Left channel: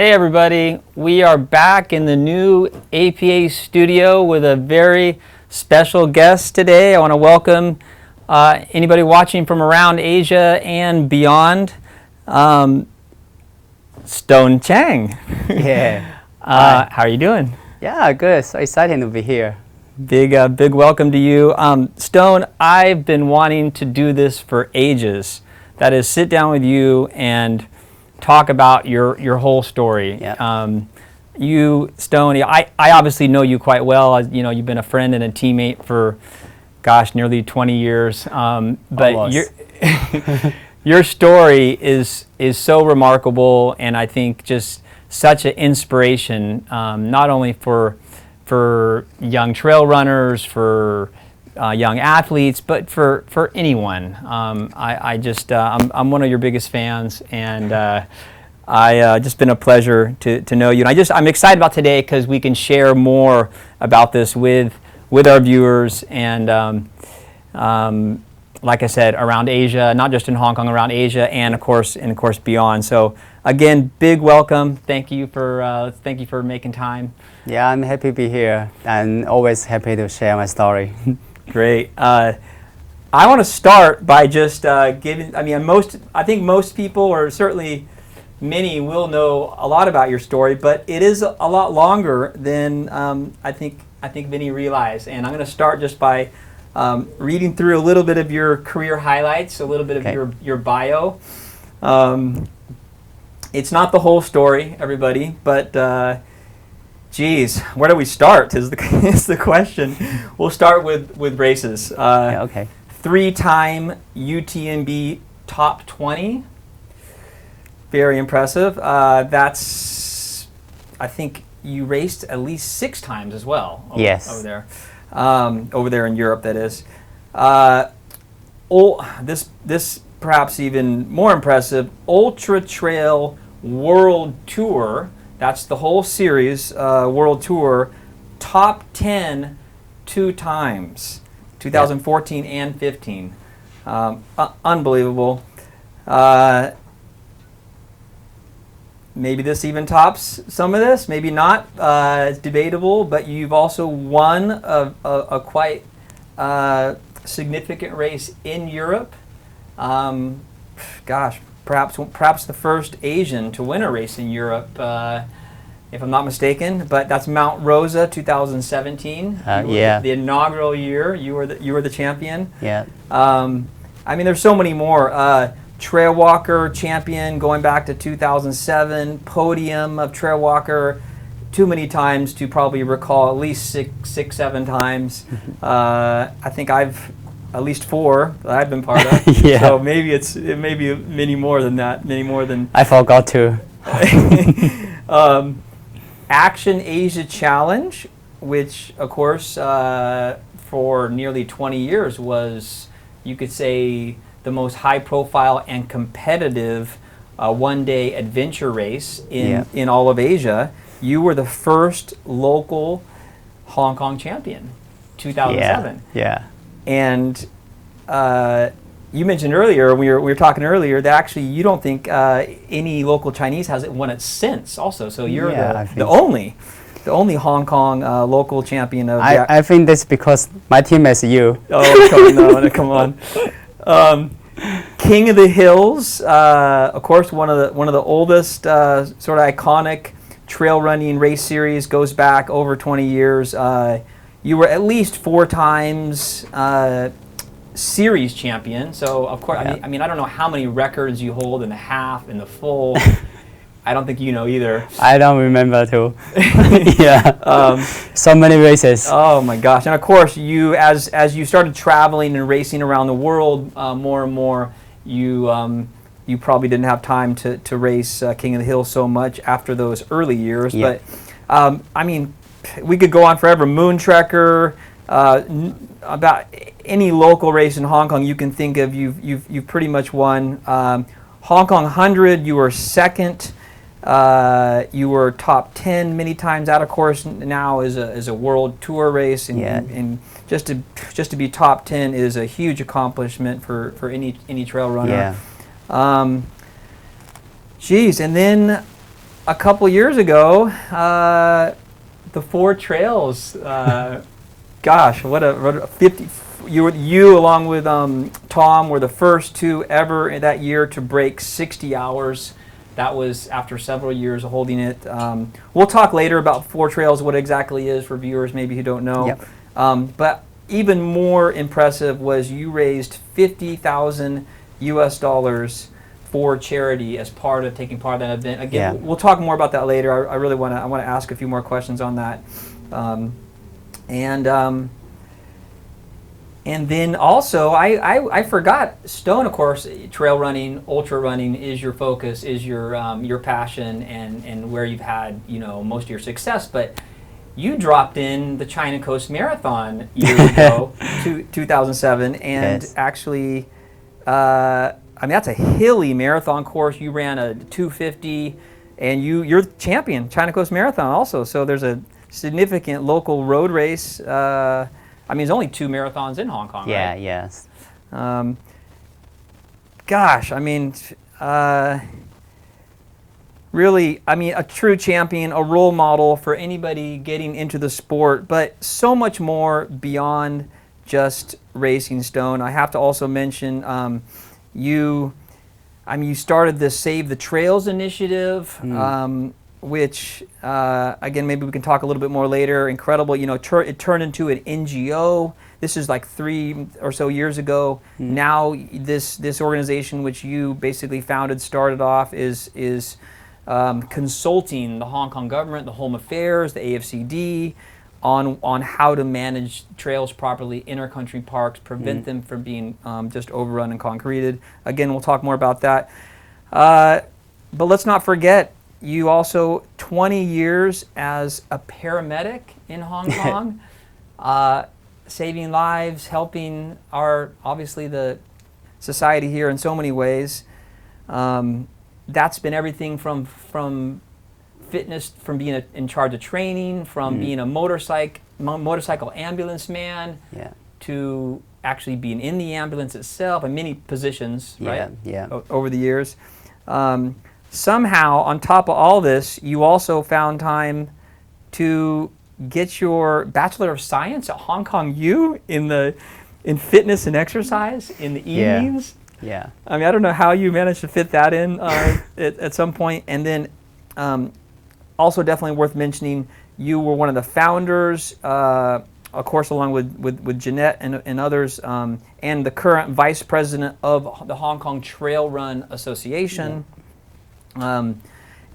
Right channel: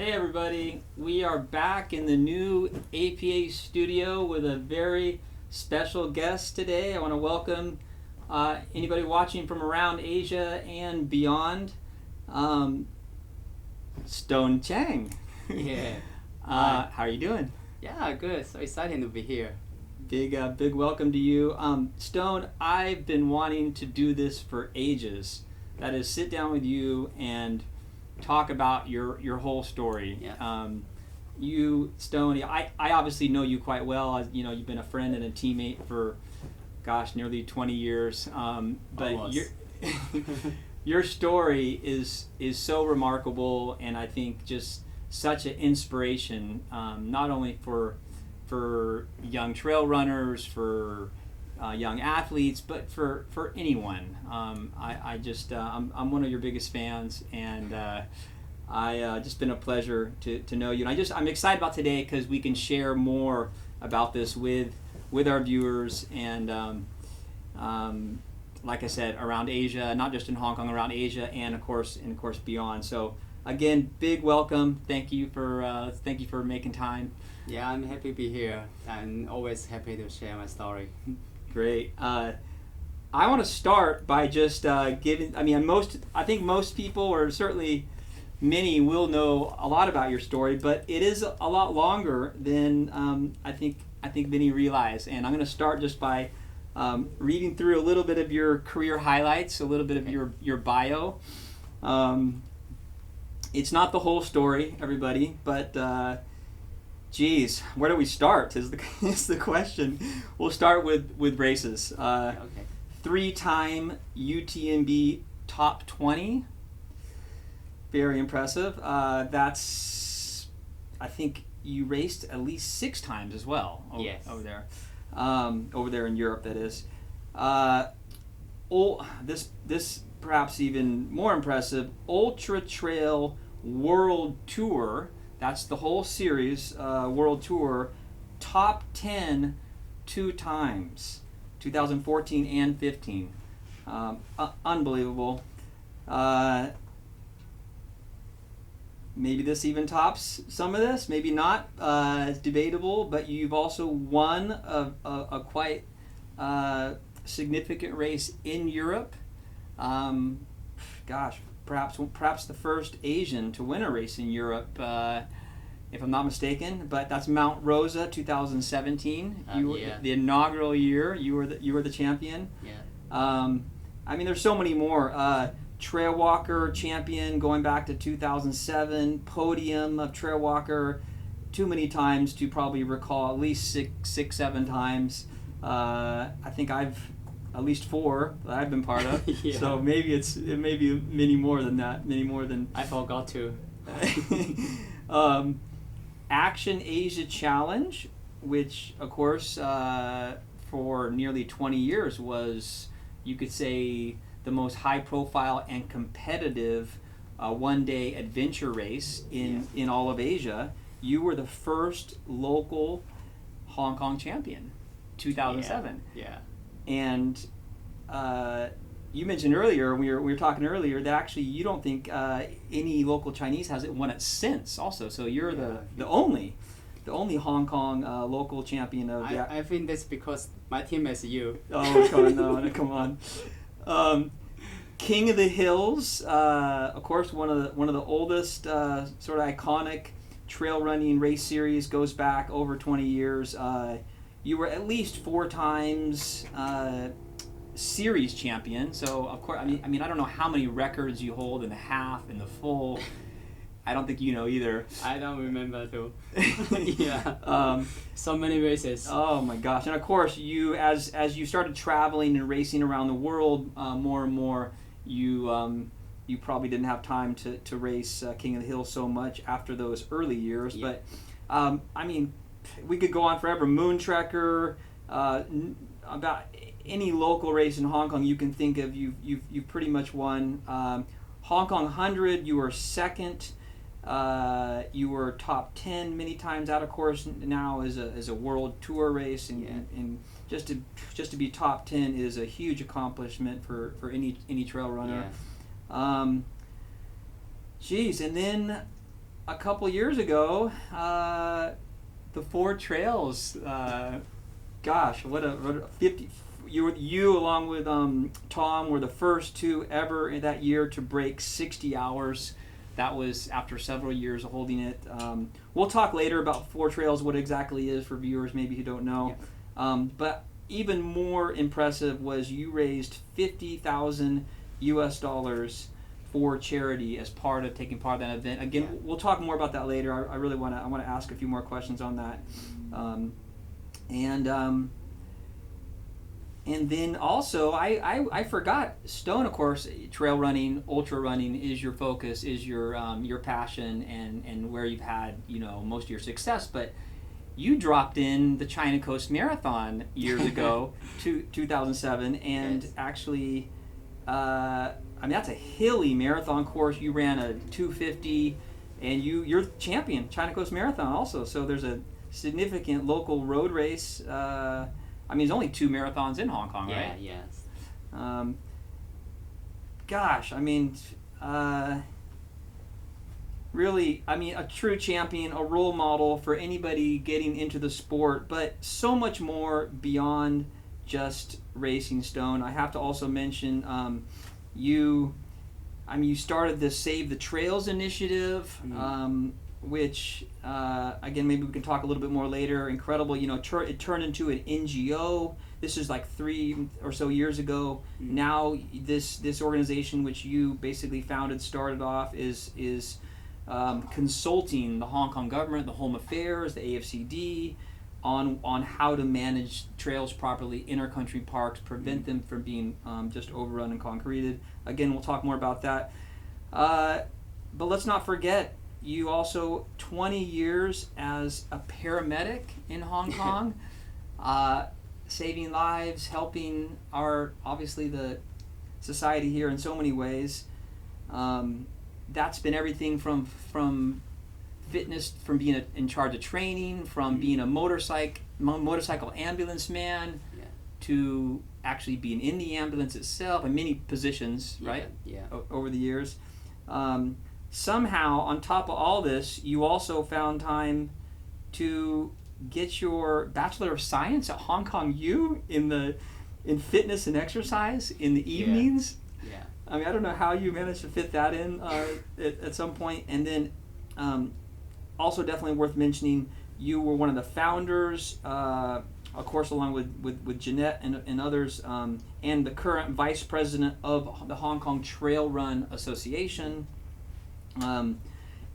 Hey everybody, we are back in the new APA studio with a very special guest today. I want to welcome anybody watching from around Asia and beyond. Stone Tsang. Yeah. How are you doing? Yeah, good. So exciting to be here. Big welcome to you. Stone, I've been wanting to do this for ages. That is, sit down with you and talk about your whole story. Yeah. You, Stone, I obviously know you quite well. You know, you've been a friend and a teammate for, gosh, nearly 20 years. But your story is so remarkable, and I think just such an inspiration, not only for young trail runners, for young athletes, but for anyone. I'm one of your biggest fans, and just been a pleasure to know you. And I'm excited about today because we can share more about this with our viewers, and like I said, around Asia, not just in Hong Kong, around Asia, and of course beyond. So again, big welcome. Thank you for making time. Yeah, I'm happy to be here and always happy to share my story. Great. I want to start by just giving. I think most people, or certainly many, will know a lot about your story, but it is a lot longer than I think many realize. And I'm going to start just by reading through a little bit of your career highlights, a little bit of your bio. It's not the whole story, everybody, but. Geez, where do we start is the question. We'll start with races. Yeah, okay. 3-time UTMB top 20. Very impressive. That's, I think you raced at least 6 times as well. Yes. Over there in Europe, that is. This perhaps even more impressive, Ultra Trail World Tour. That's the whole series, World Tour, top 10 2 times, 2014 and 15. Unbelievable. Maybe this even tops some of this, maybe not. It's debatable, but you've also won a quite significant race in Europe. Gosh. Perhaps the first Asian to win a race in Europe, if I'm not mistaken. But that's Mount Rosa, 2017. The inaugural year, you were the champion. Yeah. There's so many more. Trail Walker champion going back to 2007. Podium of Trail Walker, too many times to probably recall. At least six, 7 times. I think I've. At least 4 that I've been part of. Yeah. So maybe it may be many more than that. Many more than. I forgot to. Action Asia Challenge, which of course for nearly 20 years was, you could say, the most high-profile and competitive one-day adventure race in all of Asia. You were the first local Hong Kong champion, 2007. Yeah. And you mentioned earlier, we were talking earlier, that actually you don't think any local Chinese has won it since also. So you're the only Hong Kong local champion of I think that's because my team is you. Oh, come on. King of the Hills, of course, one of the oldest sort of iconic trail running race series, goes back over 20 years. You were at least 4 times series champion. So of course, I don't know how many records you hold in the half and the full. I don't think you know either. I don't remember too. Yeah. So many races. Oh my gosh! And of course, you as you started traveling and racing around the world more and more, you probably didn't have time to race King of the Hill so much after those early years. Yeah. But we could go on forever. Moon Trekker, about any local race in Hong Kong you can think of, you've pretty much won. Hong Kong 100, you were second. You were top 10 many times. That, of course, now is a world tour race, and just to be top 10 is a huge accomplishment for any trail runner. Yeah. And then a couple years ago, the Four Trails. Gosh, what a 50. You along with Tom were the first two ever in that year to break 60 hours. That was after several years of holding it. We'll talk later about Four Trails, what it exactly is for viewers maybe who don't know. Yep. But even more impressive was you raised $50,000 US for charity as part of taking part of that event. Again, we'll talk more about that later. I really want to ask a few more questions on that. And then also, I forgot, Stone, of course, trail running, ultra running is your focus, is your passion, and where you've had most of your success. But you dropped in the China Coast Marathon years ago, 2007, and actually, I mean that's a hilly marathon course. You ran a 250, and you're champion China Coast Marathon also. So there's a significant local road race. I mean, there's only 2 marathons in Hong Kong, right? Yes. Gosh, I mean, really, I mean, a true champion, a role model for anybody getting into the sport, but so much more beyond just racing, Stone. I have to also mention you started this Save the Trails initiative. Which, again, maybe we can talk a little bit more later. Incredible, it turned into an NGO. This is like 3 or so years ago. Now this organization, which you basically founded, started off, is consulting the Hong Kong government, the Home Affairs, the AFCD, on how to manage trails properly, inter-country parks, prevent them from being just overrun and concreted. Again, we'll talk more about that. But let's not forget, you also 20 years as a paramedic in Hong Kong, saving lives, helping obviously the society here in so many ways. That's been everything from fitness, from being in charge of training, from being a motorcycle ambulance man, to actually being in the ambulance itself, and many positions, right? Over the years. Somehow, on top of all this, you also found time to get your Bachelor of Science at Hong Kong U in fitness and exercise in the evenings. I mean, I don't know how you managed to fit that in at some point. And then, also definitely worth mentioning, you were one of the founders, of course, along with Jeanette and others, and the current vice president of the Hong Kong Trail Run Association. And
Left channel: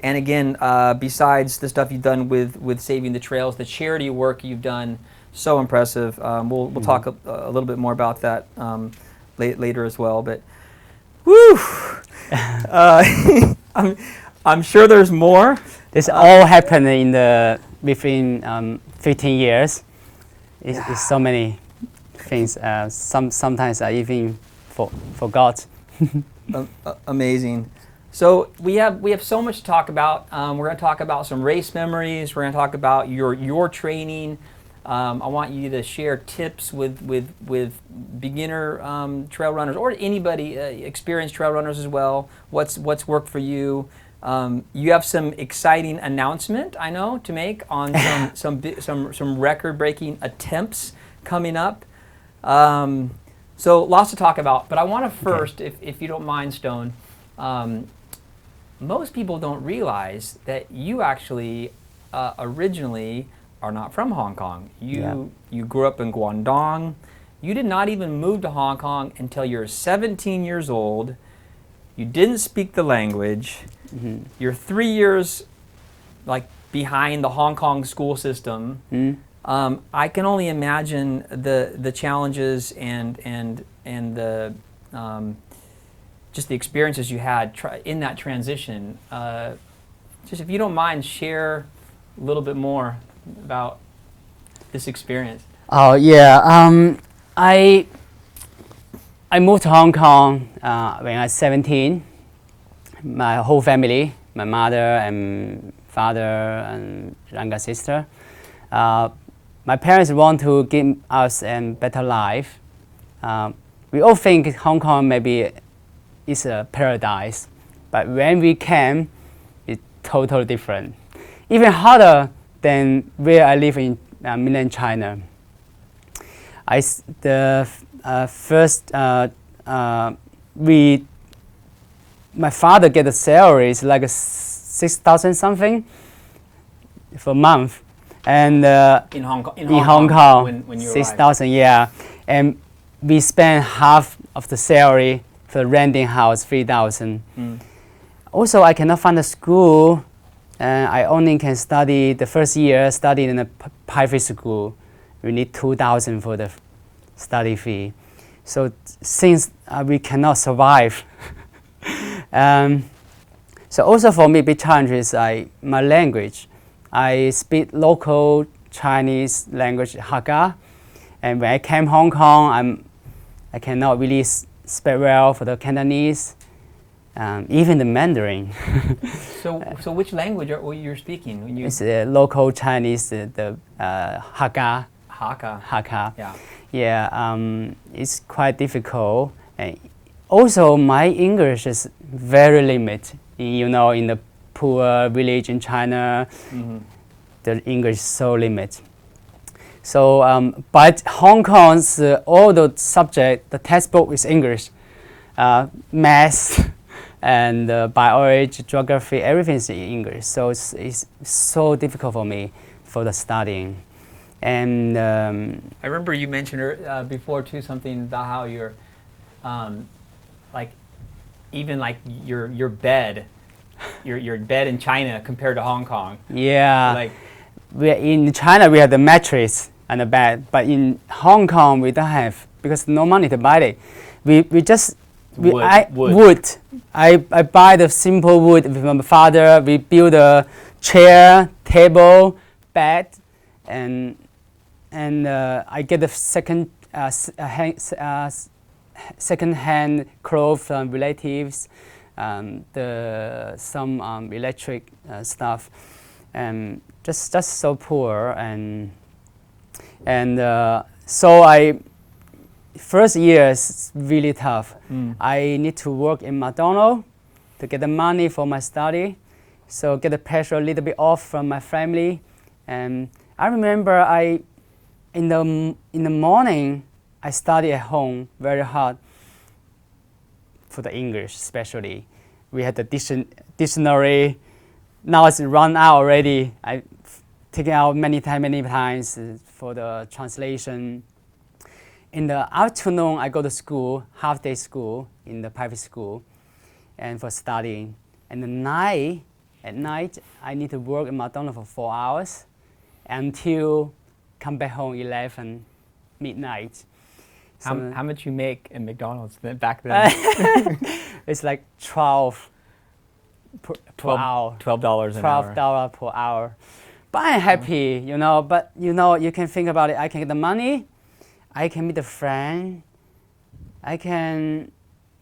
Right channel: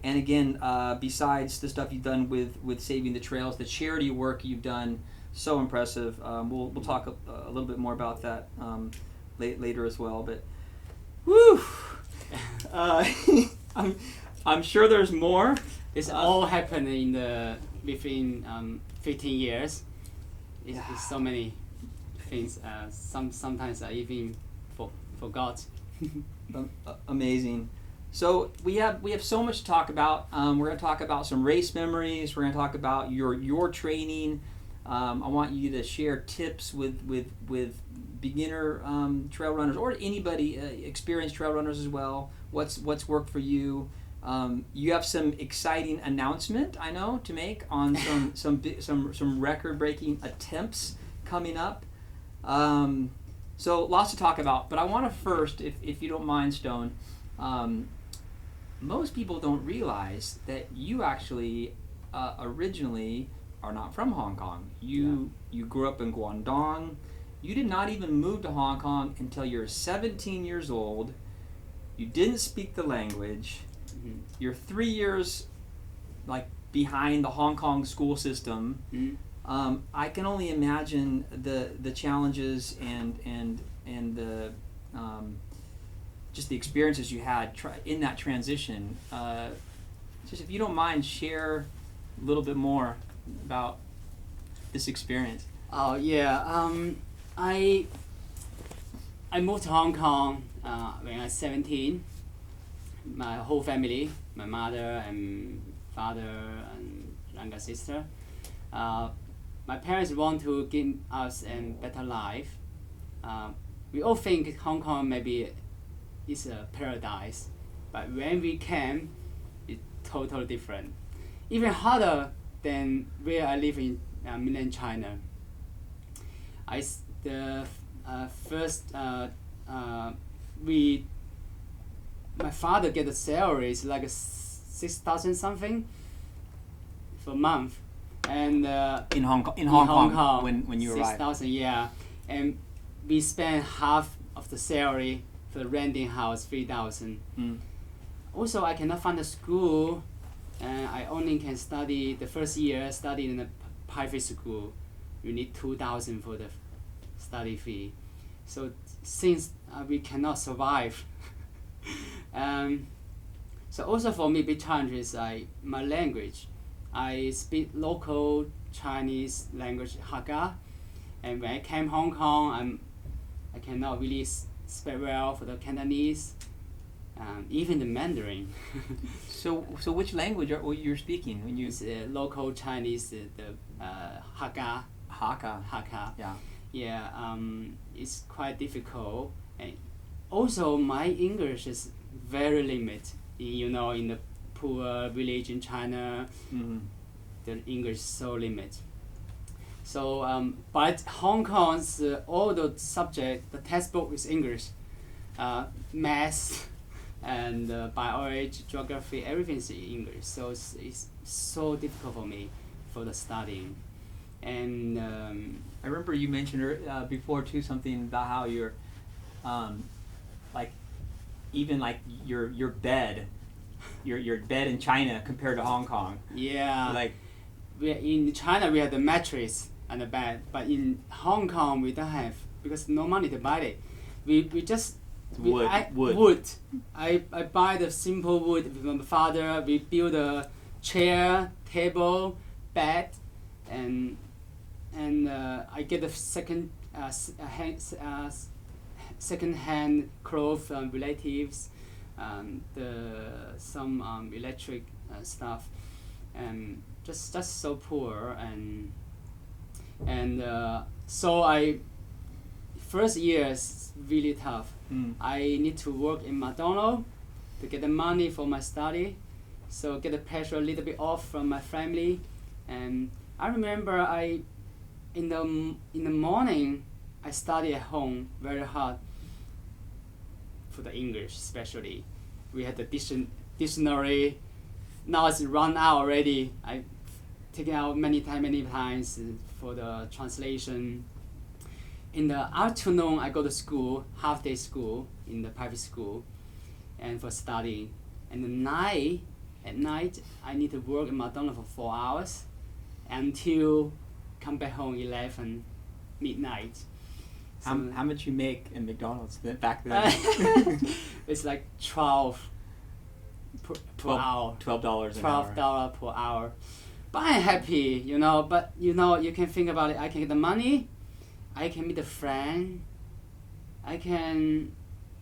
again, besides the stuff you've done with Saving the Trails, the charity work you've done, so impressive. We'll talk a little bit more about that later as well. But, whew! I'm sure there's more. This all happened within 15 years. It's so many things. Sometimes I even forgot. Amazing. So we have so much to talk about. We're going to talk about some race memories. We're going to talk about your training. I want you to share tips with beginner trail runners, or anybody experienced trail runners as well. What's worked for you? You have some exciting announcement, I know, to make on some record-breaking attempts coming up. So lots to talk about. But I want to first, if you don't mind, Stone. Most people don't realize that you actually originally are not from Hong Kong. You grew up in Guangdong. You did not even move to Hong Kong until you're 17 years old. You didn't speak the language. You're 3 years behind the Hong Kong school system. I can only imagine the challenges and the just the experiences you had in that transition. Just if you don't mind, share a little bit more about this experience. Oh yeah, I moved to Hong Kong when I was 17. My whole family, my mother and father and younger sister, my parents want to give us a better life. We all think Hong Kong maybe is a paradise, but when we came, it's totally different, even harder than where I live in mainland China. My father get a salary is like 6,000 something for a month, and In Hong Kong. in Hong Kong, when you 6,000, yeah, and we spend half of the salary for renting house, 3,000. Also, I cannot find a school, and I only can study the first year study in a private school. We need 2,000 for the study fee. So since we cannot survive, so also for me, big challenge is my language. I speak local Chinese language, Hakka, and when I came Hong Kong, I cannot really speak well for the Cantonese, even the Mandarin. So which language are you speaking when you? It's local Chinese, the Hakka. Hakka. Yeah. Yeah, it's quite difficult. And also, my English is very limited. You know, in the poor village in China, the English is so limited. So, but Hong Kong's all the subject, the textbook is English, math and biology, geography, everything is in English. So it's so difficult for me for the studying. And I remember you mentioned before too something about how you're, like, even like your bed, your bed in China compared to Hong Kong. Yeah, like in China we have the mattress and the bed, but in Hong Kong we don't have because no money to buy it. We just wood. I buy the simple wood with my father. We build a chair, table, bed, and I get the second-hand clothes from relatives, some electric stuff, and just so poor and so first year is really tough. I need to work in McDonald's to get the money for my study, so get the pressure a little bit off from my family. And I remember in the morning I study at home very hard for the English, especially. We had the dictionary. Now it's run out already. I take it out many times for the translation. In the afternoon, I go to school, half-day school in the private school, and for studying. And at night, I need to work in McDonald's for 4 hours until come back home 11 midnight. So how much you make in McDonald's back then? It's like 12 per hour. $12 an hour. $12 per hour. But I'm happy, you know. But you can think about it. I can get the money. I can meet a friend. I can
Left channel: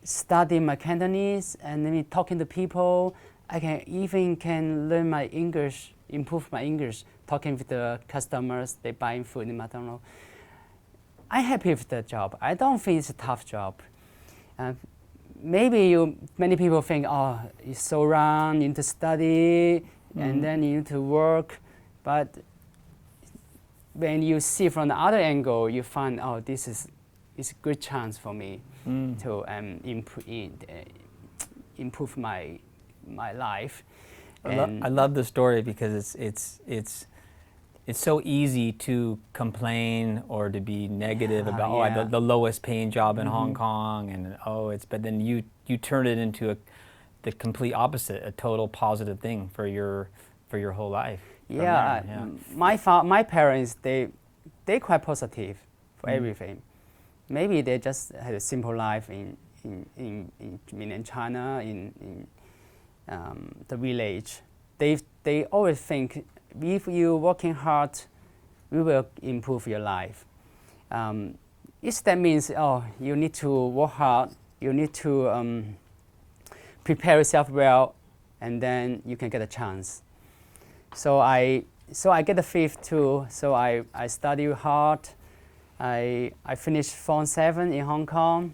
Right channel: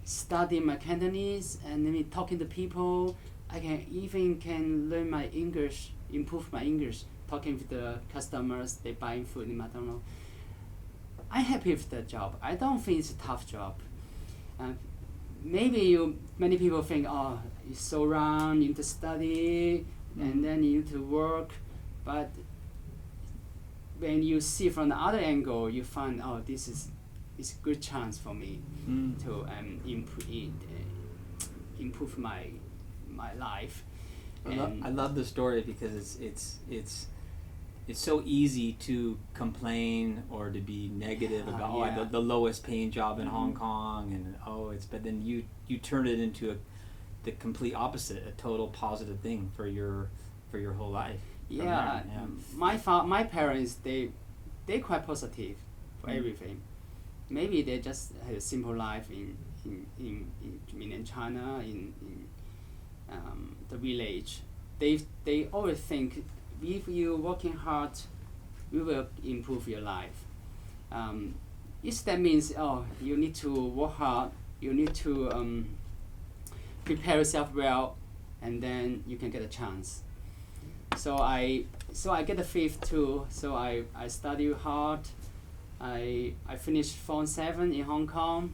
study my Cantonese and then talking to people. I can learn my English, improve my English, talking with the customers, they buying food in McDonald's. I'm happy with that job. I don't think it's a tough job. Maybe many people think, oh, it's so round, you need to study, and then you need to work. But when you see from the other angle, you find, oh, this is a good chance for me to improve my life. I love the story because it's so easy to complain or to be negative about the lowest paying job in Hong Kong and but then you turn it into the complete opposite, a total positive thing for your whole life. My parents they quite positive for everything. Maybe they just had a simple life in mainland China in the village. They always think, if you working hard, we will improve your life. That means, you need to work hard, you need to prepare yourself well, and then you can get a chance. So I get the fifth too. So I study hard. I finished Form 7 in Hong Kong,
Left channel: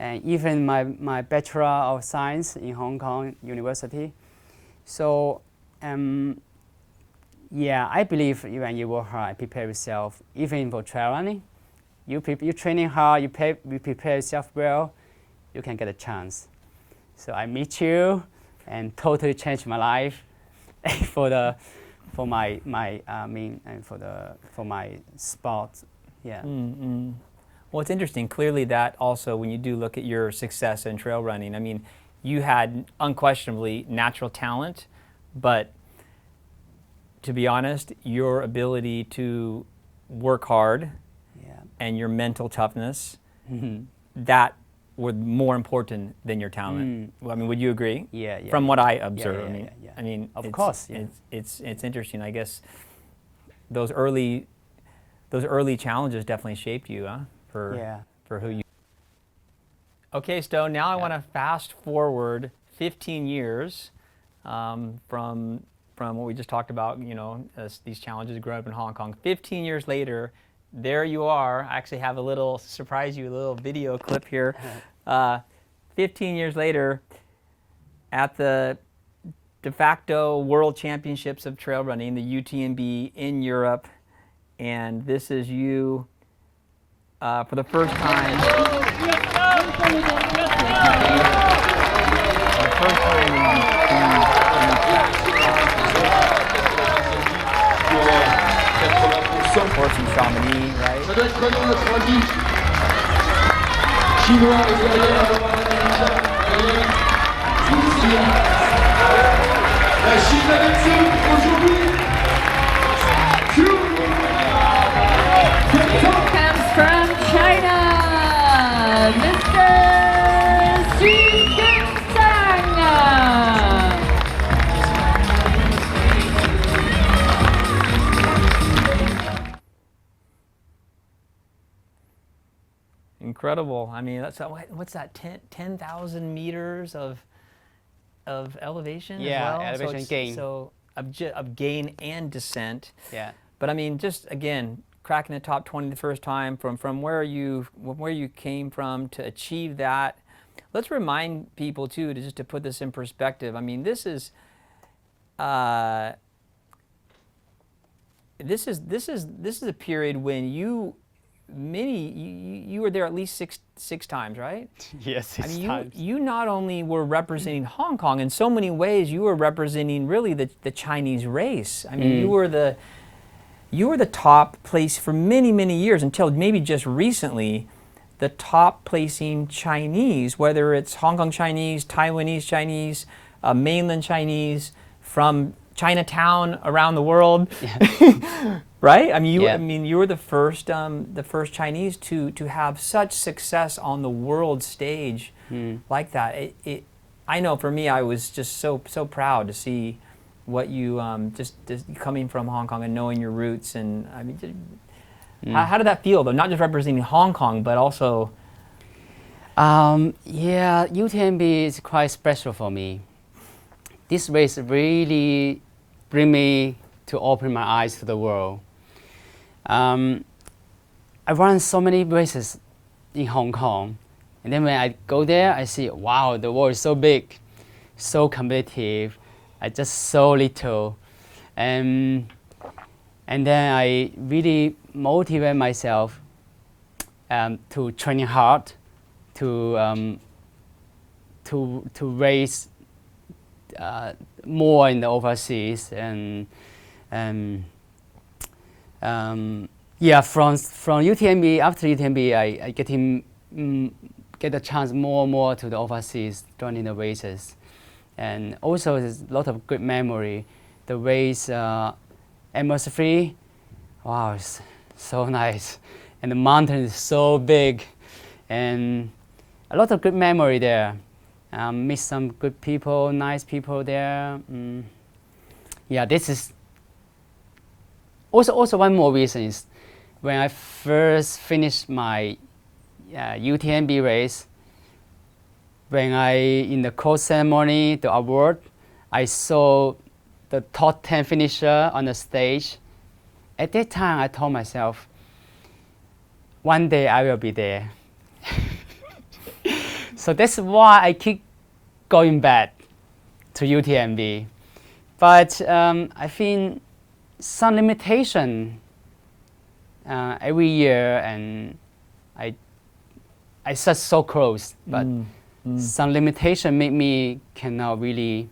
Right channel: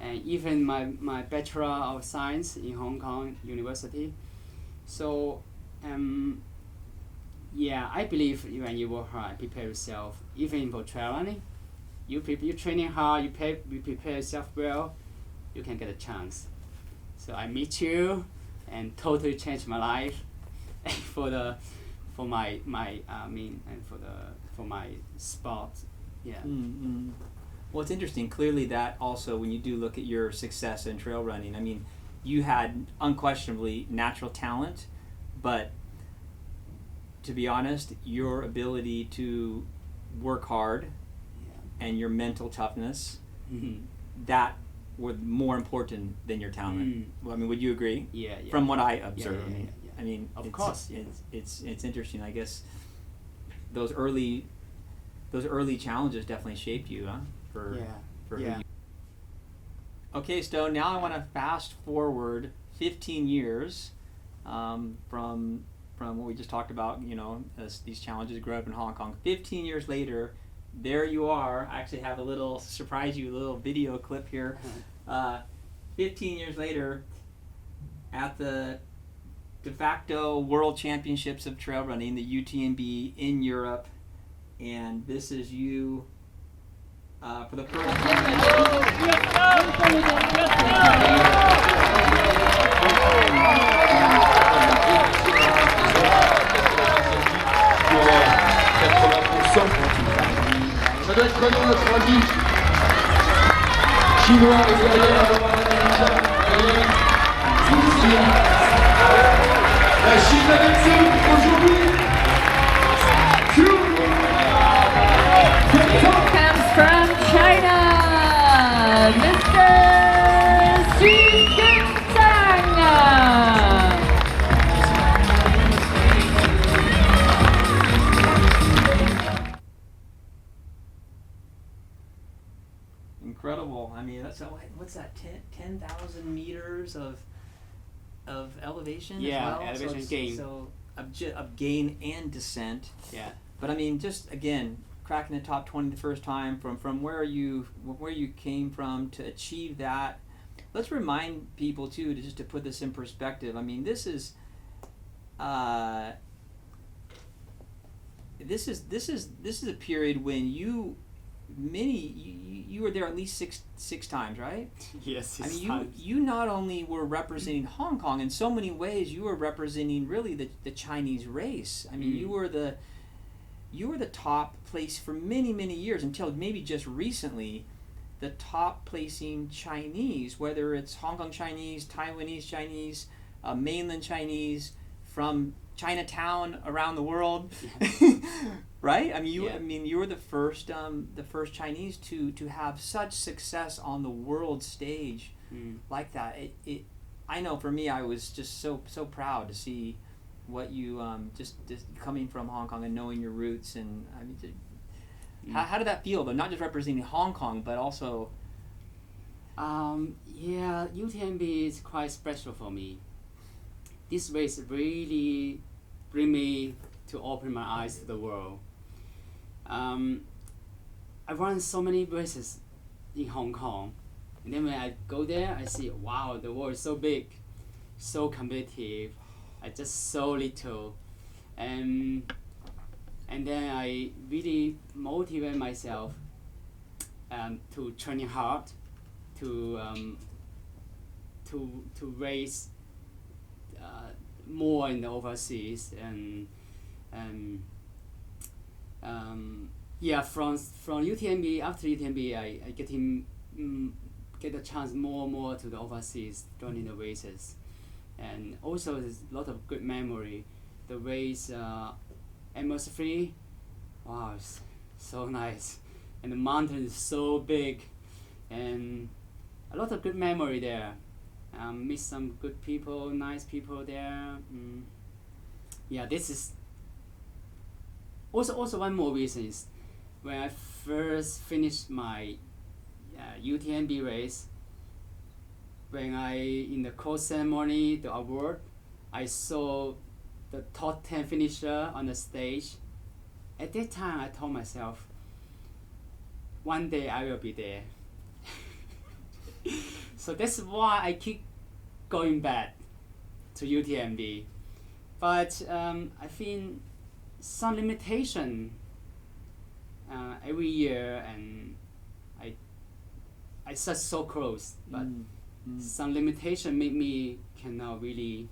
and even my Bachelor of Science in Hong Kong University. So Yeah, I believe when you work hard, prepare yourself, even for trail running, you training hard, you prepare yourself well, you can get a chance. So I meet you, and totally changed my life, for my sport. Yeah. Mm-hmm. Well, it's interesting. Clearly, that also, when you do look at your success in trail running, I mean, you had unquestionably natural talent, but to be honest, your ability to work hard and your mental toughness, that were more important than your talent. Well, I mean, would you agree? Yeah. From what I observe, Yeah. I mean, of course, yeah. It's interesting. I guess those early challenges definitely shaped you, huh? For who you. Okay, Stone. Now I want to fast forward 15 years from what we just talked about. You know, as these challenges grew up in Hong Kong. 15 years later, there you are. I actually have a little video clip here. 15 years later, at the de facto World Championships of Trail Running, the UTMB in Europe, and this is you for the first time. Ça doit être prenant notre ami chinois et derrière la Chine avec nous aujourd'hui. Comes from China, Mr. Tsang. Incredible. I mean, that's what's that? 10,000 meters of elevation as well. Elevation gain. So of gain and descent. Yeah. But I mean, just again, cracking the top 20 the first time from where you came from to achieve that. Let's remind people too, to put this in perspective. I mean, this is a period when you were there at least six times, right? Yes, I mean, you not only were representing Hong Kong, in so many ways you were representing really the Chinese race. I mean, you were the top place for many years, until maybe just recently, the top placing Chinese, whether it's Hong Kong Chinese, Taiwanese Chinese, mainland Chinese, from Chinatown around the world. Right? I mean, you were the first Chinese to have such success on the world stage like that. I know for me, I was just so proud to see what you just coming from Hong Kong and knowing your roots. And I mean, how did that feel though? Not just representing Hong Kong, but also. Yeah, UTMB is quite special for me. This race really bring me to open my eyes to the world. I run so many races in Hong Kong, and then when I go there, I see, wow, the world is so big, so competitive. I just so little, and then I really motivate myself to training hard, to race more in the overseas, and yeah, from UTMB, after UTMB, I get a chance more and more to the overseas running the races, and also there's a lot of good memory. The race atmosphere, wow, it's so nice, and the mountain is so big, and a lot of good memory there. Meet some good people, nice people there. Yeah, this is also one more reason is when I first finished my UTMB race. When in the close ceremony, the award, I saw the top 10 finisher on the stage. At that time, I told myself, one day I will be there. So that's why I keep going back to UTMB But I think some limitation every year, and I set so close, but some limitation make me cannot really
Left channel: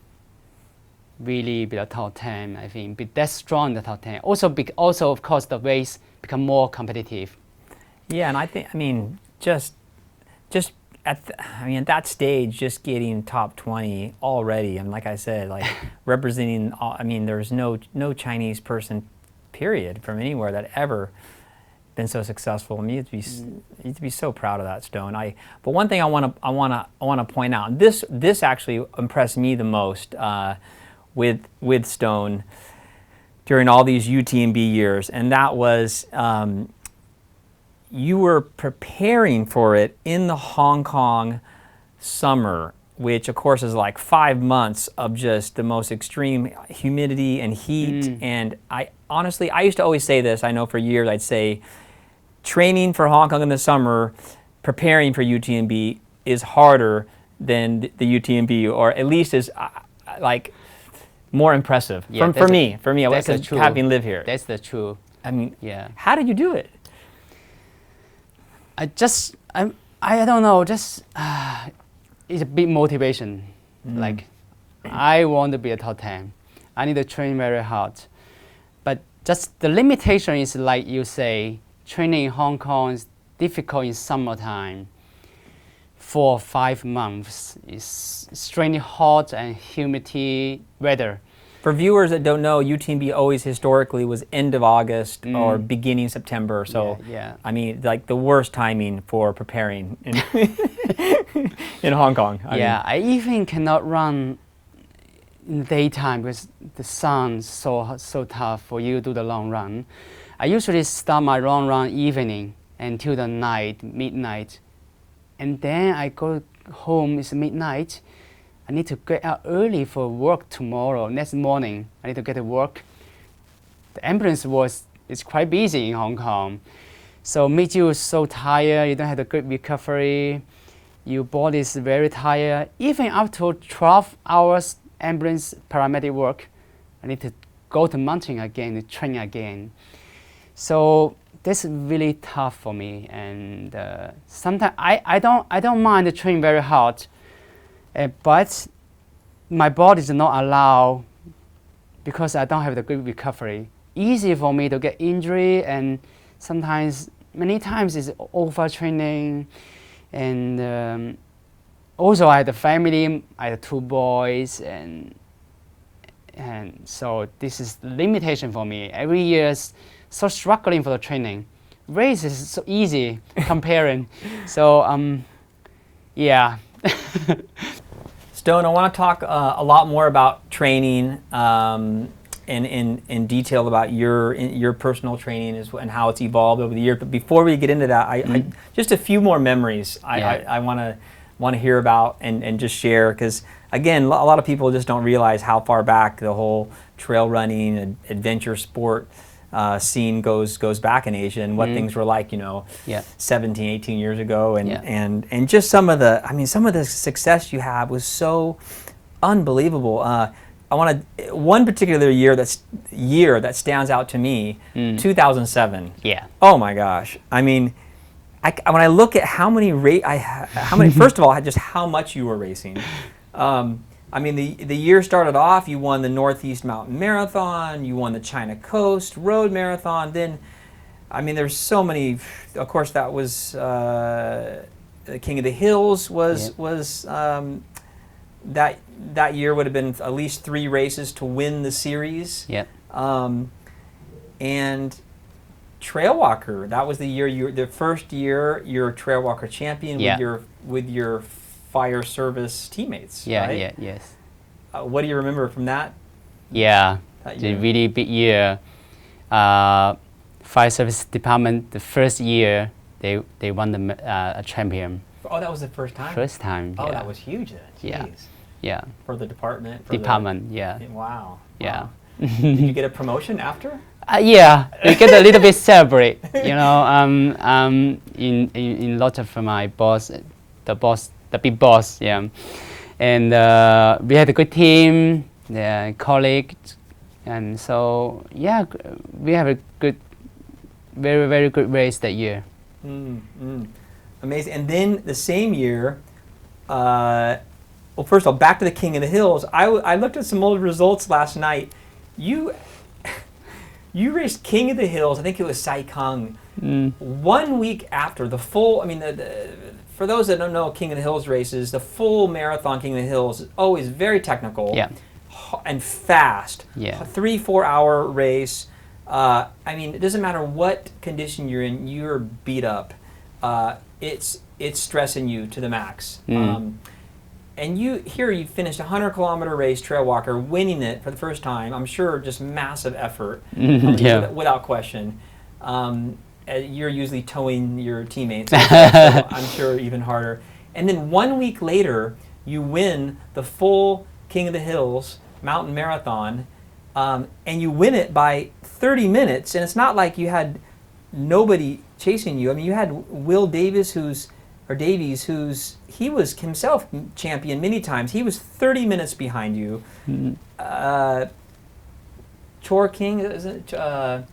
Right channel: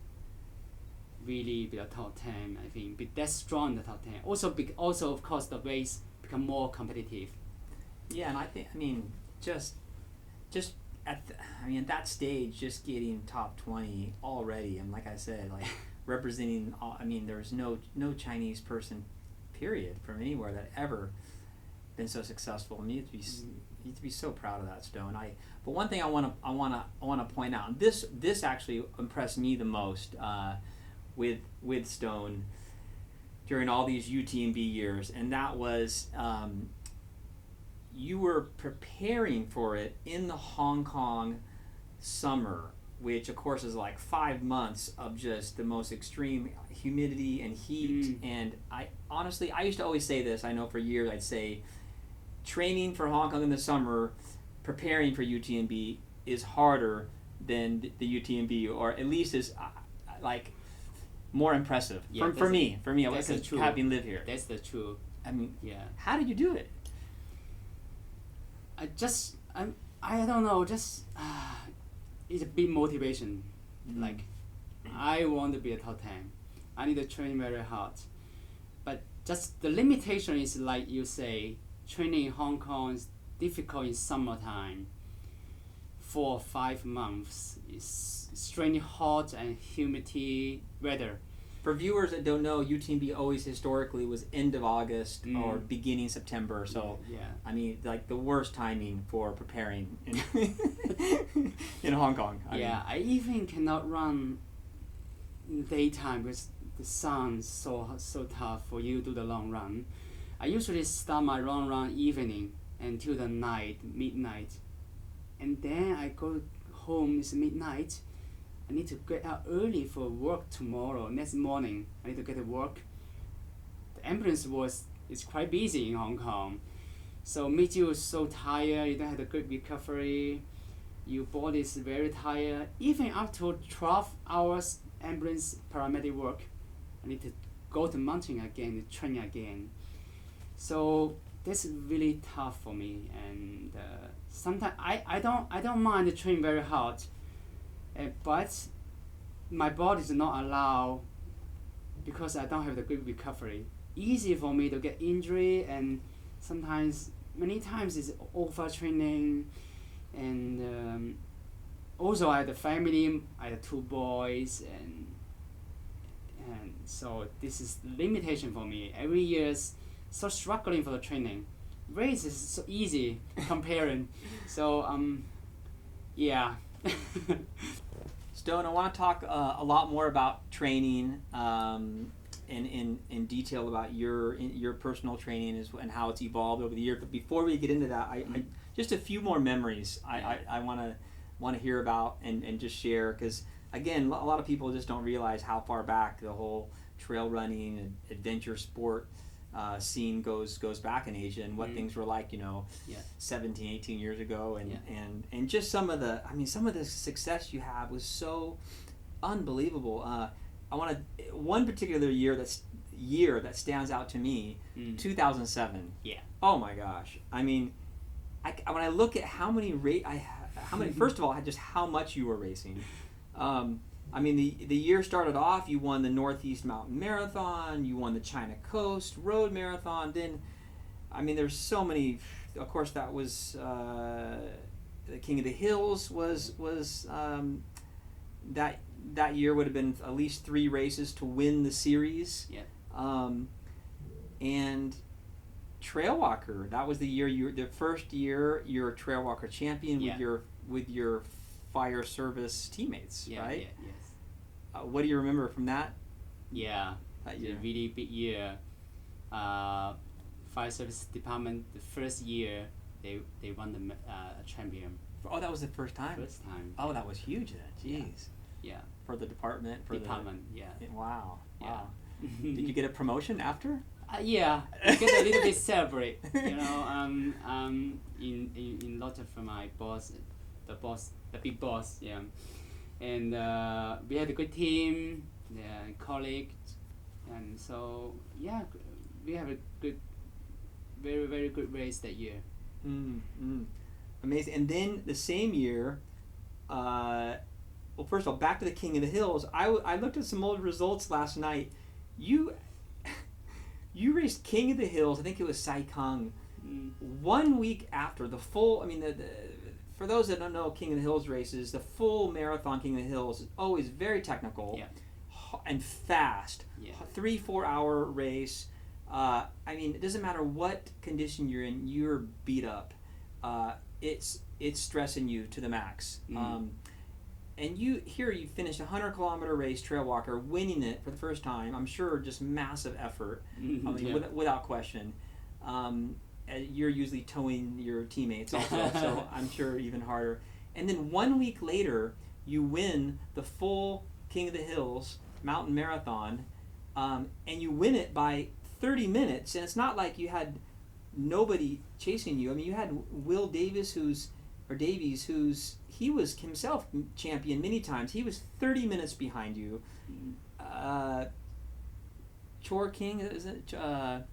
be the top 10. I think be that strong in the top 10. Also of course the race become more competitive. Yeah, and I mean just at that stage, just getting top 20 already, and like I said, like representing. I mean, there's no Chinese person, period, from anywhere that ever been so successful. I mean, you have to be so proud of that, Stone. But one thing I want to point out, and this actually impressed me the most with Stone during all these UTMB years, and that was you were preparing for it in the Hong Kong summer, which of course is like 5 months of just the most extreme humidity and heat. And I honestly used to always say this. I know for years I'd say training for Hong Kong in the summer, preparing for UTMB is harder than the UTMB, or at least is like more impressive for me. Because having lived here. That's the truth. I mean, yeah. How did you do it? I don't know, just it's a big motivation. Like, I want to be a top 10. I need to train very hard. But just the limitation is, like you say, training in Hong Kong is difficult in summertime. 4 or 5 months. It's extremely hot and humidity weather. For viewers that don't know, UTMB always historically was end of August or beginning September. So, yeah. I mean, like the worst timing for preparing in, in Hong Kong. I even cannot run in daytime because the sun's so tough for you to do the long run. I usually start my long run evening until the night, midnight. And then I go home, it's midnight. I need to get out early for work tomorrow. Next morning, I need to get to work. The ambulance is quite busy in Hong Kong. So makes you so tired, you don't have a good recovery. Your body is very tired. Even after 12 hours ambulance paramedic work, I need to go to mountain again, to train again. So that's really tough for me. And sometimes I don't mind the training very hard. But my body does not allow, because I don't have the good recovery. Easy for me to get injury, and sometimes, many times, it's overtraining. And also, I had a family. I had 2 boys, and so this is the limitation for me. Every year, so struggling for the training. Race is so easy comparing. So yeah. Stone, I want to talk a lot more about training in detail about your personal training and how it's evolved over the years. But before we get into that, I just a few more memories I want to hear about and just share, because again, a lot of people just don't realize how far back the whole trail running and adventure sport scene goes back in Asia, and what things were like, 17, 18 years ago, and just some of the success you have was so unbelievable. One particular year that stands out to me, 2007. Yeah. Oh my gosh! I mean, when I look at how many first of all, just how much you were racing. I mean, the year started off, you won the Northeast Mountain Marathon, you won the China Coast Road Marathon. Then, I mean, there's so many. Of course, that was the King of the Hills was that year would have been at least 3 races to win the series. Yeah. And Trail Walker, that was the year the first year you're a Trail Walker champion with your fire service teammates. Right? Yes. What do you remember from that? Yeah, it's a really big year. Fire service department, the first year they won the a champion. Oh, that was the first time? First time. Oh, that was huge then. Jeez. Yeah. For the department? Yeah. Wow. Yeah. Did you get a promotion after? Yeah, we get a little bit celebrate, in lot of my boss, the big boss, yeah. And we had a good team. the colleagues, and so yeah, we have a good, very good race that year. Amazing. And then the same year, well, first of all, back to the King of the Hills. I looked at some old results last night. You raced King of the Hills. I think it was Saikang. 1 week after the full. I mean, for those that don't know King of the Hills races, the full marathon King of the Hills is always very technical. Yeah. And fast. Yeah. A 3-4 hour race. I mean, it doesn't matter what condition you're in, you're beat up. It's stressing you to the max. And you finished a 100-kilometer race, trail walker, winning it for the first time. I'm sure just massive effort, without question. You're usually towing your teammates, so I'm sure even harder. And then 1 week later, you win the full King of the Hills mountain marathon, and you win it by 30 minutes. And it's not like you had nobody chasing you. I mean, you had Will Davies, he was himself champion many times. He was 30 minutes behind you. Chor King, is it? Chor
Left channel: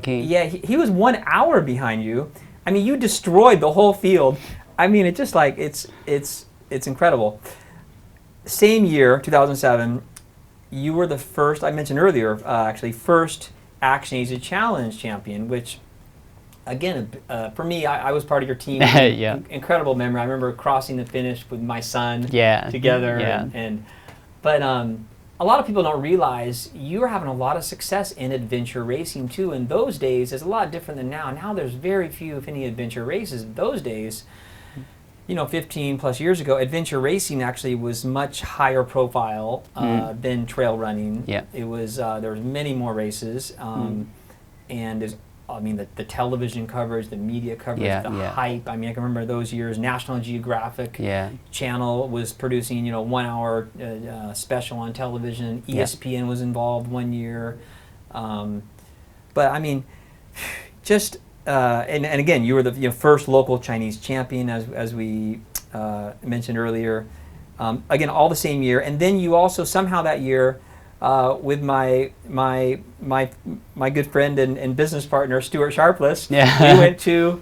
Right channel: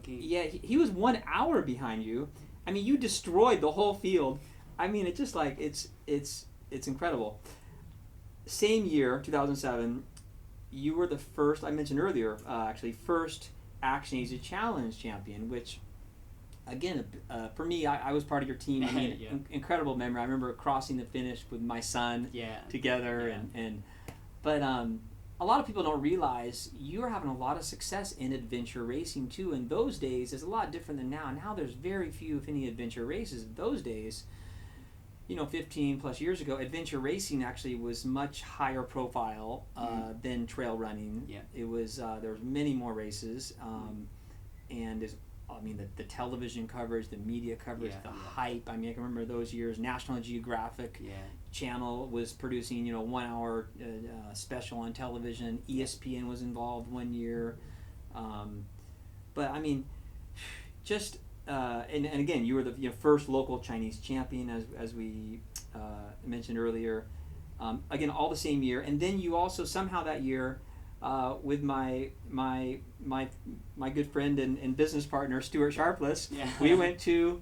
King. Yeah, he was 1 hour behind you. I mean, you destroyed the whole field. I mean, it's just like it's incredible. Same year, 2007, you were the first. I mentioned earlier, actually, first Action Asia Challenge champion, which. Again, for me, I was part of your team. Incredible memory. I remember crossing the finish with my son together. But a lot of people don't realize you were having a lot of success in adventure racing too. In those days, it's a lot different than now. Now there's very few, if any, adventure races. In those days, 15 plus years ago, adventure racing actually was much higher profile than trail running. Yeah. It was there was many more races, and there's. I mean, the television coverage, the media coverage, hype. I mean, I can remember those years. National Geographic channel was producing, 1 hour special on television. ESPN was involved 1 year. But I mean, just and again, you were the first local Chinese champion, as we mentioned earlier. Again, all the same year, and then you also somehow that year. With my good friend and business partner Stuart Sharpless, we went to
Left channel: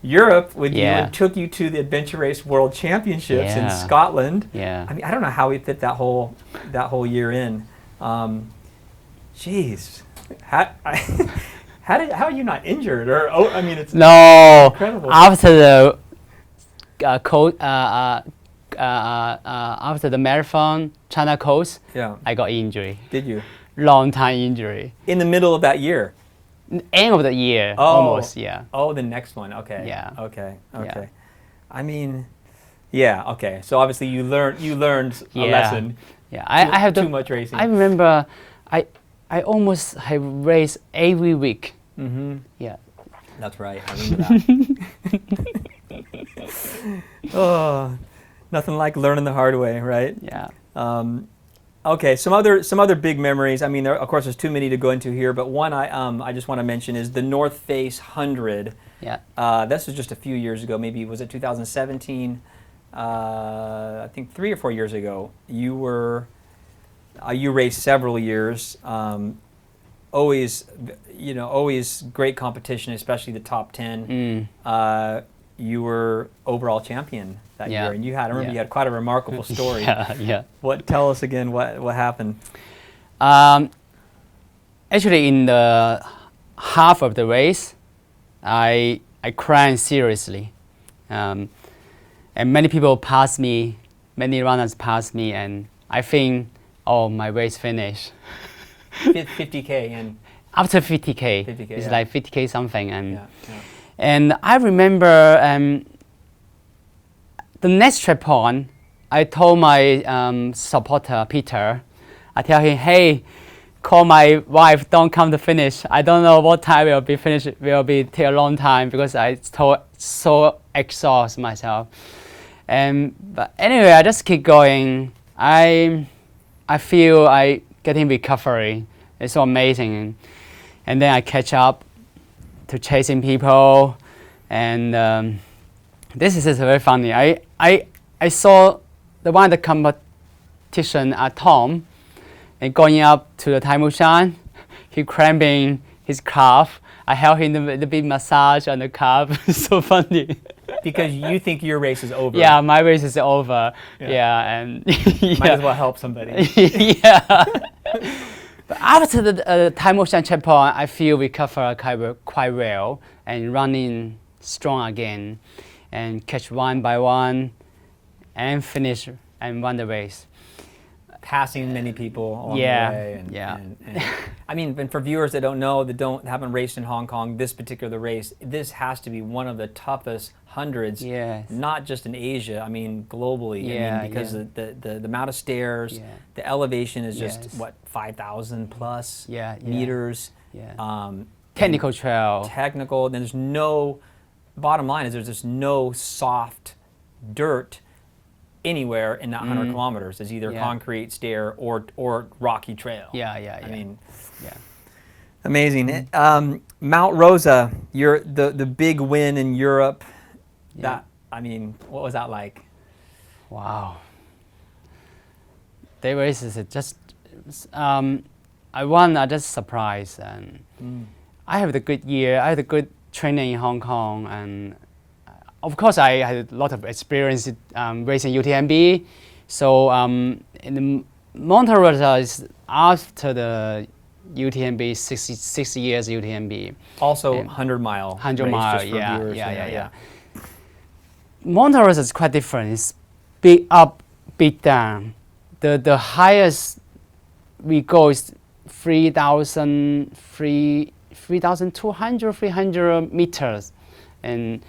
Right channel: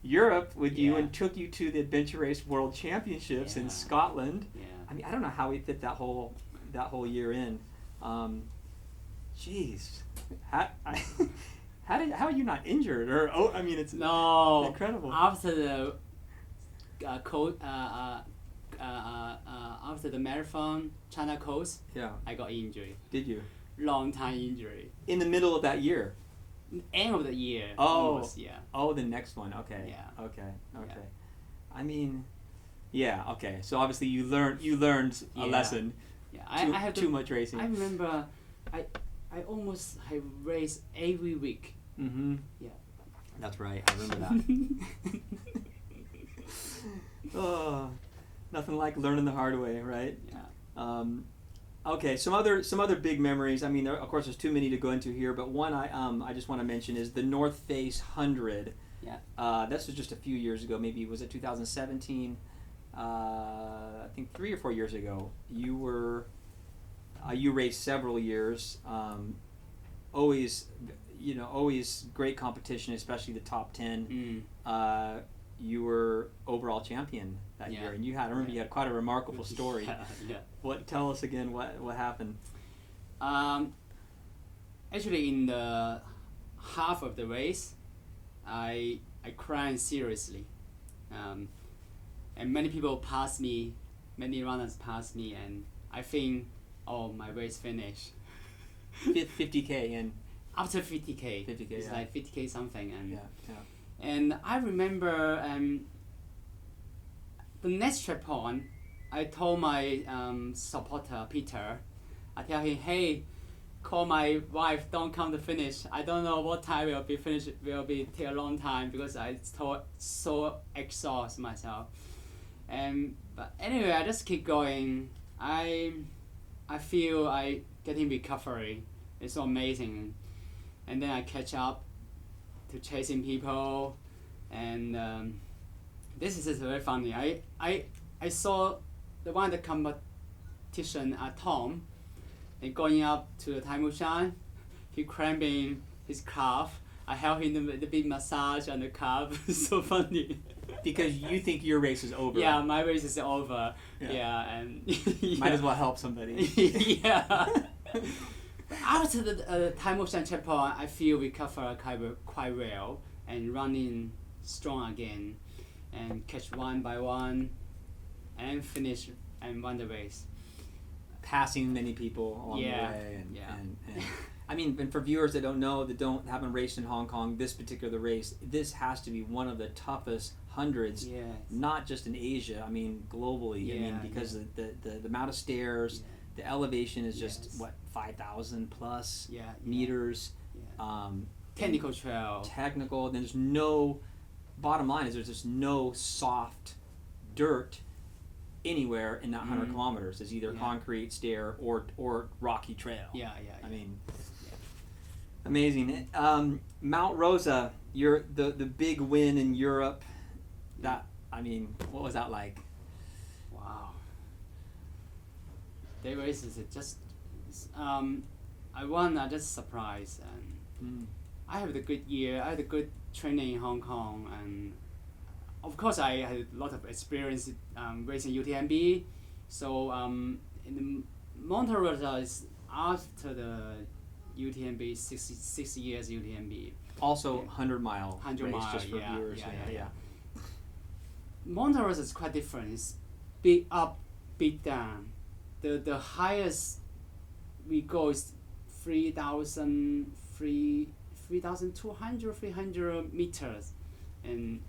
Europe with you and took you to the Adventure Race World Championships in Scotland. I mean, I don't know how we fit that whole year in. Jeez, how are you not injured? Or I mean, it's incredible. After the after the marathon, China Coast, I got injury. Did you? Long time injury. In the middle of that year? End of the year, almost, Oh, the next one, okay. Yeah. Okay. I mean, okay. So obviously you learned a lesson. Yeah, I have too much racing. I remember, I almost have raced every week. Yeah. That's right, I remember that. Nothing like learning the hard way, right? Yeah. Okay, some other big memories. I mean, of course, there's too many to go into here, but one I just want to mention is the North Face 100. Yeah. This was just a few years ago. Maybe was it 2017? I think 3 or 4 years ago. You raced several years. Always great competition, especially the top 10. You were overall champion that year, and you had quite a remarkable story. Tell us again what happened. Actually, in the half of the race, I cried seriously, and many people passed me, many runners passed me, and I think, my race finished. 50K and after 50K, it's like 50K something, and I remember the next checkpoint, I told my supporter Peter, I tell him, hey, call my wife, don't come to finish. I don't know what time will be finished. Will be take a long time because I so exhaust myself. But anyway, I just keep going. I feel I getting recovery. It's so amazing, and then I catch up to chasing people, and this is very funny. I saw the one of the competition at Tom. And going up to the Taimushan, he cramping his calf. I help him the big massage on the calf. It's so funny. Because you think your race is over. Yeah, my race is over. Yeah, and might as well help somebody. Yeah. But after the Taimushan checkpoint, I feel recover quite well and running strong again, and catch one by one, and finish and won the race. Passing many people along the way. And I mean, and for viewers that don't know, that haven't raced in Hong Kong, this particular race, this has to be one of the toughest hundreds, not just in Asia, I mean globally. I mean, because the amount of stairs, the elevation is just what, 5,000 plus meters. Technical trail. Technical. And there's no, bottom line is there's just no soft dirt anywhere in that 100 kilometers. Is either concrete, stair, or rocky trail. I mean, amazing. Mount Rosa, the big win in Europe. That, I mean, what was that like? Wow. That race is just, I won. I just surprised, and I had a good year. I had a good training in Hong Kong, and of course I had a lot of experience racing UTMB. So in the Mount Rosa is after the UTMB, 60 years UTMB. Also 100-mile. 100-mile, yeah. Mount Rosa is quite different. It's big up, big down. The highest we go is 3,200, 300 meters, and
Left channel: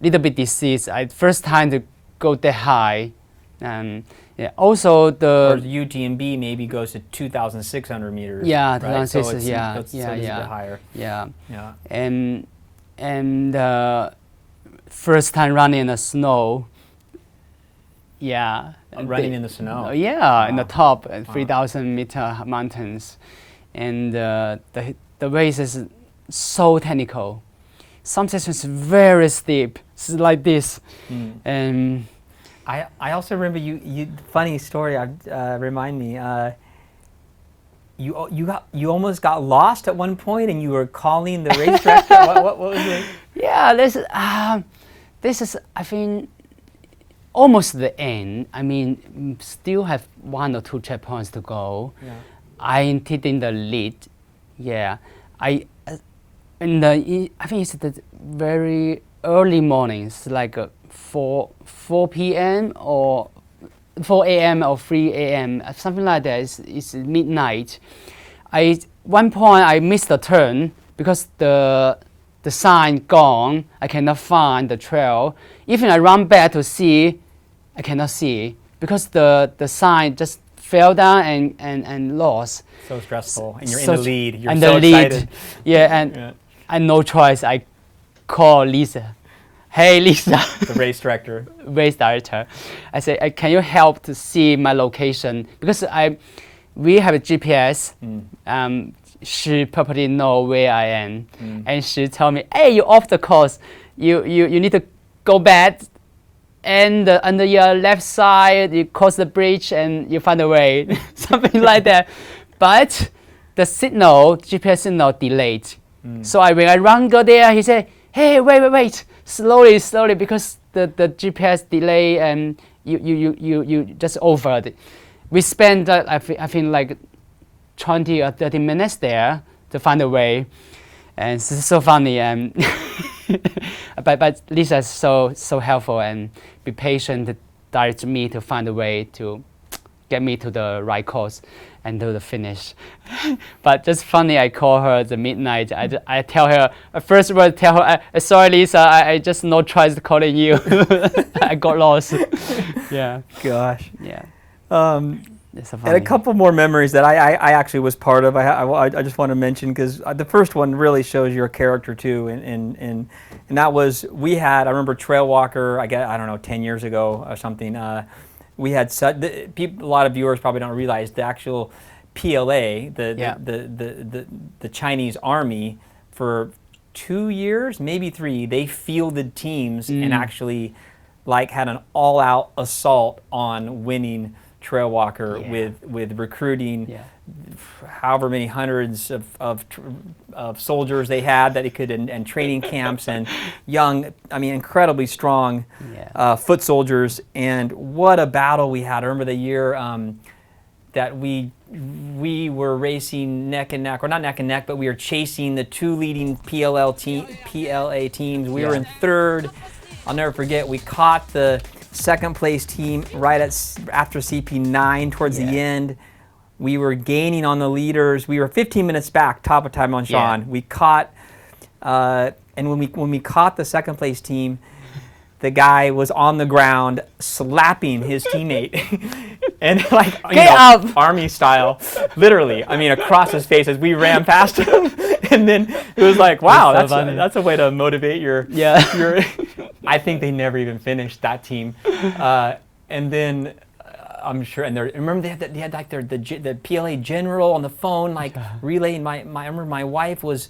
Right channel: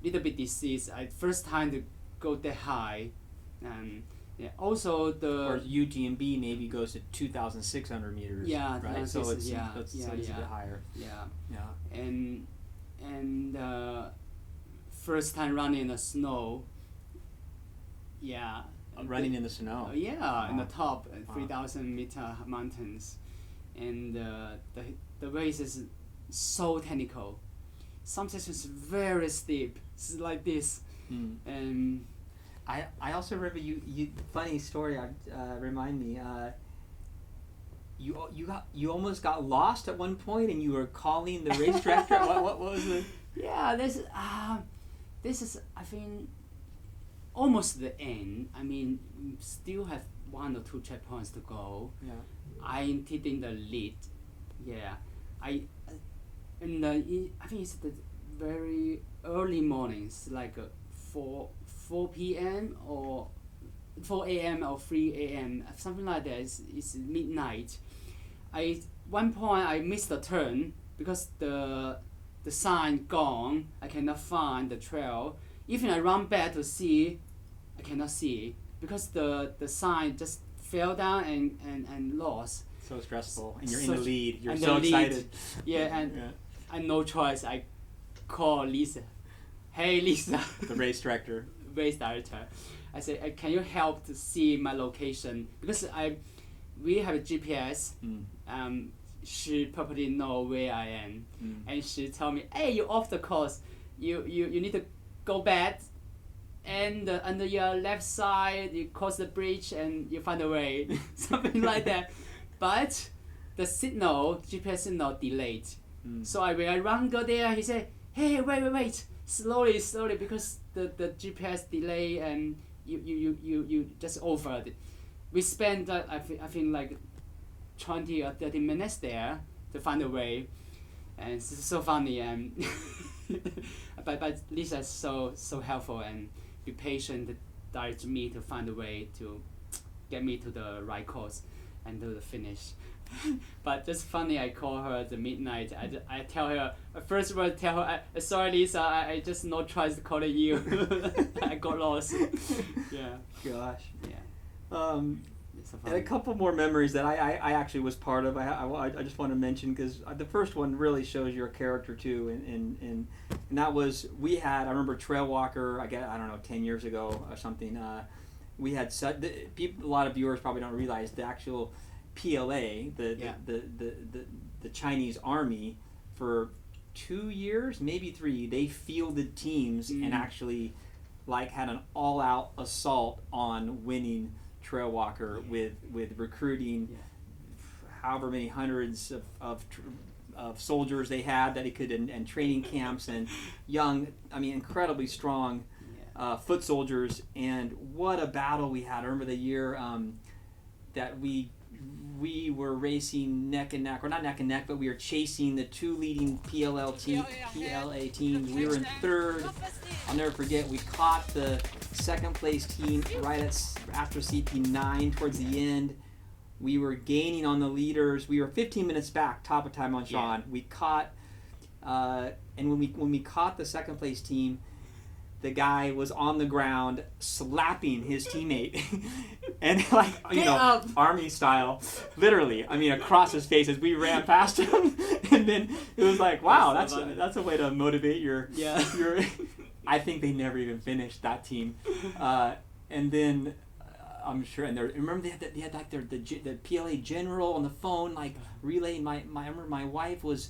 little bit disease. First time to go that high, and also the UTMB maybe goes to 2,600 meters. Yeah, right? 2,600. So it's a bit higher. And first time running in the snow. Running in the snow. In the top 3,000 meter mountains, and the race is so technical. Some sections very steep, it's like this, and I also remember you funny story. Remind me. You almost got lost at one point, and you were calling the race director. what was it? Yeah, this is I think almost the end. I mean, still have 1 or 2 checkpoints to go. I'm taking the lead. I think it's the very early mornings, like 4 p.m. or 4 a.m. or 3 a.m. something like that. It's midnight. One point I missed the turn because the sign gone. I cannot find the trail. Even I run back to see, I cannot see because the sign just fell down and lost. So stressful, and you're in the lead. You're in so the lead. excited. I no choice. I call Lisa. Hey Lisa, the race director. I say, can you help to see my location? Because we have a GPS. She probably know where I am, and she tell me, hey, you off the course. You need to go back, and under your left side, you cross the bridge, and you find a way, something like that. But the GPS signal delayed. So when I go there, he said, hey, wait, slowly, because the GPS delay and you just over it. We spent I think like 20 or 30 minutes there to find a way, and it's so funny. But Lisa is so helpful and be patient to direct me to find a way to get me to the right course and to the finish. But just funny, I call her at the midnight. I tell her, first word tell her, sorry Lisa, I just no choice calling you. I got lost. Gosh. So and a couple more memories that I actually was part of. I just want to mention because the first one really shows your character too, and that was I remember Trail Walker. I don't know, 10 years ago or something. We had a lot of viewers probably don't realize the actual PLA, the Chinese Army, for 2 years, maybe 3, they fielded teams and actually had an all-out assault on winning Trail Walker with recruiting however many hundreds of soldiers they had that he could, and training camps, and young, I mean, incredibly strong foot soldiers. And what a battle we had. I remember the year that we were racing neck and neck, or not neck and neck, but we were chasing the two leading PLA teams. We were in third. I'll never forget, we caught the second place team right after CP9 towards the end. We were gaining on the leaders. We were 15 minutes back, top of time on Sean. Yeah. We caught, and when we caught the second place team, the guy was on the ground slapping his teammate, and like army style, literally. I mean, across his face as we ran past him, and then it was like, wow, that's a way to motivate your. I think they never even finished that team, and then. I'm sure, and remember they had like the PLA general on the phone, like relaying. I remember my wife was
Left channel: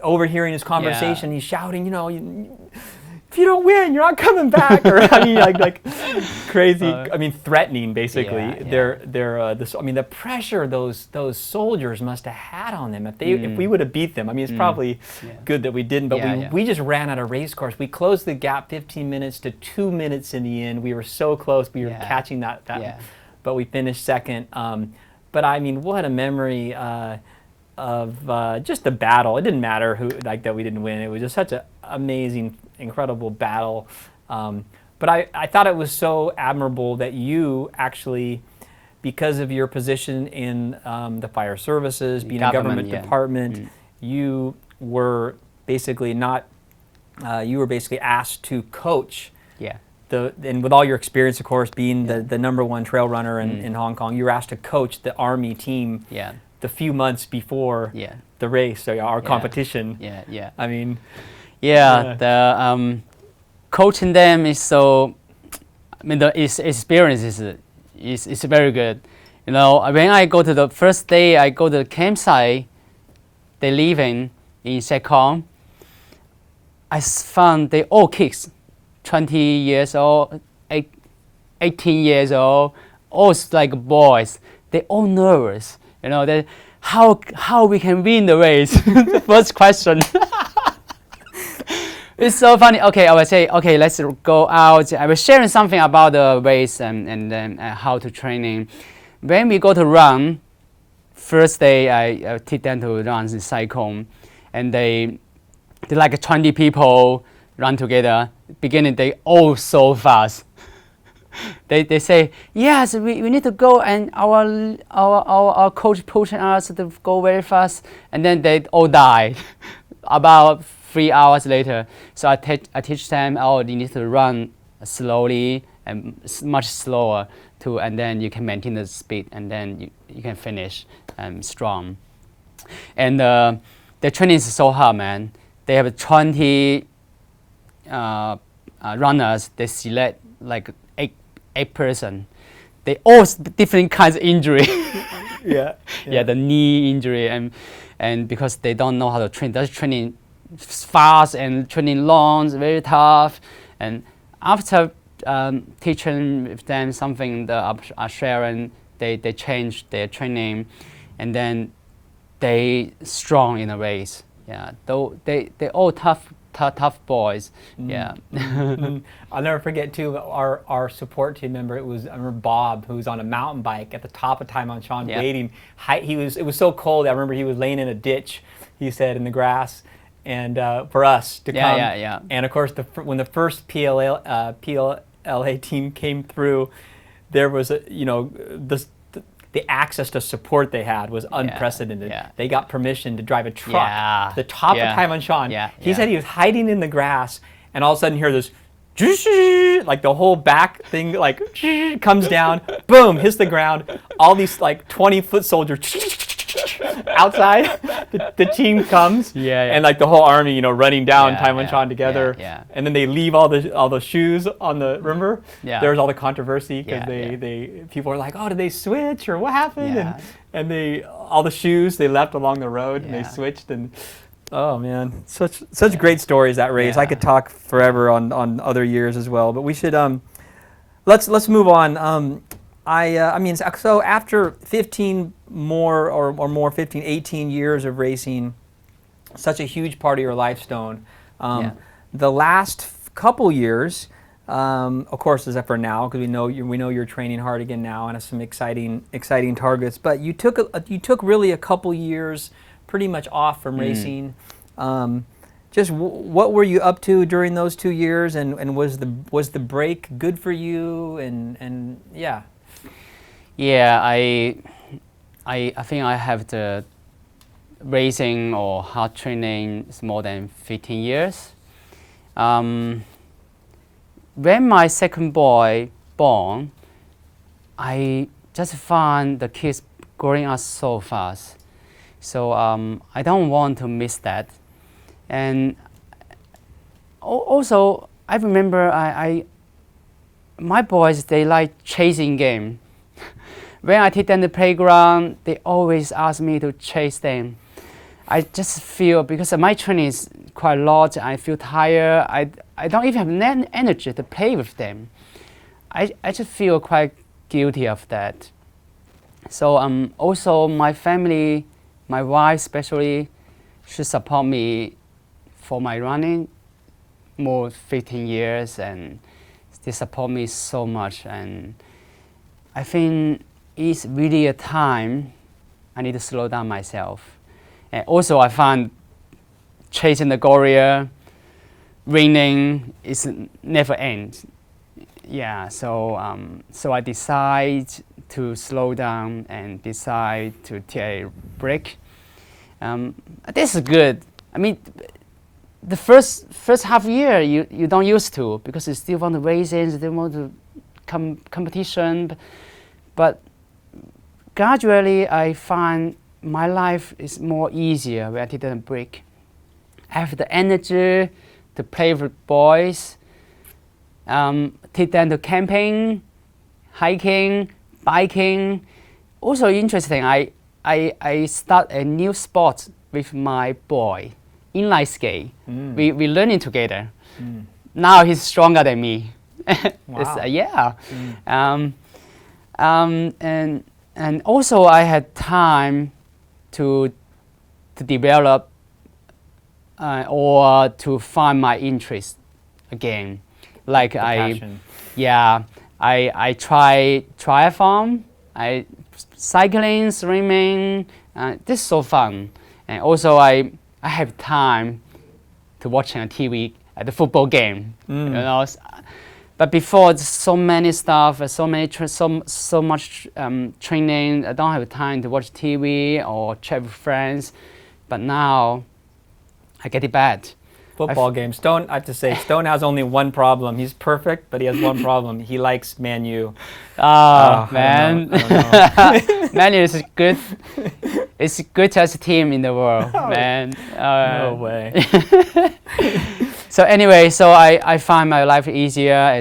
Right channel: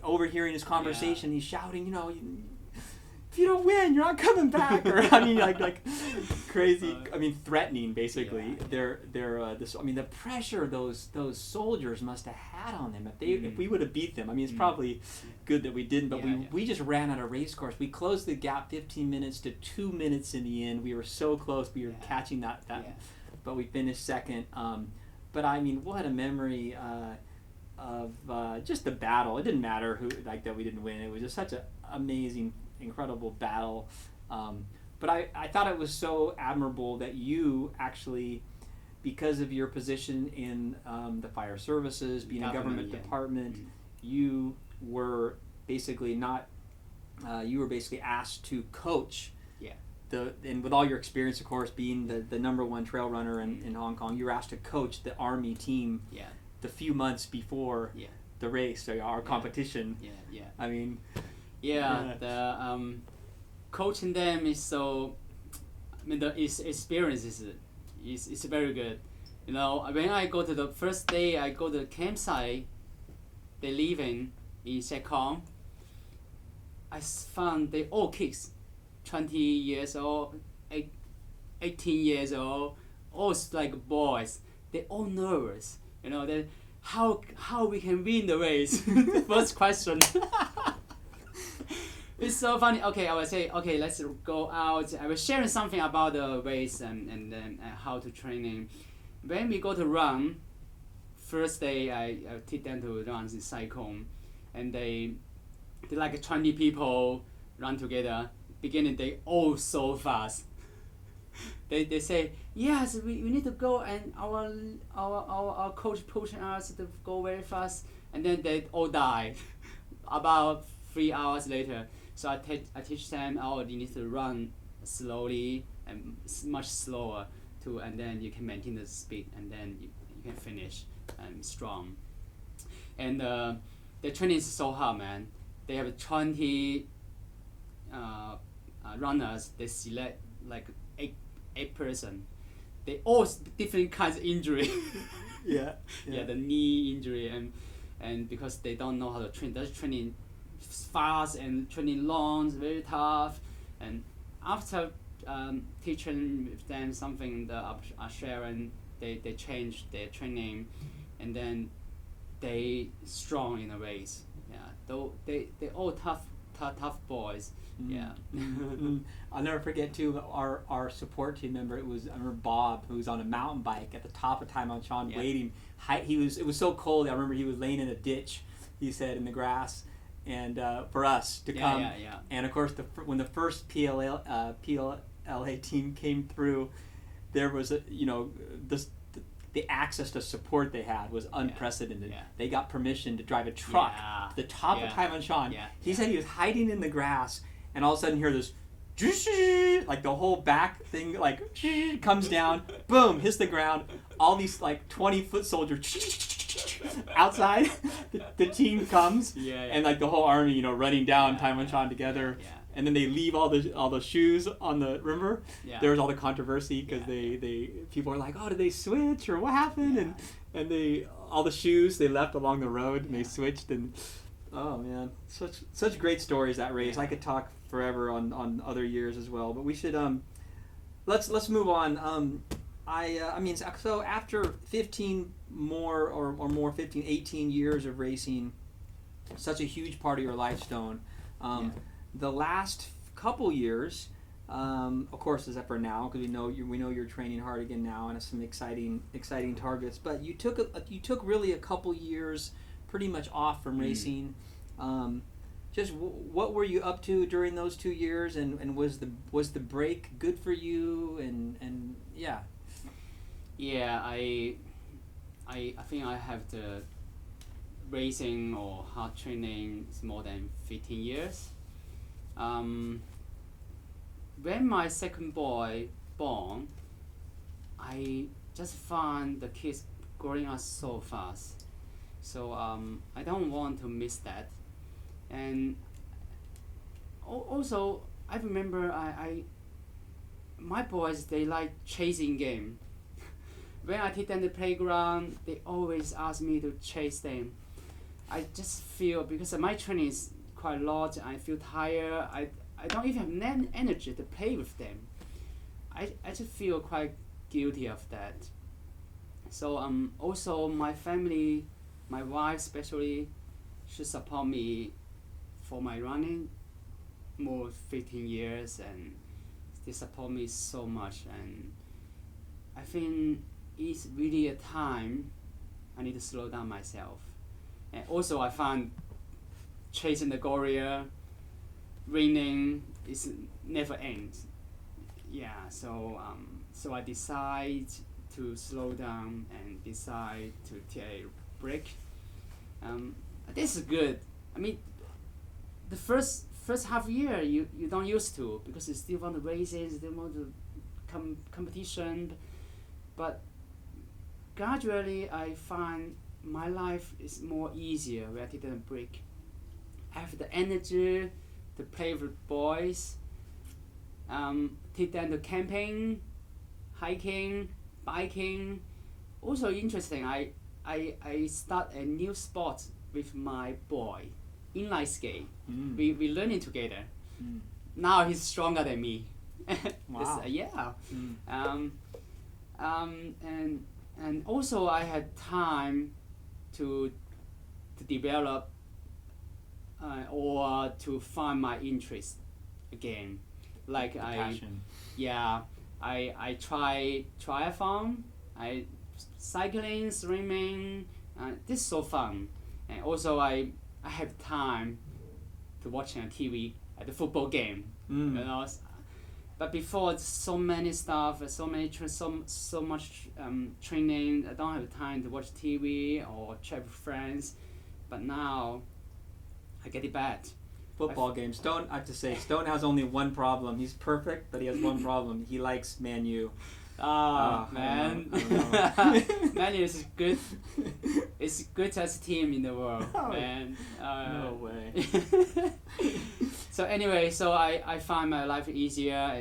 overhearing his conversation. He's shouting, if you don't win, you're not coming back, or I mean, like crazy. I mean, threatening basically. The pressure those soldiers must have had on them if we would have beat them. I mean, it's probably good that we didn't, but we just ran out of race course. We closed the gap 15 minutes to 2 minutes in the end. We were so close. We were catching that, but we finished second. But I mean, what a memory of just the battle. It didn't matter that we didn't win. It was just such an amazing, incredible battle. But I thought it was so admirable that you actually, because of your position in the fire services, being a government department, you were basically asked to coach. And with all your experience, of course, being the #1 trail runner in Hong Kong, you were asked to coach the Army team the few months before the race, so our competition. I mean, the coaching them is so. I mean, the experience is very good. When I go to the first day, I go to the campsite. They living in Sekong. I found they all kids, 20 years old, 18 years old, all like boys. They all nervous. That how we can win the race. The first question. It's so funny. Okay, I will say, okay, let's go out. I was sharing something about the race and then how to training. When we go to run, first day I teach them to run in cycle, and they like 20 people run together. Beginning, they all so fast. They say, yes, we need to go, and our coach pushing us to go very fast, and then they all die. About 3 hours later, so I teach them, you need to run slowly and much slower and then you can maintain the speed, and then you can finish strong. And the training is so hard, man. They have 20 runners. They select like eight person. They all different kinds of injury. The knee injury, and because they don't know how to train. That's training fast and training long, very tough. And after teaching with them something, the sharing, they change their training, and then they strong in a race. Though they all tough boys. I'll never forget too our support team member. I remember Bob, who was on a mountain bike at the top of time on Sean, waiting. It was so cold. I remember he was laying in a ditch. He said in the grass, and for us to come. And of course, when the first PLA team came through, there was the access to support they had was unprecedented. They got permission to drive a truck to the top of time on Sean. He said he was hiding in the grass, and all of a sudden you hear this, like the whole back thing like comes down, boom, hits the ground. All these like 20-foot soldiers outside. The team comes, and like the whole army, running down Taiwan together, and then they leave all the shoes on the. Remember, there was all the controversy because people were like, oh, did they switch or what happened? And all the shoes they left along the road and they switched, and oh man, such great stories, that race. I could talk forever on other years as well, but we should let's move on. I mean, so after 15 more or more 15, 18 years of racing, such a huge part of your life, Stone. The last couple years, of course, except for now, because we know you're training hard again now and have some exciting targets. But you took really a couple years pretty much off from racing. Just what were you up to during those 2 years, and was the break good for you? And yeah. Yeah, I think I have the racing or hard training is more than 15 years. When my second boy born, I just found the kids growing up so fast. So I don't want to miss that. And also, I remember my boys, they like chasing game. When I take them to the playground, they always ask me to chase them. I just feel, because my training is quite a lot, I feel tired. I don't even have energy to play with them. I just feel quite guilty of that. So also my family, my wife especially, she support me for my running more 15 years, and they support me so much. And I think it's really a time I need to slow down myself. And also I found chasing the gorilla, raining is never ends. Yeah, so I decide to slow down and decide to take a break. This is good. I mean, the first half year you don't used to, because you still want to race, you still want to competition, but gradually I find my life is more easier when I take a break. I have the energy to play with boys, take them to camping, hiking, biking. Also interesting, I start a new sport with my boy, inline skate. We learning together. Now he's stronger than me. Wow. Yeah. And also I had time to develop or to find my interest again. Like passion. I try triathlon, cycling, swimming. This is so fun. And also I have time to watching a TV at the football game. You know. But before, so many stuff, so much training. I don't have time to watch TV or chat with friends. But now, I get it bad. Football game. Stone, I have to say, Stone has only one problem. He's perfect, but he has one problem. He likes Man U. Oh, man. I don't know. Man U is good. It's the greatest team in the world, man. No way. So anyway, so I find my life easier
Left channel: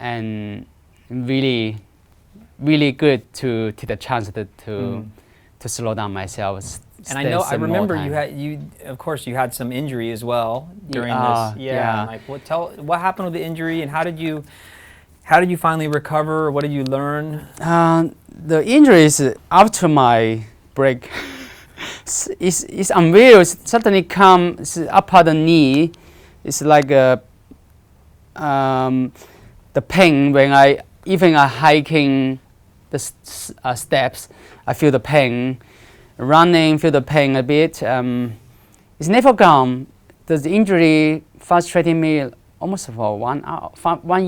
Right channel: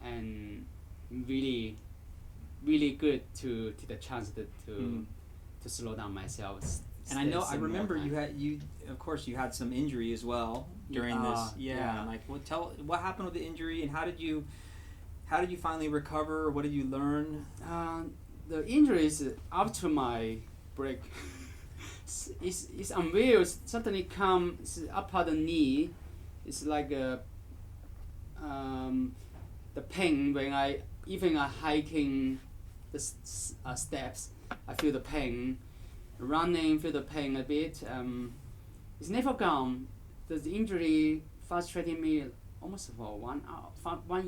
and really, really good to take the chance to slow down myself. And I remember of course you had some injury as well during this. Yeah. Like what happened with the injury, and how did you finally recover? What did you learn? The injury is after my break. It's unreal. It suddenly comes up at the knee. It's like the pain when I hiking the steps. I feel the pain. Running, feel the pain a bit. It's never gone. The injury frustrated me almost for 1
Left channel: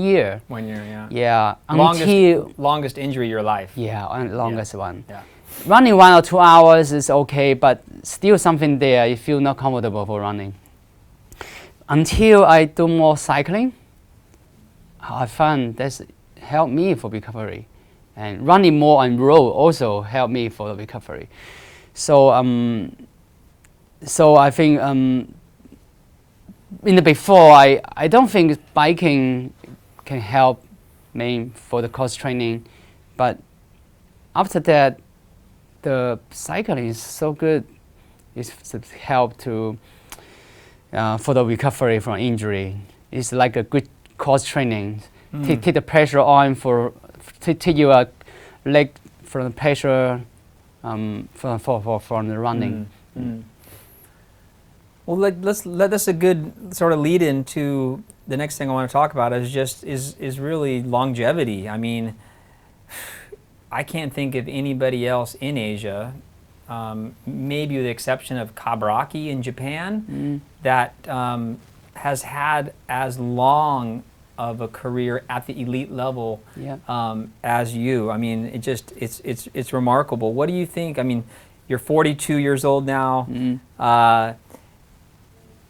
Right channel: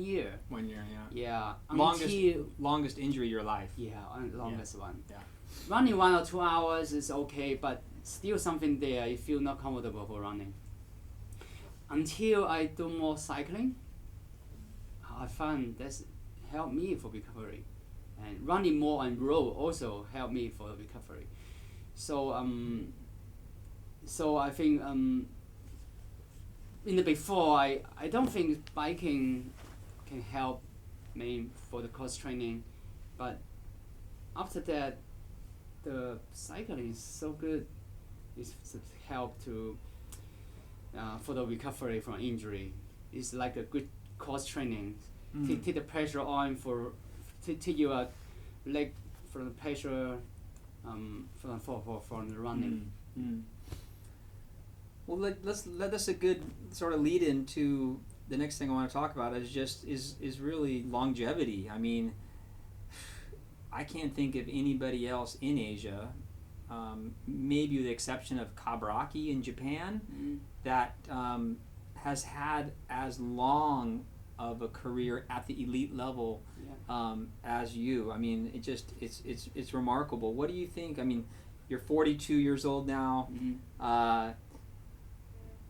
year. 1 year, yeah. Yeah. Longest injury of your life. Yeah, longest one. Yeah. Running 1 or 2 hours is okay, but still something there. You feel not comfortable for running. Until I do more cycling, I found that's helped me for recovery, and running more on road also helped me for the recovery. So I think in the before I don't think biking can help me for the cross training, but after that the cycling is so good. It's help to for the recovery from injury. It's like a good cross training. Take the pressure on take your leg from the pressure from the running. Well, that's a good sort of lead into the next thing I want to talk about is really longevity. I mean, I can't think of anybody else in Asia, maybe with the exception of Kabaraki in Japan, that has had as long of a career at the elite level as you. I mean, it's remarkable. What do you think? I mean, you're 42 years old now.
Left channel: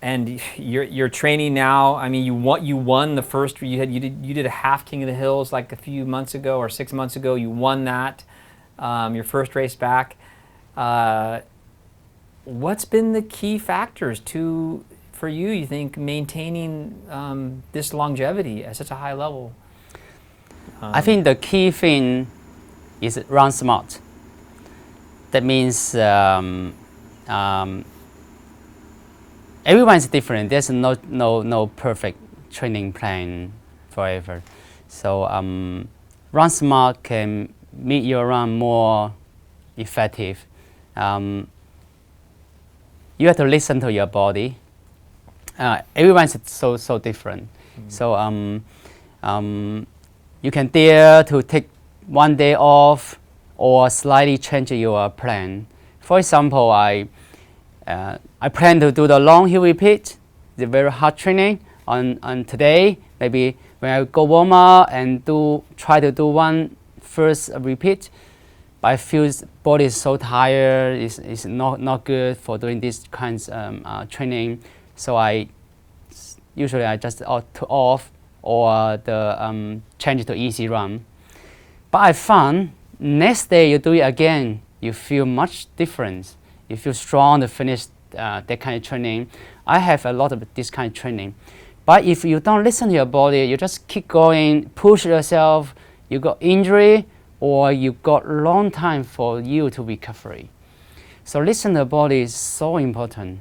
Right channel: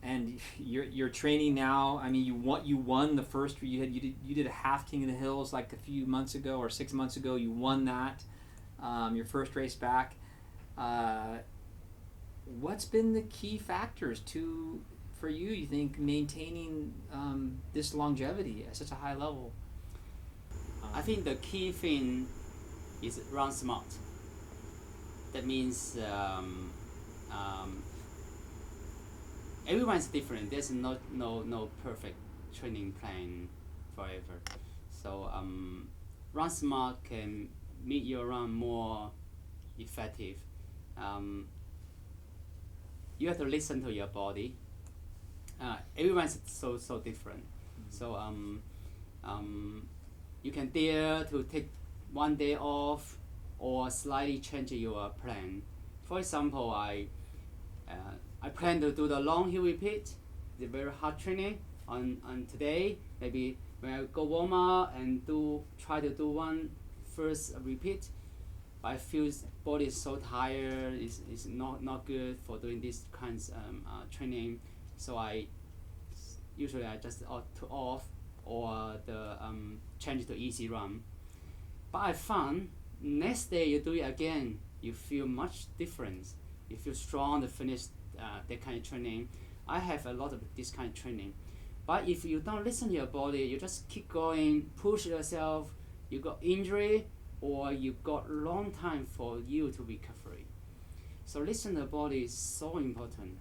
And you're training now. I mean, you won the first. You did a half King of the Hills like a few months ago or 6 months ago. You won that, your first race back. What's been the key factors for you? You think maintaining this longevity at such a high level? I think the key thing is run smart. That means. Everyone's different. There's no perfect training plan forever. So run smart can make your run more effective. You have to listen to your body. Everyone's so different. So you can dare to take one day off or slightly change your plan. For example, I plan to do the long hill repeat, the very hard training on today. Maybe when I go warm up and try to do one first repeat, but I feel body is so tired. It's not good for doing these kinds of training. So usually I just off or change it to easy run. But I found next day you do it again, you feel much different. You feel strong to finish that kind of training. I have a lot of this kind of training. But if you don't listen to your body, you just keep going, push yourself, you got injury or you got long time for you to recover. So listen to the body is so important.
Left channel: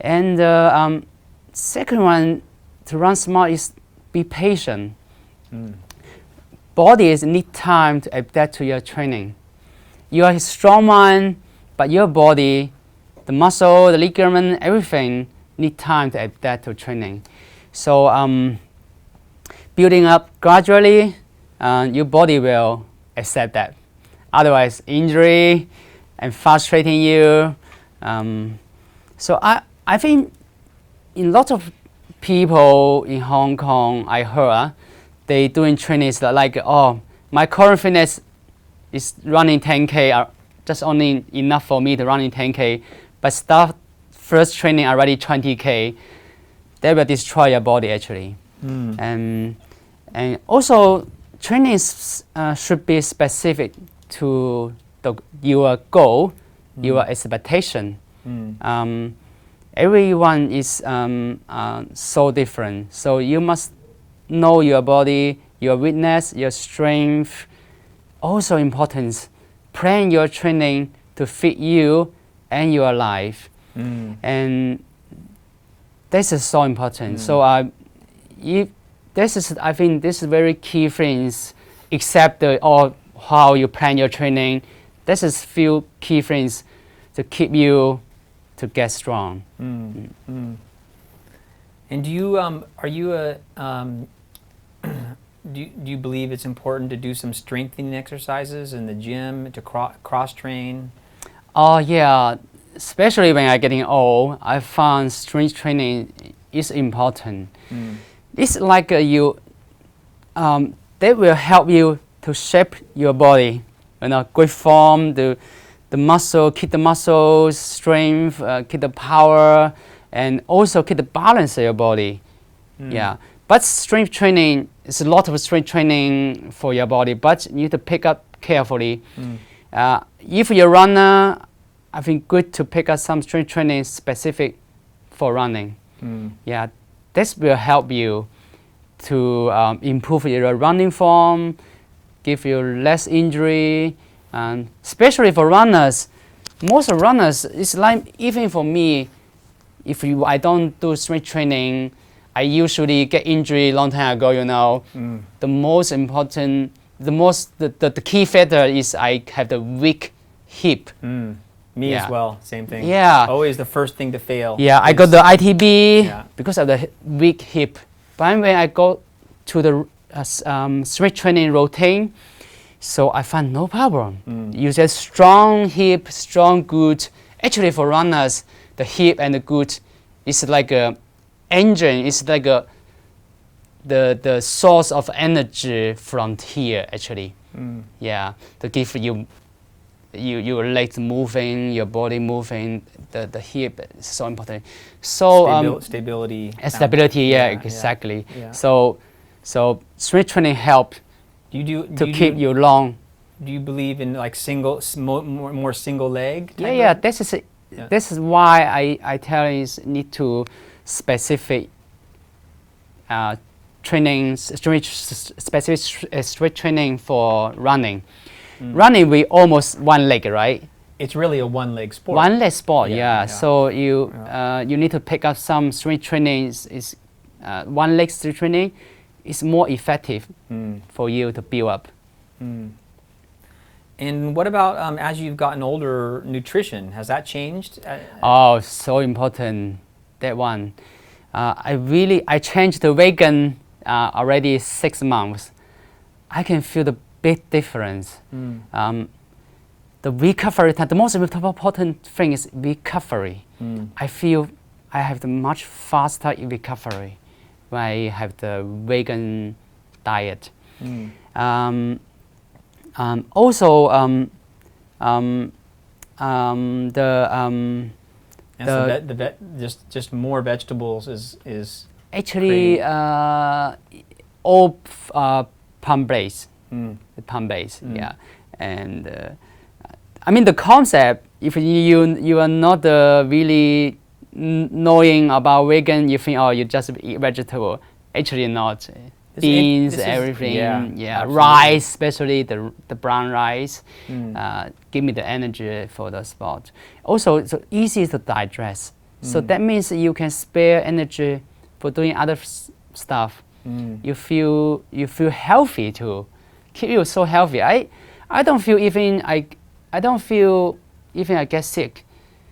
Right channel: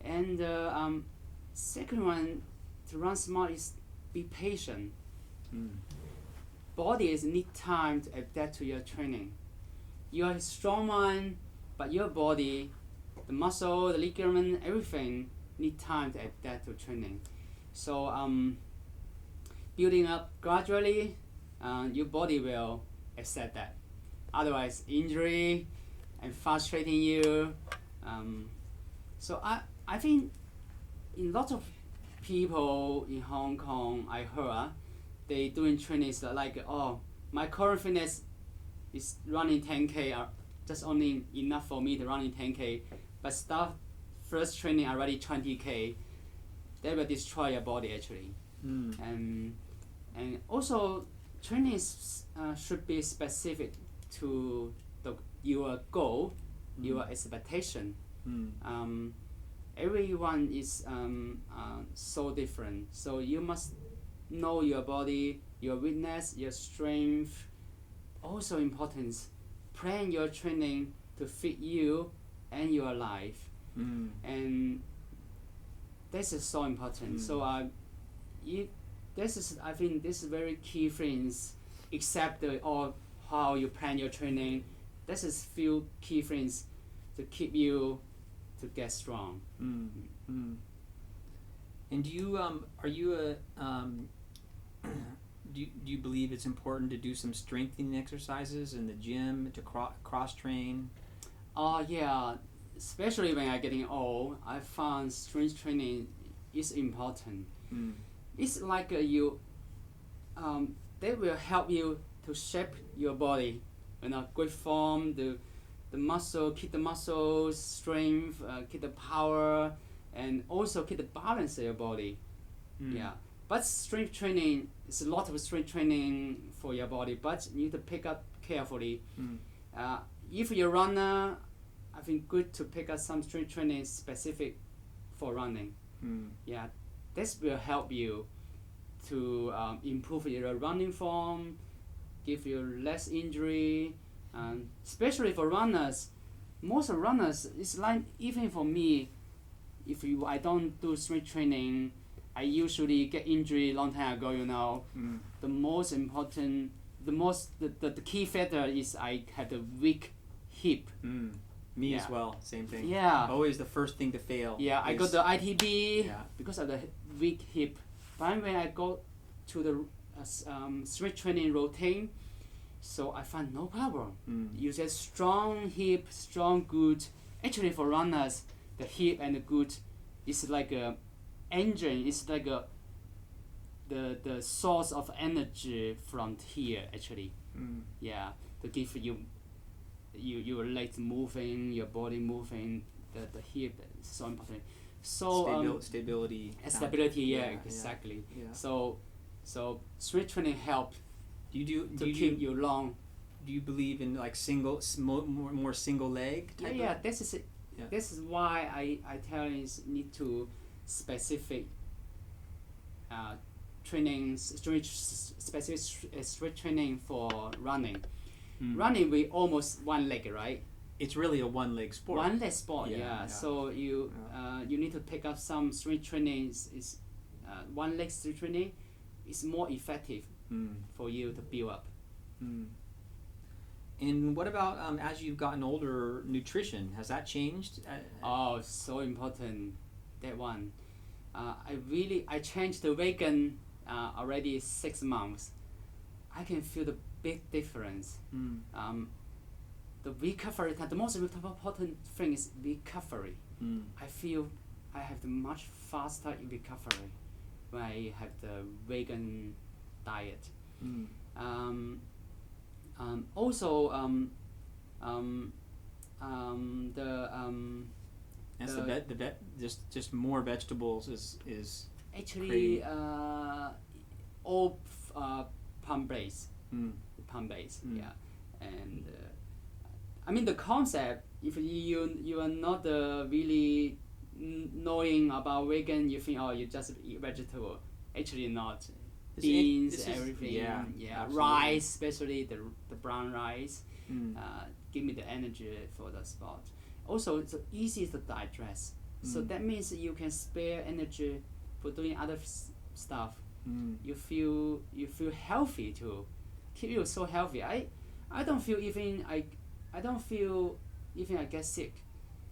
And second one, to run smart is be patient. Bodies need time to adapt to your training. You are a strong man, but your body, the muscle, the ligament, everything need time to adapt to training. So building up gradually, your body will accept that. Otherwise, injury and frustrating you. So I think in lots of people in Hong Kong, I heard they doing trainings that like, oh, my current fitness is running 10K, just only enough for me to run in 10K, but start first training already 20K, that will destroy your body actually. And also training should be specific to your goal, your expectation. Everyone is so different, so you must know your body, your weakness, your strength. Also important, plan your training to fit you and your life. And this is so important. So I think this is very key things, except how you plan your training. This is few key things to keep you to get strong. And do you believe it's important to do some strengthening exercises in the gym to cross train? Oh yeah, especially when I'm getting old, I found strength training is important. It's like that will help you to shape your body, good form, the muscle, keep the muscles, strength, keep the power, and also keep the balance of your body. Yeah, but strength training is a lot of strength training for your body, but you need to pick up carefully. If you're a runner, I think good to pick up some strength training specific for running. Yeah, this will help you to improve your running form, give you less injury, and especially for runners. Most runners, it's like even for me, I don't do strength training, I usually get injury long time ago. The most important the key factor is I have the weak hip. Me Yeah. as well. Same thing. Yeah. Always the first thing to fail. Yeah, I is- got the ITB Yeah. because of the weak hip. But when I go to the strength training routine, so I find no problem. You said strong hip, strong glute. Actually, for runners, the hip and the glute is like a engine. It's like the source of energy from here. Actually, yeah, to give you your legs moving, your body moving. The hip is so important. So Stability. stability, yeah, exactly. Yeah. So strength training help Do you do to you keep do, you long. Do you believe in like more single leg? type Yeah. of- This is why I tell you need to specific training, specific strength training for running. Running we almost one leg, right? It's really a one-leg sport. One leg sport, Yeah, yeah. yeah. So you need to pick up some strength training. Is one leg strength training is more effective for you to build up. And what about as you've gotten older, nutrition? Has that changed? Oh, so important, that one. I changed the vegan already 6 months. I can feel the big difference. The recovery time, the most important thing is recovery. I feel I have the much faster recovery when I have the vegan diet. Also, Just more vegetables is actually all plant-based. Plant-based, yeah. And I mean the concept. If you are not really knowing about vegan, you think you just eat vegetable. Actually not. Beans, everything, absolutely. rice, especially the brown rice, give me the energy for the sport. Also, it's easy to digest. So that means you can spare energy for doing other stuff. You feel healthy too. Keep you so healthy. I don't feel even I get sick.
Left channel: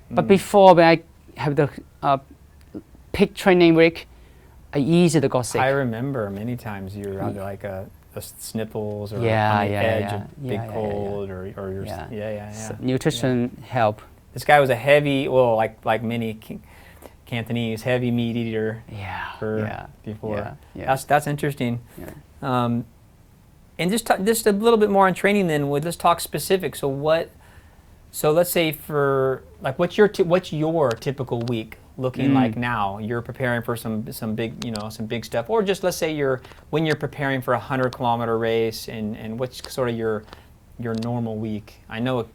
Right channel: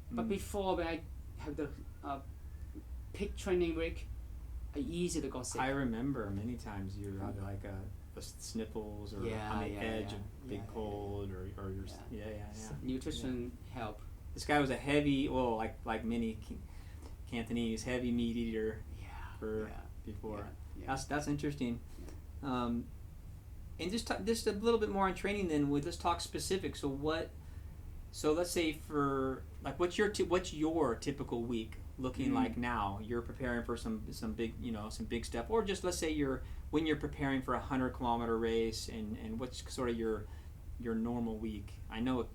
But before when I have the peak training week, I easily got sick. I remember many times you're under like a sniffles or Yeah, on the yeah, edge yeah. of Yeah, big yeah, yeah, cold or you're Yeah. yeah. So nutrition help. This guy was a heavy, well, like many Cantonese, heavy meat eater. Before. Yeah. That's interesting. And just a little bit more on training then. Let's talk specifics. So let's say for like what's your typical week looking like now? You're preparing for some big stuff, or just let's say when you're preparing for a 100-kilometer race, and what's sort of your normal week? I know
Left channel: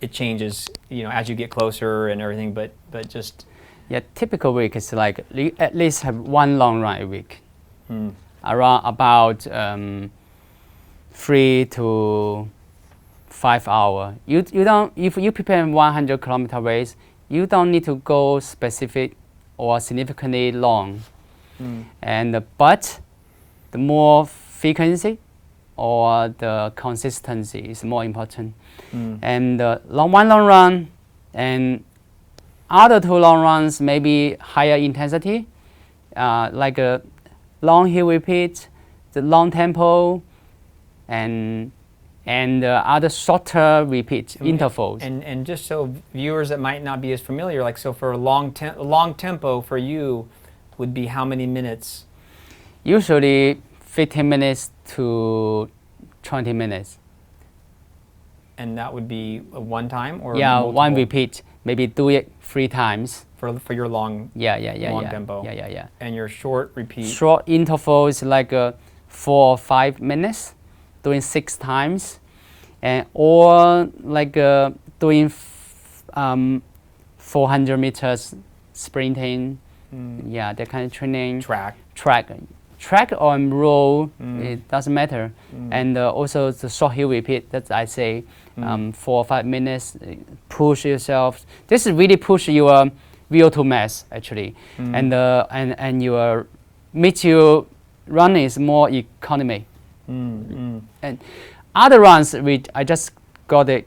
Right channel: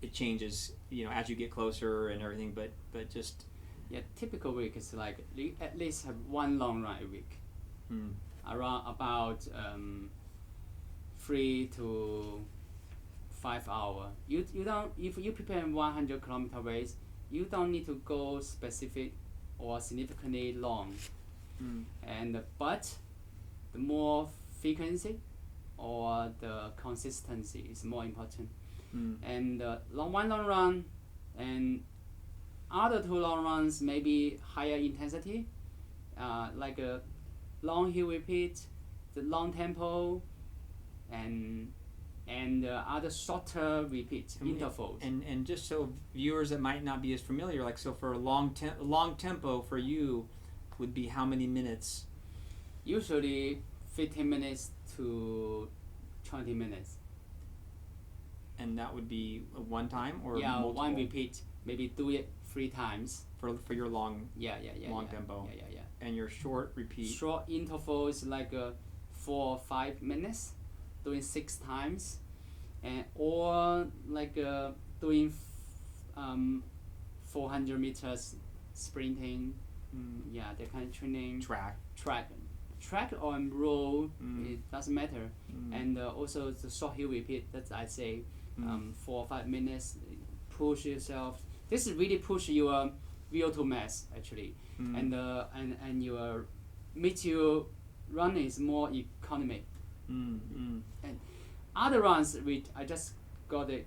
it changes as you get closer and everything, but just typical week is like at least have one long run a week, around about 3 to 5 hours. You don't, if you prepare 100-kilometer race, you don't need to go specific or significantly long. But the more frequency or the consistency is more important. And one long run and other 2 long runs maybe higher intensity, like a long hill repeat, the long tempo, and other shorter repeat intervals. And just so viewers that might not be as familiar, like so for a long tempo for you would be how many minutes? Usually 15 minutes to 20 minutes. And that would be one time or one multiple? repeat. Maybe do it 3 times. For your long tempo. Yeah. And your short repeat. Short intervals like 4 or 5 minutes, doing 6 times, or like doing 400 meters sprinting. That kind of training. Track or roll, it doesn't matter. And also the short hill repeat, that I say 4 or 5 minutes, push yourself. This is really push your VO2 mass actually. And your running is more economy. And other runs, I just got the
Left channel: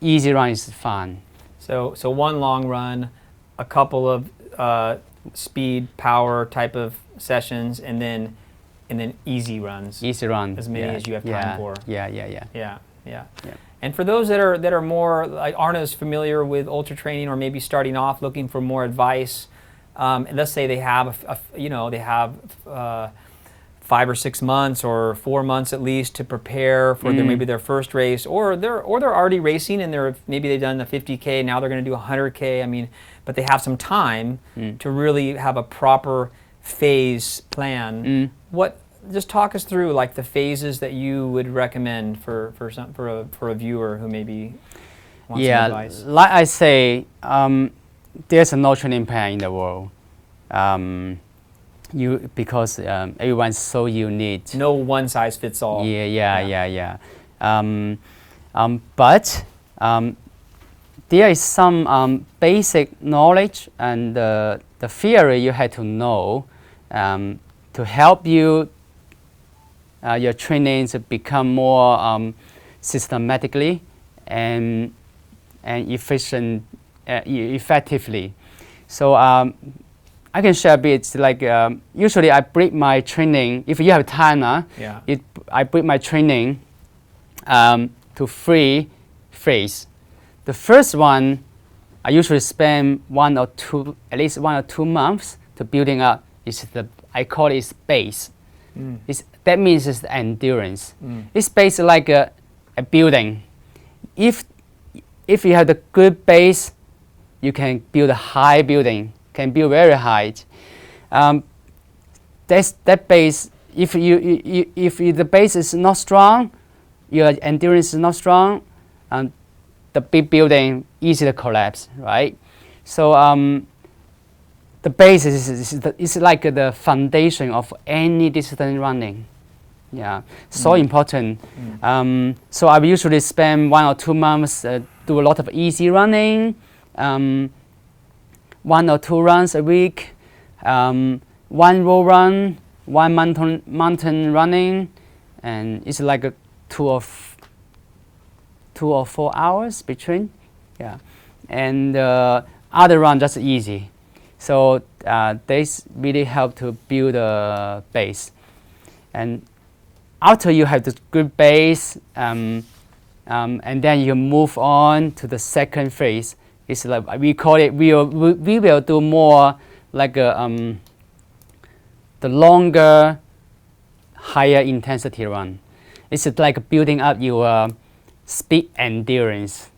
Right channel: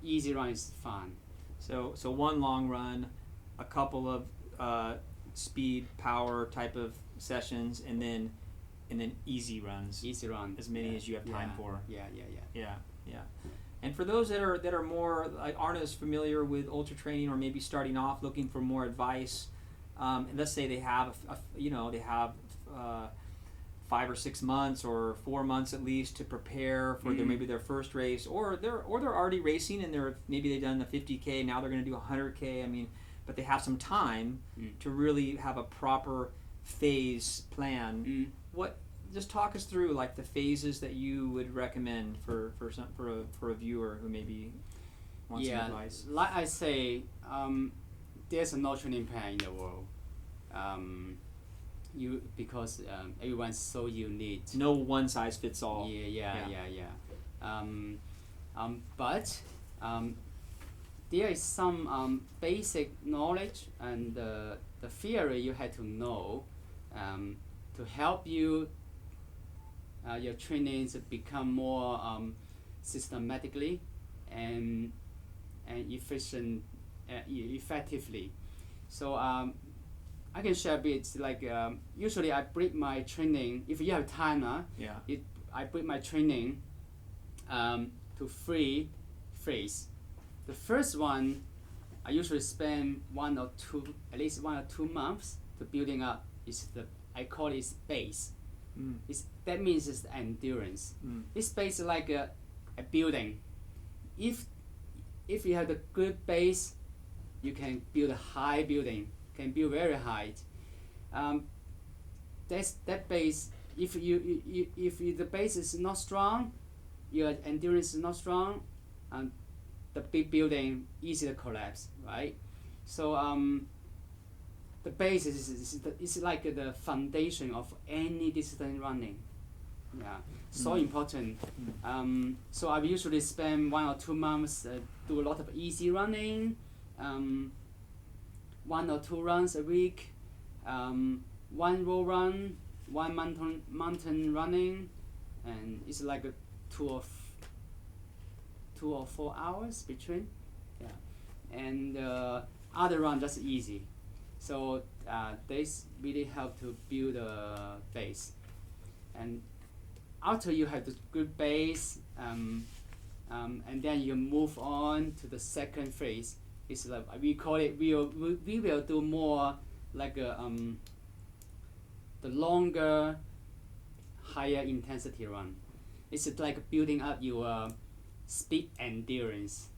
easy run is fun. So one long run, a couple of speed, power type of sessions, and then easy runs. Easy run. As many as you have time for. Yeah. And for those that are more aren't as familiar with ultra training, or maybe starting off looking for more advice, and let's say they have 5 or 6 months or 4 months at least to prepare for maybe their first race, or they're already racing and maybe they've done the 50K, now they're going to do 100K. I mean, but they have some time to really have a proper phase plan. Just talk us through like the phases that you would recommend for a viewer who maybe wants some advice. Like I say, there's no training plan in the world. Because everyone's so unique. No one size fits all. But there is some basic knowledge and the theory you have to know to help you your training to become more systematically and effectively. So I can share a bit. Like usually I break my training. If you have time, I break my training to 3 phases. The first one, I usually spend at least 1 or 2 months to building up. I call it base. That means it's the endurance. It's based like a building. If you have the good base, you can build a high building. Can build very high. That base. If the base is not strong, your endurance is not strong, the big building easy to collapse, right? So the base is like the foundation of any distance running. Yeah, so important. So I usually spend 1 or 2 months do a lot of easy running. 1 or 2 runs a week, 1 road run, 1 mountain running, and it's like a 2 or 4 hours between, and other run just easy. So this really help to build a base, and after you have the good base, and then you move on to the second phase. It's like we call it. We will do more like the longer, higher intensity run. It's like building up your speed endurance.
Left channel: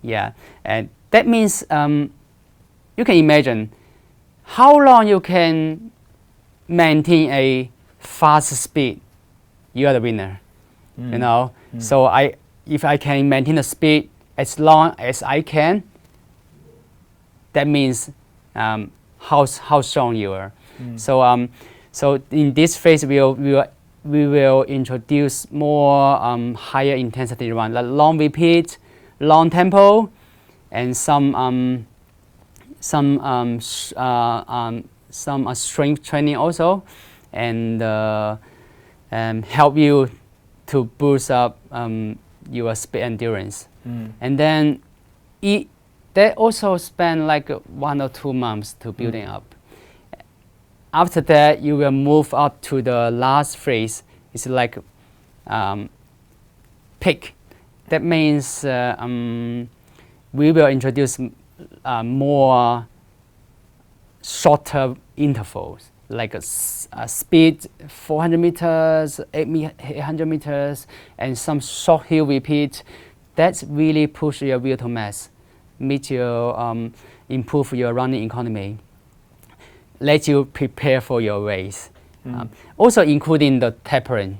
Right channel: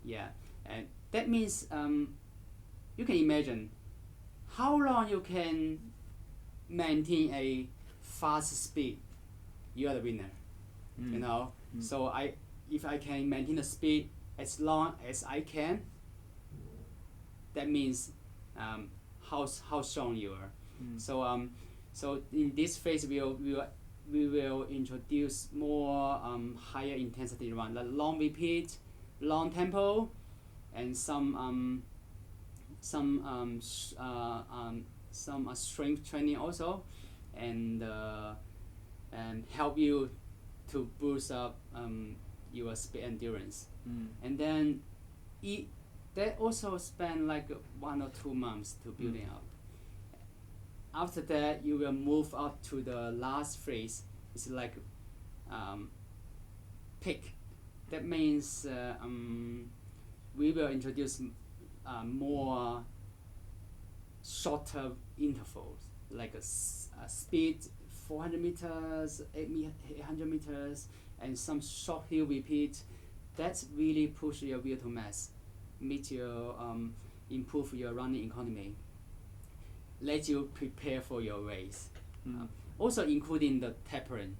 Yeah, and that means you can imagine how long you can maintain a fast speed. You are the winner. You know. So if I can maintain the speed as long as I can, that means how strong you are. So in this phase we will introduce more higher intensity run, like long repeat, long tempo, and some strength training also, and help you to boost up your speed endurance. And then they also spend like 1 or 2 months to building up. After that, you will move up to the last phase. It's like peak. That means we will introduce more shorter intervals, like a speed 400 meters, 800 meters, and some short hill repeat. That's really push your VO2 max. Meet your improve your running economy, let you prepare for your race. Also including the tapering.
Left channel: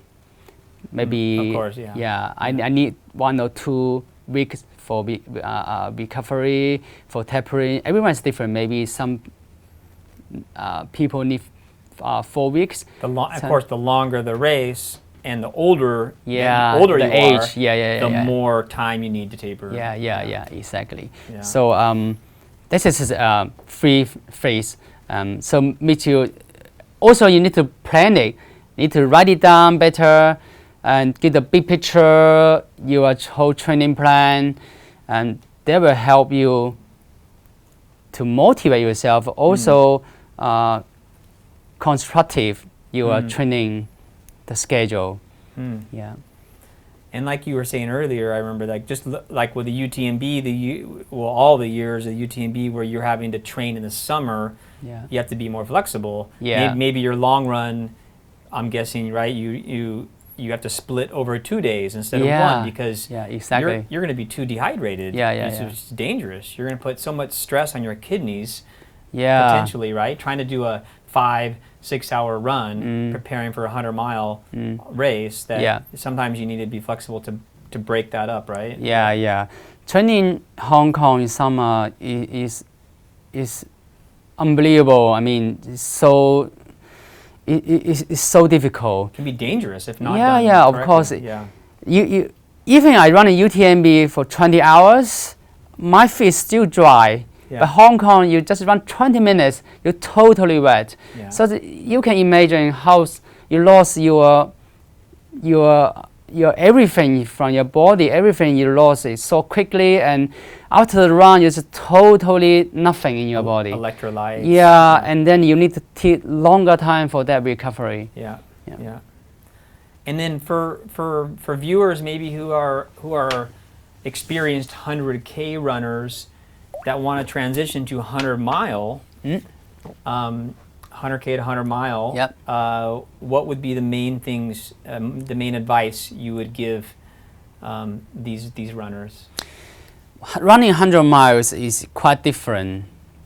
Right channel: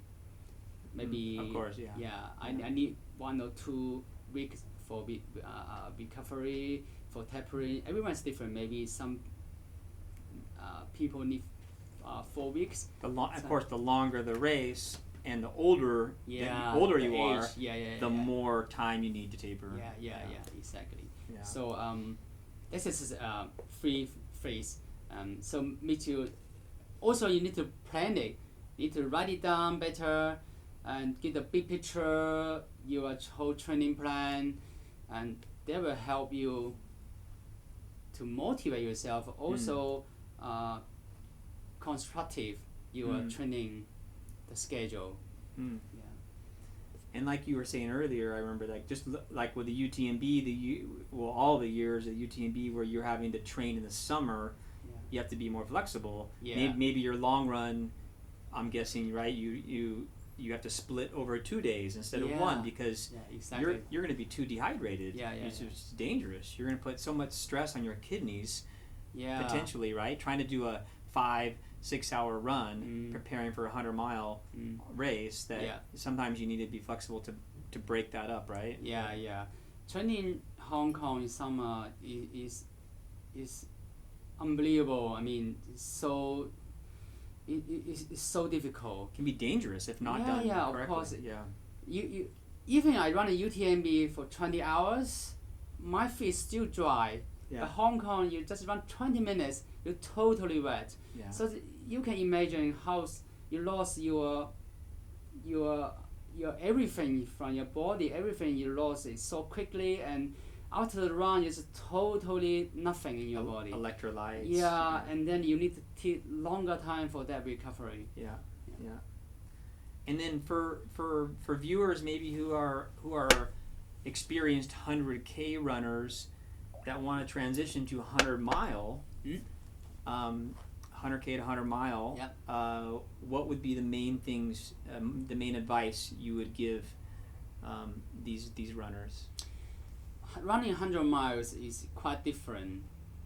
Maybe of course, I need 1 or 2 weeks for recovery, for tapering. Everyone's different. Maybe some people need 4 weeks. Of course, the longer the race and the older, the age, you are, the more time you need to taper. Exactly. Yeah. So this is a free phase. So meet you. Also, you need to plan it. Need to write it down better and get the big picture, your whole training plan, and that will help you to motivate yourself. Also, constructive your training, the schedule. Yeah. And like you were saying earlier, I remember like just like with the UTMB, all the years of UTMB where you're having to train in the summer, you have to be more flexible. Yeah. Maybe your long run, I'm guessing, right? You have to split over 2 days instead of one because exactly. you're going to be too dehydrated. It's dangerous. You're going to put so much stress on your kidneys potentially, right? Trying to do a 5-6 hour run, preparing for a 100-mile race, that sometimes you need to be flexible to break that up, right? Yeah. Training Hong Kong in summer is unbelievable. I mean, it's so difficult. It can be dangerous if not done of correctly. course. Yeah. Even I run a UTMB for 20 hours, my feet is still dry. Yeah. But Hong Kong, you just run 20 minutes, you're totally wet. Yeah. So you can imagine how you lost your everything from your body, everything you lost it so quickly, and after the run, it's totally nothing in your body. Electrolytes. Yeah, and then you need to take longer time for that recovery. Yeah. And then for viewers maybe who are experienced 100K runners that want to transition to 100-mile, 100K to 100-mile, what would be the main things, the main advice you would give these runners? Running 100 miles is quite different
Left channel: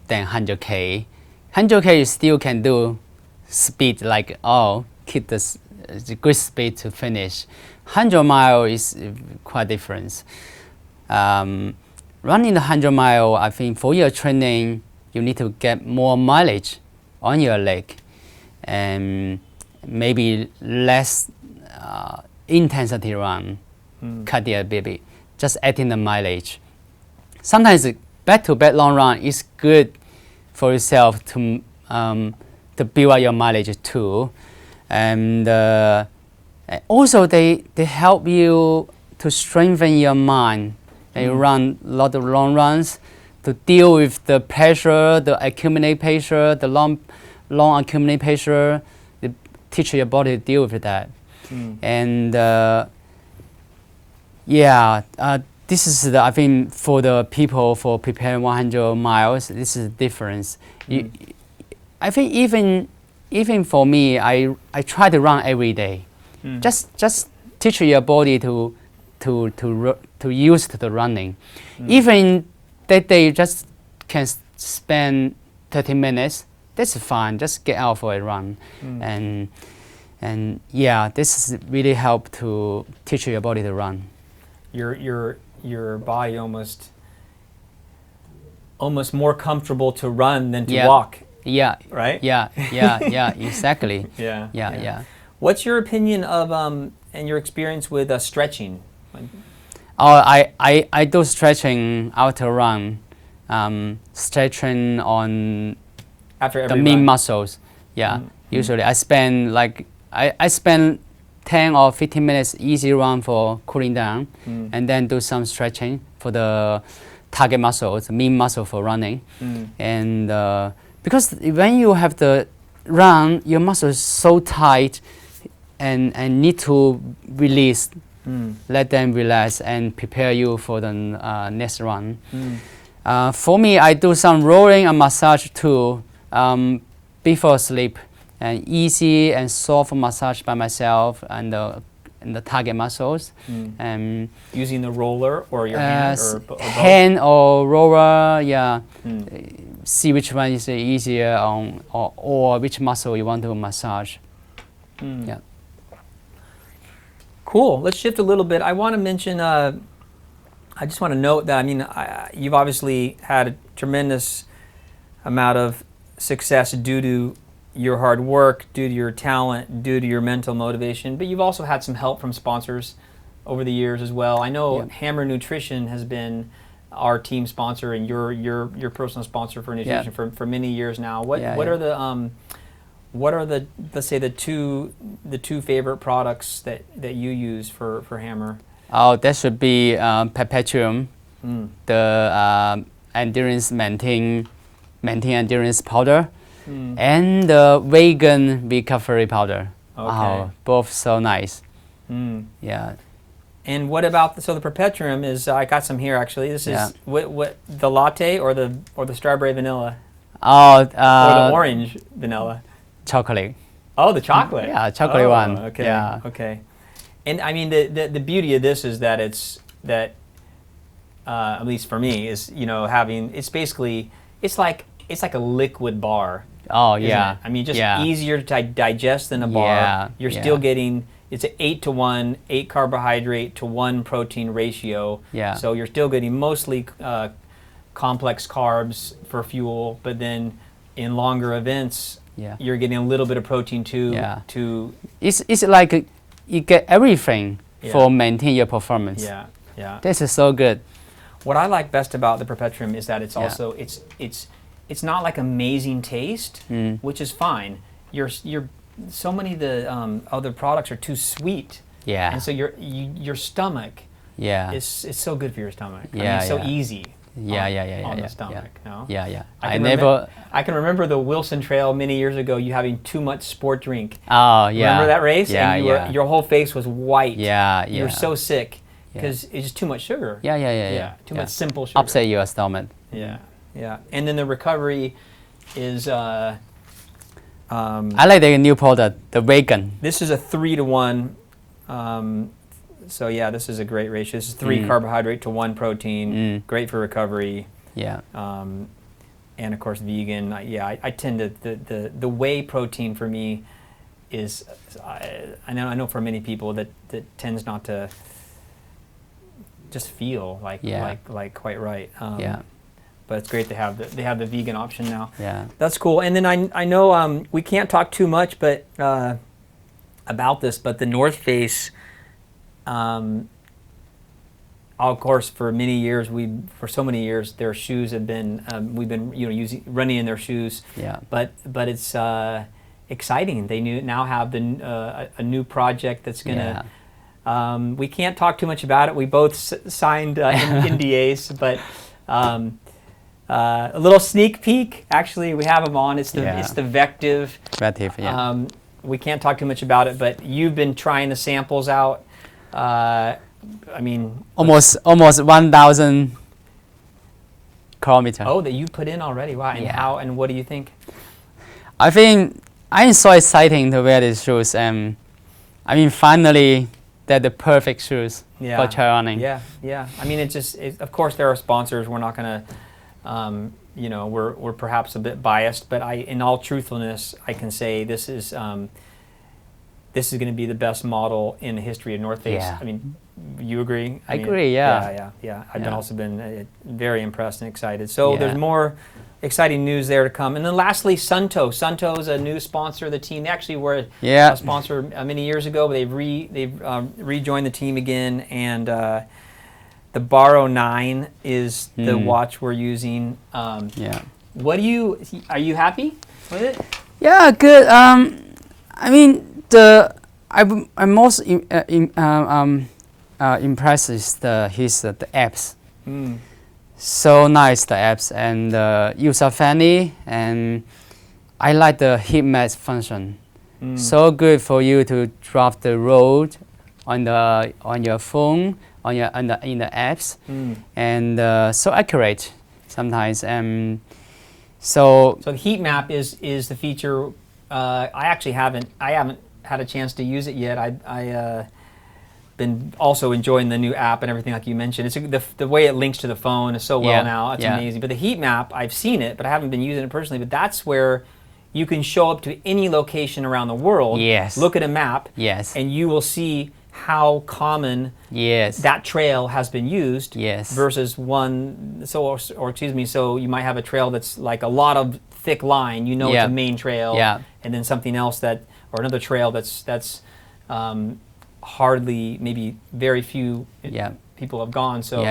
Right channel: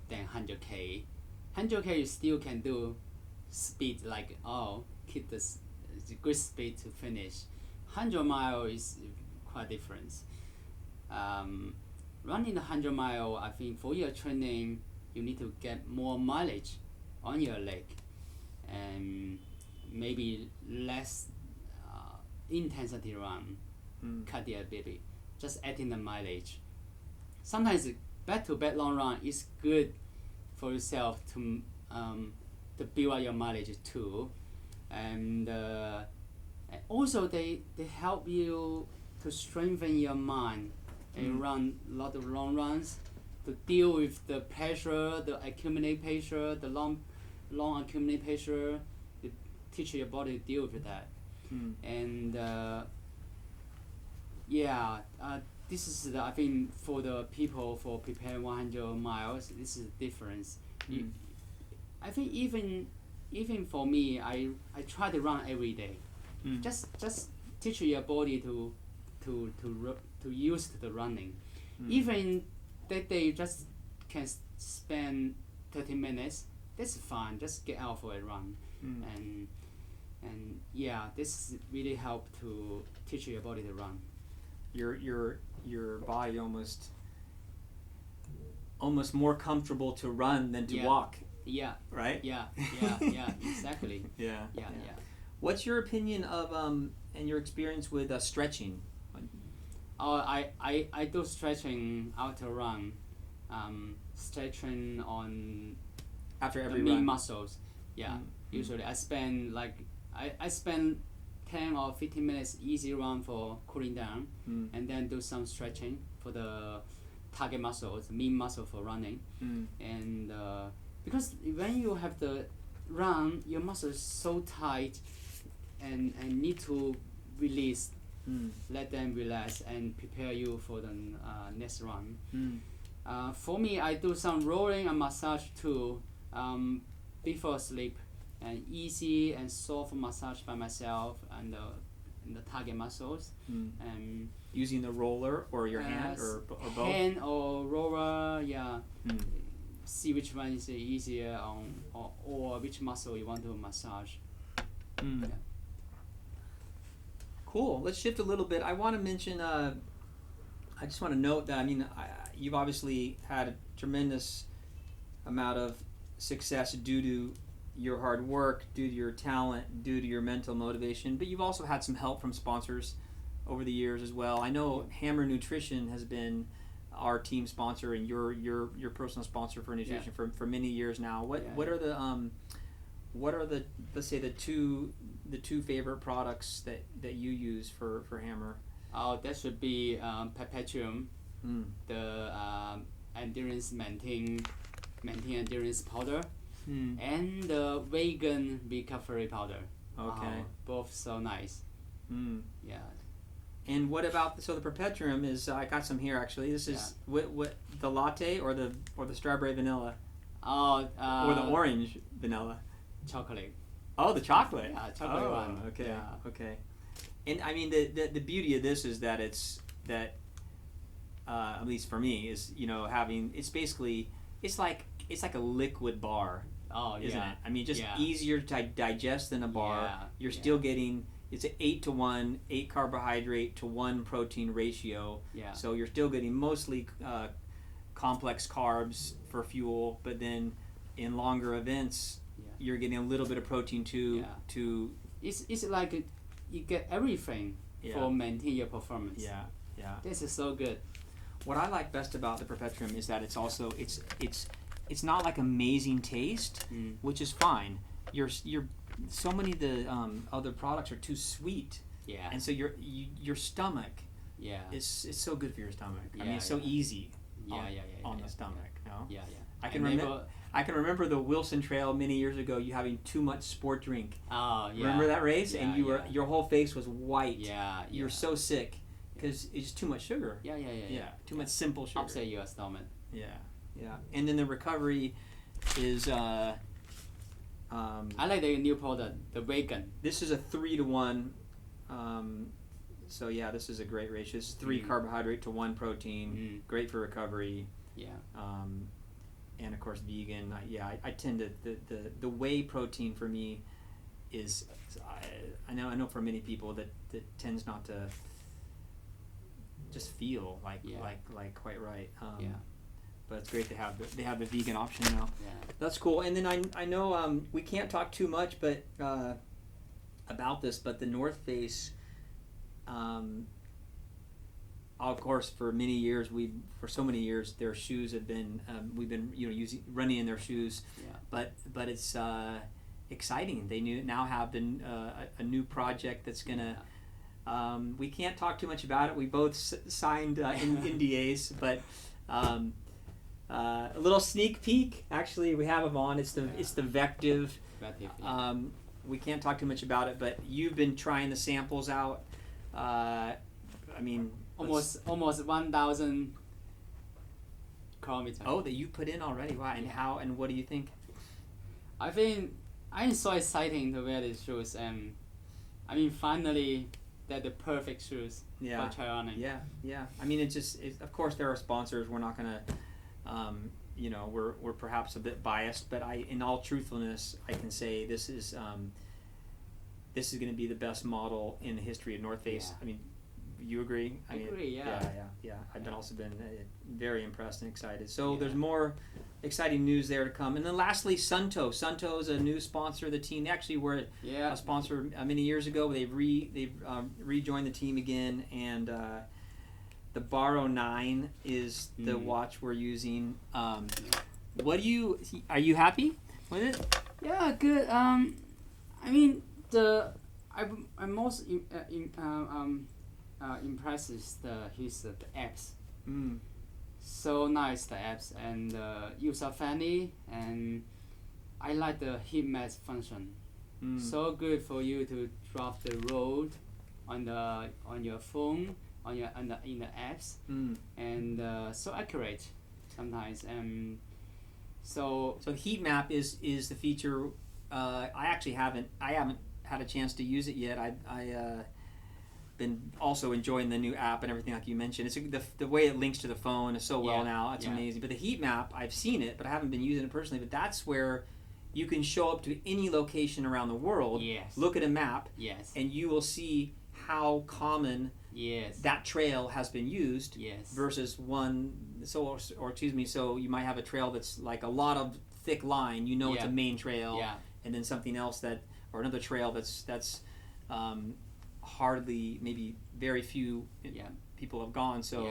than 100K. 100K you still can do speed like, keep the good speed to finish. 100 mile is quite different. Running the 100 mile, I think for your training, you need to get more mileage on your leg and maybe less intensity run, cut it a bit, just adding the mileage. Sometimes back-to-back long run is good for yourself to build up your mileage too, and also they help you to strengthen your mind. You run a lot of long runs to deal with the pressure, the accumulated pressure, the long accumulated pressure. They teach your body to deal with that. And this is I think for the people for preparing 100 miles, this is the difference. I think even for me, I try to run every day. Just teach your body to use the running. Even that day you just can spend 30 minutes, that's fine. Just get out for a run. And this is really help to teach your body to run. Your body almost more comfortable to run than to walk. Yeah. Right? Yeah, exactly. Yeah. What's your opinion of and your experience with stretching? I do stretching after run, stretching on after every the main run. muscles. Usually I spend I spend 10 or 15 minutes easy run for cooling down, and then do some stretching for the target muscles, the main muscle for running. And because when you have the run, your muscle is so tight and need to release. Let them relax and prepare you for the next run. For me, I do some rolling and massage too before sleep, and easy and soft massage by myself and the target muscles. Using the roller or your hand or both? Hand or roller, See which one is easier or which muscle you want to massage. Cool. Let's shift a little bit. I want to mention, I just want to note that, you've obviously had a tremendous amount of success due to your hard work, due to your talent, due to your mental motivation, but you've also had some help from sponsors over the years as well. I know Hammer Nutrition has been our team sponsor and your personal sponsor for nutrition for many years now. What are the What are let's say the two favorite products that you use for hammer? Oh, that should be Perpetuum, Mm. the endurance maintain endurance powder, Mm. and the vegan recovery powder. Okay. Oh, both so nice. Mm. Yeah. And what about the Perpetuum is I got some here actually. This is Yeah. what the latte or the strawberry vanilla Oh, or the orange vanilla. chocolate. Oh, the chocolate. Yeah, chocolate Oh, one. Okay. Yeah. Okay. And I mean the beauty of this is that at least for me is it's basically it's like a liquid bar. Oh, isn't yeah. it? I mean just yeah. easier to digest than a bar. Yeah, You're yeah. still getting it's an 8-to-1, 8 carbohydrate to 1 protein ratio. Yeah. So you're still getting mostly complex carbs for fuel, but then in longer events, Yeah. you're getting a little bit of protein too. Yeah. To It's like you get everything Yeah. for maintain your performance. yeah. This is so good. What I like best about the Perpetuum is that it's Yeah. also it's not like amazing taste, Mm. which is fine. You're so many of the other products are too sweet, Yeah. and so your stomach Yeah. it's so good for your stomach. I mean, Yeah, it's so yeah. easy. Yeah, on, yeah, yeah, yeah, on yeah, the stomach. No. Yeah, yeah. I I can never. I can remember the Wilson Trail many years ago. You having too much sport drink. Oh, yeah. Remember that race? Yeah, and yeah. your whole face was white. Yeah, yeah. You were so sick because it's just too much sugar. Yeah, yeah, yeah, yeah. Too yeah. much simple sugar. Upset your stomach. Yeah, yeah. And then the recovery is. I like the new product, the vegan. This is a 3-to-1. So yeah, this is a great ratio. This is 3 carbohydrate to 1 protein. Great for recovery. Yeah. And of course vegan. I tend to the whey protein for me is I know for many people that tends not to just feel like quite right. Yeah. But it's great to have they have the vegan option now. Yeah. That's cool. And then I know we can't talk too much but about this, but the North Face. Of course, for so many years, their shoes have been we've been running in their shoes. Yeah. But it's exciting. They now have a new project that's gonna. We can't talk too much about it. We both signed NDAs, but a little sneak peek. Actually, we have them on. It's the Vective. Vective, yeah. We can't talk too much about it, but you've been trying the samples out. I mean, almost 1,000 kilometers. Oh, that you put in already. Wow. And how and what do you think? I think I'm so exciting to wear these shoes, and I mean finally they're the perfect shoes for trail running. Yeah, yeah. I mean, of course there are sponsors. We're not gonna, we're perhaps a bit biased, but in all truthfulness, I can say this is going to be the best model in the history of North Face. Yeah. I mean, you agree? I agree, yeah. Yeah. I've also been very impressed and excited. So there's more exciting news there to come. And then lastly, Sunto. Sunto is a new sponsor of the team. They actually were a sponsor many years ago, but they've rejoined the team again. And the Baro 9 is the watch we're using. What are you happy with it? Yeah, good. I mean, I'm most impressed is the apps. So nice, the apps, and user friendly, and I like the heat map function. So good for you to drop the road on your phone, in the apps, and so accurate sometimes. So the heat map is the feature. I actually haven't had a chance to use it yet. I been also enjoying the new app and everything like you mentioned. It's the way it links to the phone is so well now. It's amazing. But the heat map, I've seen it, but I haven't been using it personally. But that's where you can show up to any location around the world. Yes. Look at a map. Yes. And you will see how common that trail has been used. Yes. Versus one. So so you might have a trail that's like a lot of thick line. You know it's a main trail. Yeah. And then something else or another trail that's hardly, maybe very few people have gone. So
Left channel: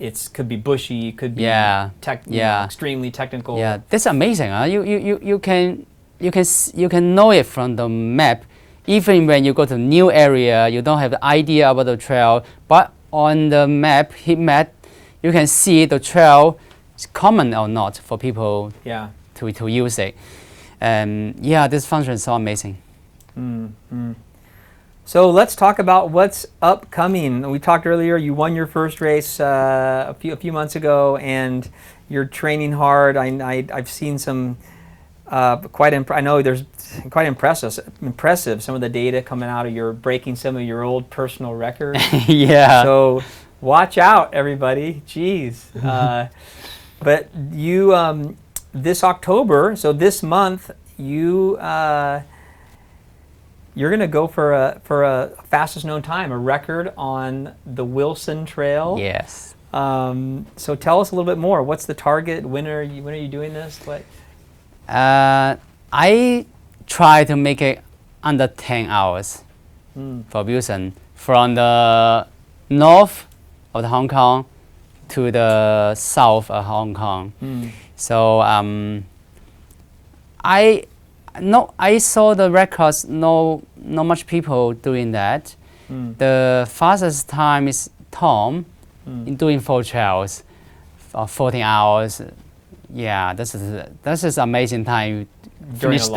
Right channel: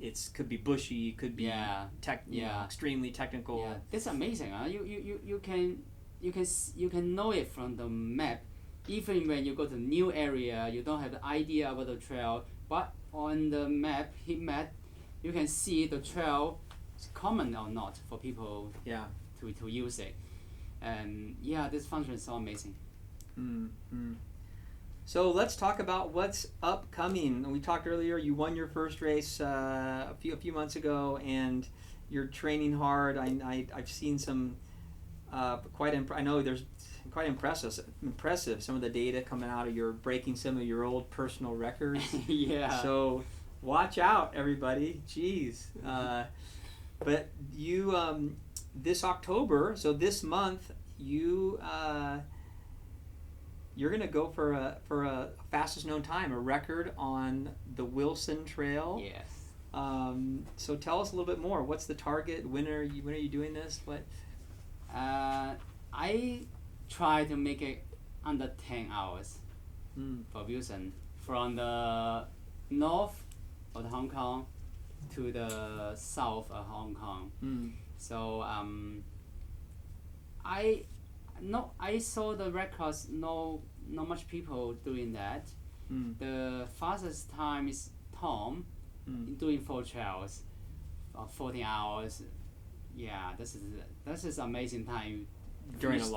it could be bushy, could be extremely technical. Yeah, that's amazing. You you can know it from the map. Even when you go to new area, you don't have the idea about the trail, but on the map, heat map, you can see the trail is common or not for people to use it. Yeah, this function is so amazing. So let's talk about what's upcoming. We talked earlier, you won your first race a few months ago, and you're training hard. I've seen some I know there's quite impressive some of the data coming out of your breaking some of your old personal records. Yeah. So watch out, everybody. Jeez. But you this October, so this month, you're gonna go for a fastest known time, a record on the Wilson Trail. Yes. So tell us a little bit more. What's the target? When are you doing this? What? I try to make it under 10 hours for Wilson, from the north of Hong Kong to the south of Hong Kong. So I saw the records. No much people doing that. The fastest time is Tom in doing 4 trails, 14 hours. Yeah, this is amazing time. Finish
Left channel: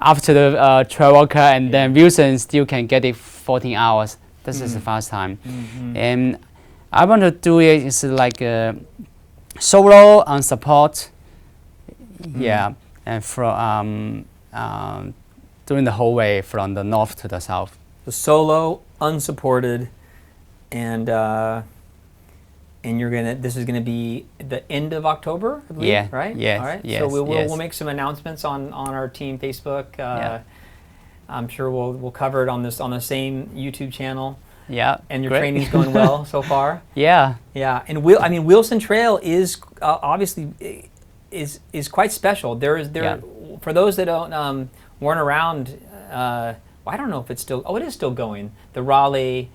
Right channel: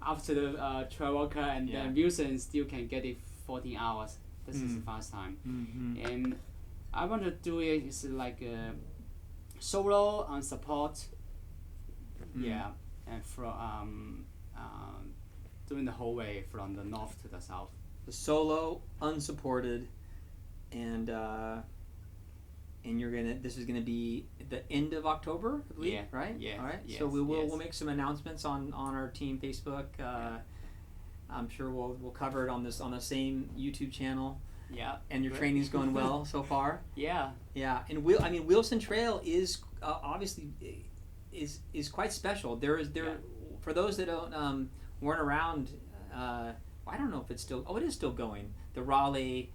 after the trail walker, and then Wilson still can get it 14 hours. This is the fast time. And I want to do it is like a solo on support. Yeah, and from doing the whole way from the north to the south. The solo, unsupported, and this is gonna be the end of October, I believe, yeah, right? Yes, all right. Yes, So we'll yes. make some announcements on our team Facebook. I'm sure we'll cover it on the same YouTube channel. Yeah. And your great. training's going well so far. Yeah. Yeah, and Wilson Trail is obviously is quite special. For those that don't weren't around. I don't know if it's still. Oh, it is still going. The Raleigh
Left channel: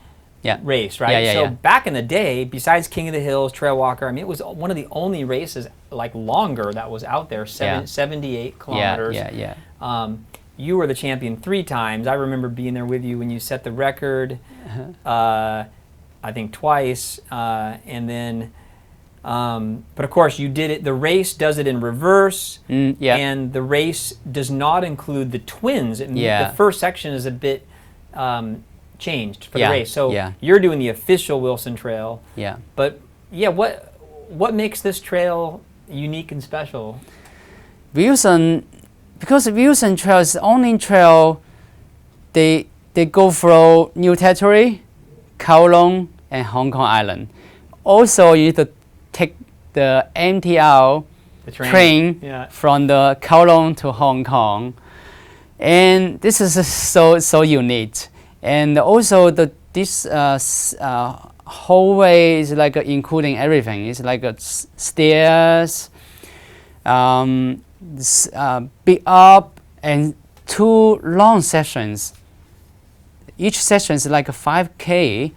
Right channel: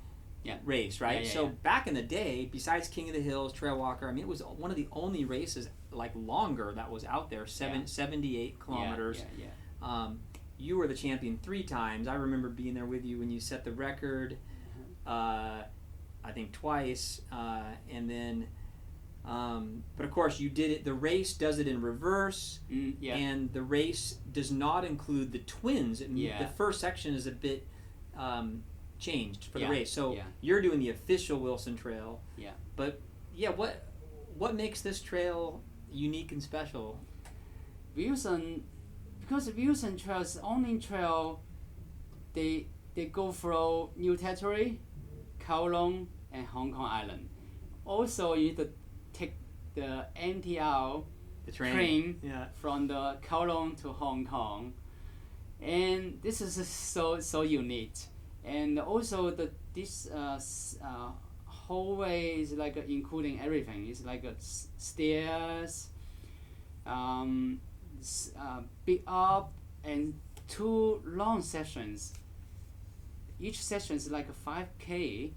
race, right? So back in the day, besides King of the Hills, Trail Walker, I mean, it was one of the only races like longer that was out there. 78 kilometers. You were the champion 3 times. I remember being there with you when you set the record. I think twice, and then. But of course, you did it. The race does it in reverse, and the race does not include the twins. The first section is a bit changed for the race. So you're doing the official Wilson Trail. Yeah. But what makes this trail unique and special? Wilson, because Wilson Trail is the only trail they go through New Territory, Kowloon, and Hong Kong Island. Also, you need to take the MTR train from the Kowloon to Hong Kong, and this is so unique. And also this whole way is like including everything. It's like stairs, big up, and 2 long sessions. Each session is like a 5K.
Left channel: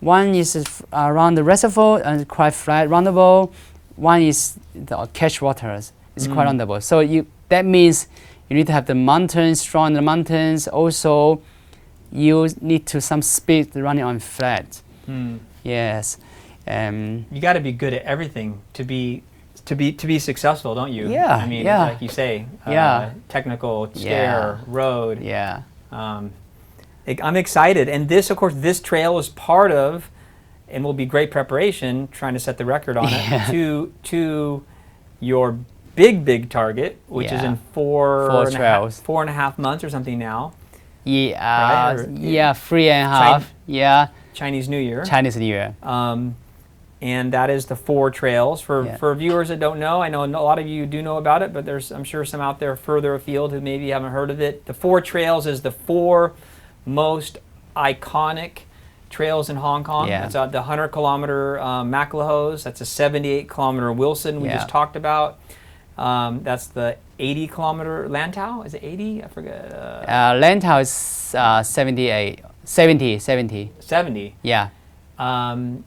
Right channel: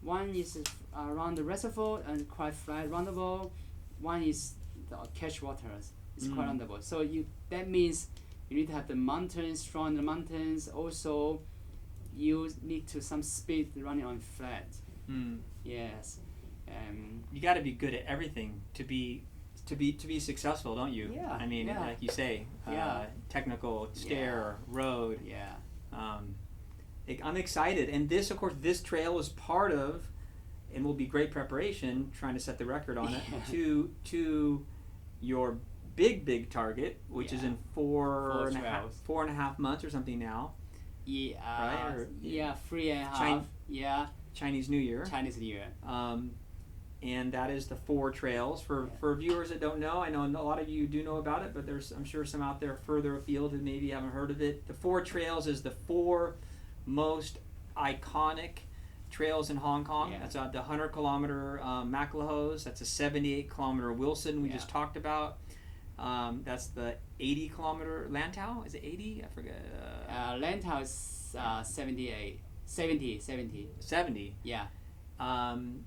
One is around the reservoir and quite flat, roundable. One is the catch waters. It's quite roundable. So that means you need to have the mountains, strong in the mountains. Also, you need to some speed running on flat. Yes. You got to be good at everything to be successful, don't you? Yeah. I mean, like you say, technical, stair, road. Yeah. I'm excited, and this, of course, this trail is part of, and will be great preparation, trying to set the record on it, to your big target, which is in 4.5 months or something now. Yeah, right? 3.5. Chinese New Year. Chinese New Year. And that is the 4 trails. For viewers that don't know, I know a lot of you do know about it, but there's, I'm sure, some out there further afield who maybe haven't heard of it. The 4 trails is the 4 most iconic trails in Hong Kong. It's the 100-kilometer Maclehose. That's a 78-kilometer Wilson we just talked about. That's the 80-kilometer Lantau. Is it 80? I forget. Lantau is 70. 70. Yeah. And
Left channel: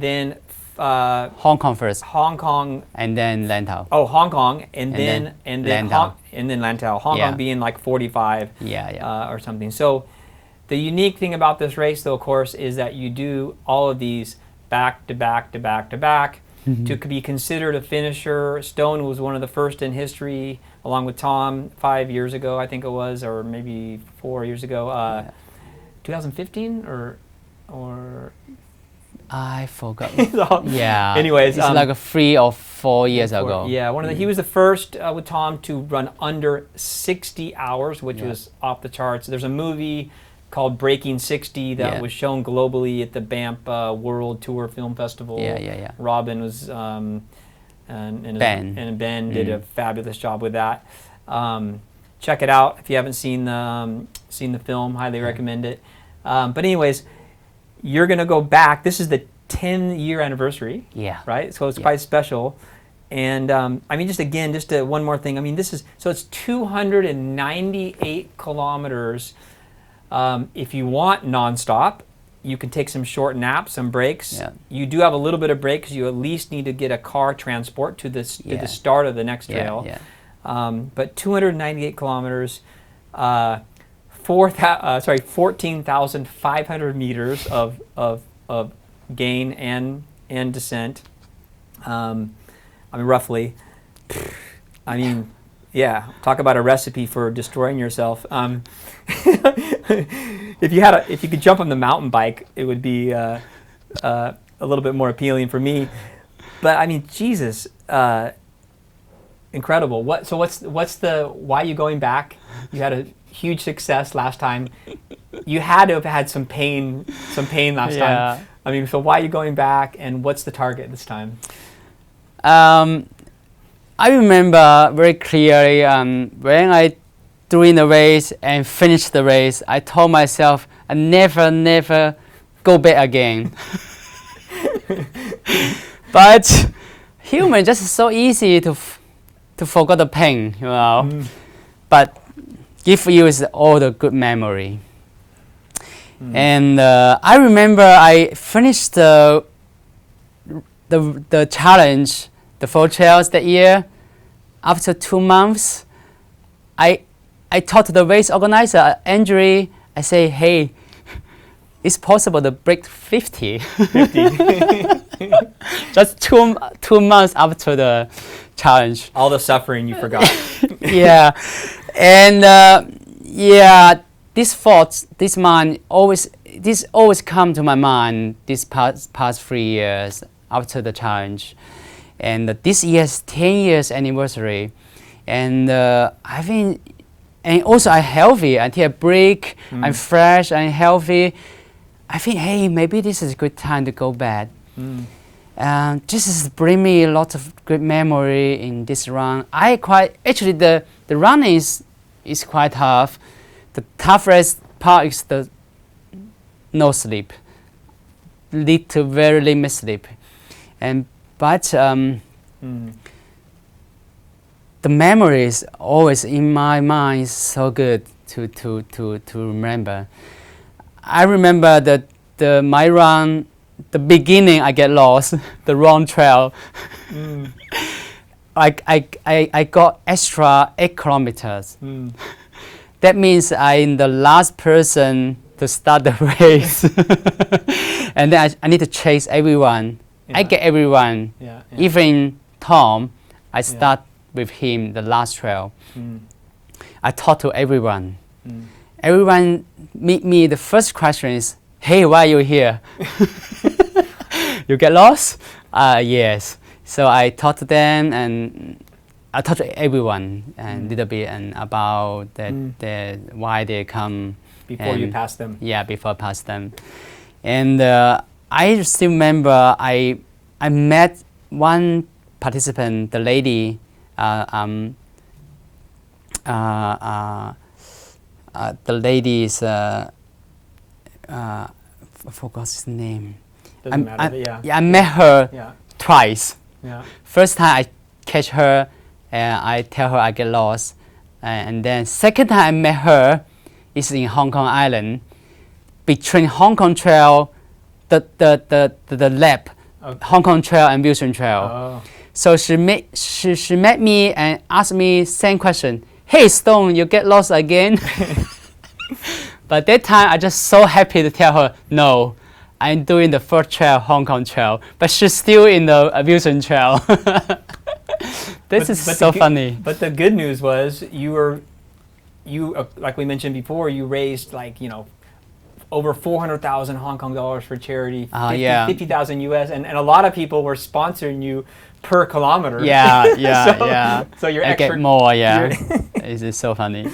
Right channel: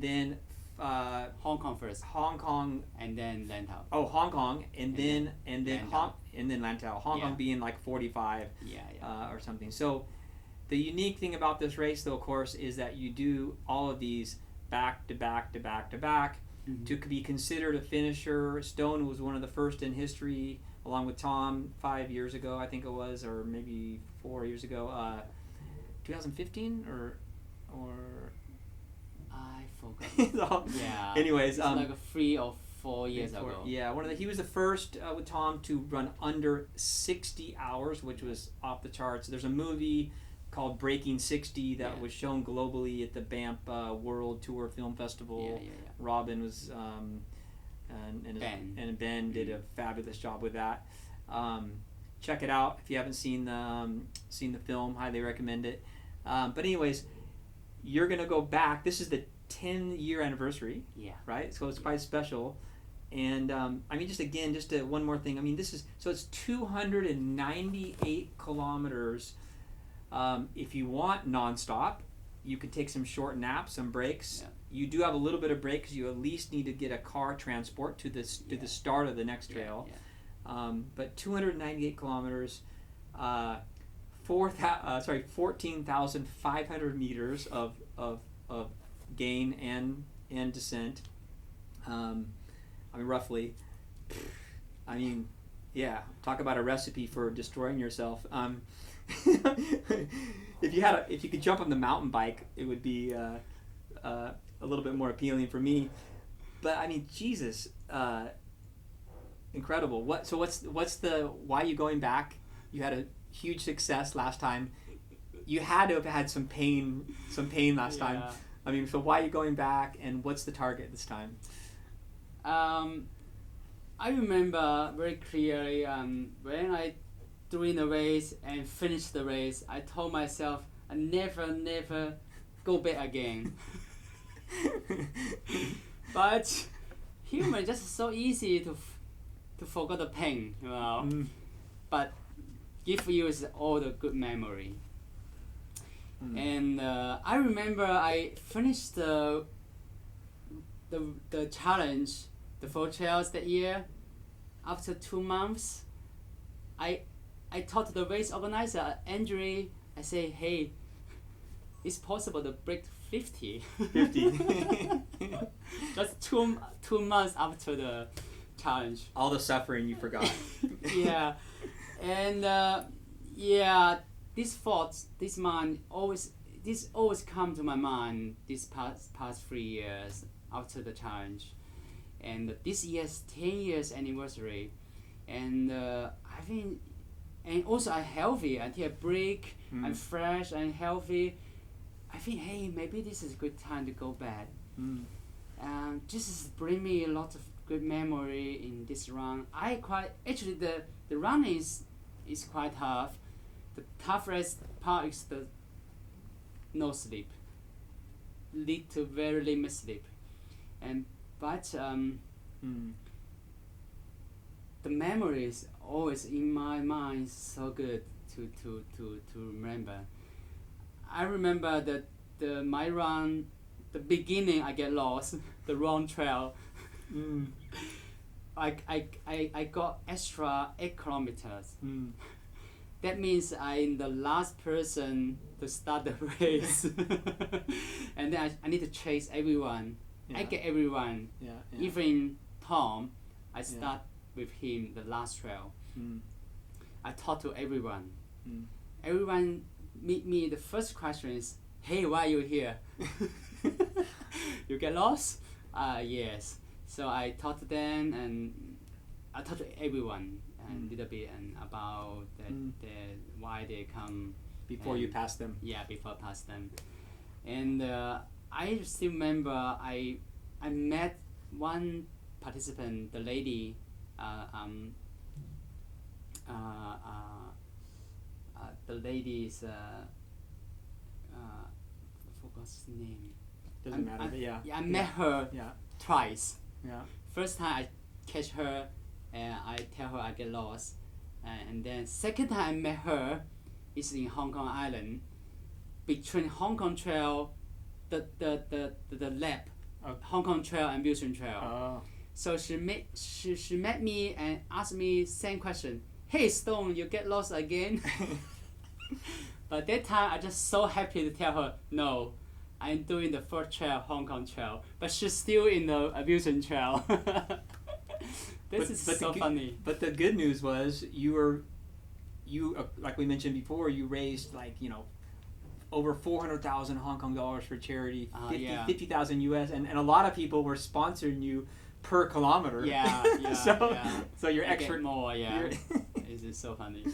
then Hong Kong first. Hong Kong. And then Lantau. Oh, Hong Kong, and then Lantau. and then Lantau. Hong Kong being like 45 or something. So the unique thing about this race, though, of course, is that you do all of these back to back to back to back. To be considered a finisher, Stone was one of the first in history, along with Tom 5 years ago, I think it was, or maybe 4 years ago. 2015 or I forgot. So, yeah. Anyways, it's like 3 or 4 years ago. Yeah, he was the first with Tom to run under 60 hours, which was off the charts. There's a movie called Breaking 60 that was shown globally at the Banff World Tour Film Festival. Yeah. Robin was and Ben did a fabulous job with that. Check it out if you haven't seen the film. Highly recommend it. But anyways, you're gonna go back. This is the 10-year anniversary. Yeah. Right. So it's quite special. And I mean, just one more thing. I mean, it's 298 kilometers. If you want nonstop, you can take some short naps, some breaks. Yeah. You do have a little bit of break because you at least need to get a car transport to the start of the next trail. But 298 kilometers, 14,500 meters of gain and descent. I mean, roughly. I mean, yeah. Talk about a recipe for destroying yourself. If you could jump on the mountain bike, it would be a little bit more appealing for me. But I mean, Jesus, incredible. Why are you going back? You had a huge success last time. You had to have had some pain last time. I mean, so why are you going back, and what's the target this time? I remember very clearly when I during the race and finished the race, I told myself I never go back again. But human just so easy to forget the pain, you know. But give you is all the good memory. And I remember I finished the challenge, the 4 trails that year. After 2 months, I talked to the race organizer, Andrew. I say, hey, it's possible to break 50. Just two months after the challenge. All the suffering you forgot. Yeah, and this thought, this always come to my mind this past 3 years after the challenge. And this year's 10 years anniversary, and I think, and also I'm healthy until I break. I'm fresh and healthy. I think, hey, maybe this is a good time to go back. This is bring me a lot of good memory in this run. Actually the run is quite tough. The toughest part is the no sleep, lead to very limited sleep, but the memory is always in my mind, so good to remember. I remember that my run, the beginning I get lost, the wrong trail. I got extra 8 kilometers. That means I'm the last person to start the race. And then I need to chase everyone. I get everyone. Even Tom, I start with him the last trail. I talk to everyone. Everyone meet me. The first question is, hey, why are you here? You get lost? Yes. So I talk to them, and I talk to everyone a little bit and about why they come. Before you pass them. Yeah, before I pass them. And I still remember I met one participant, the lady, the lady is, I forgot his name. Doesn't matter, I met her twice. Yeah. First time I catch her, and I tell her I get lost. And then second time I met her is in Hong Kong Island, between Hong Kong Trail, the lap, Hong Kong Trail and Wilson Trail. So she met me and asked me same question. "Hey, Stone, you get lost again." But that time, I just so happy to tell her, "No, I'm doing the first trail, Hong Kong trail," but she's still in the amusement trail. This is so funny. But the good news was like we mentioned before, you raised over 400,000 Hong Kong dollars for charity, 50,000 US, and a lot of people were sponsoring you per kilometer. Yeah. So you're I extra, get more, yeah. It's so funny.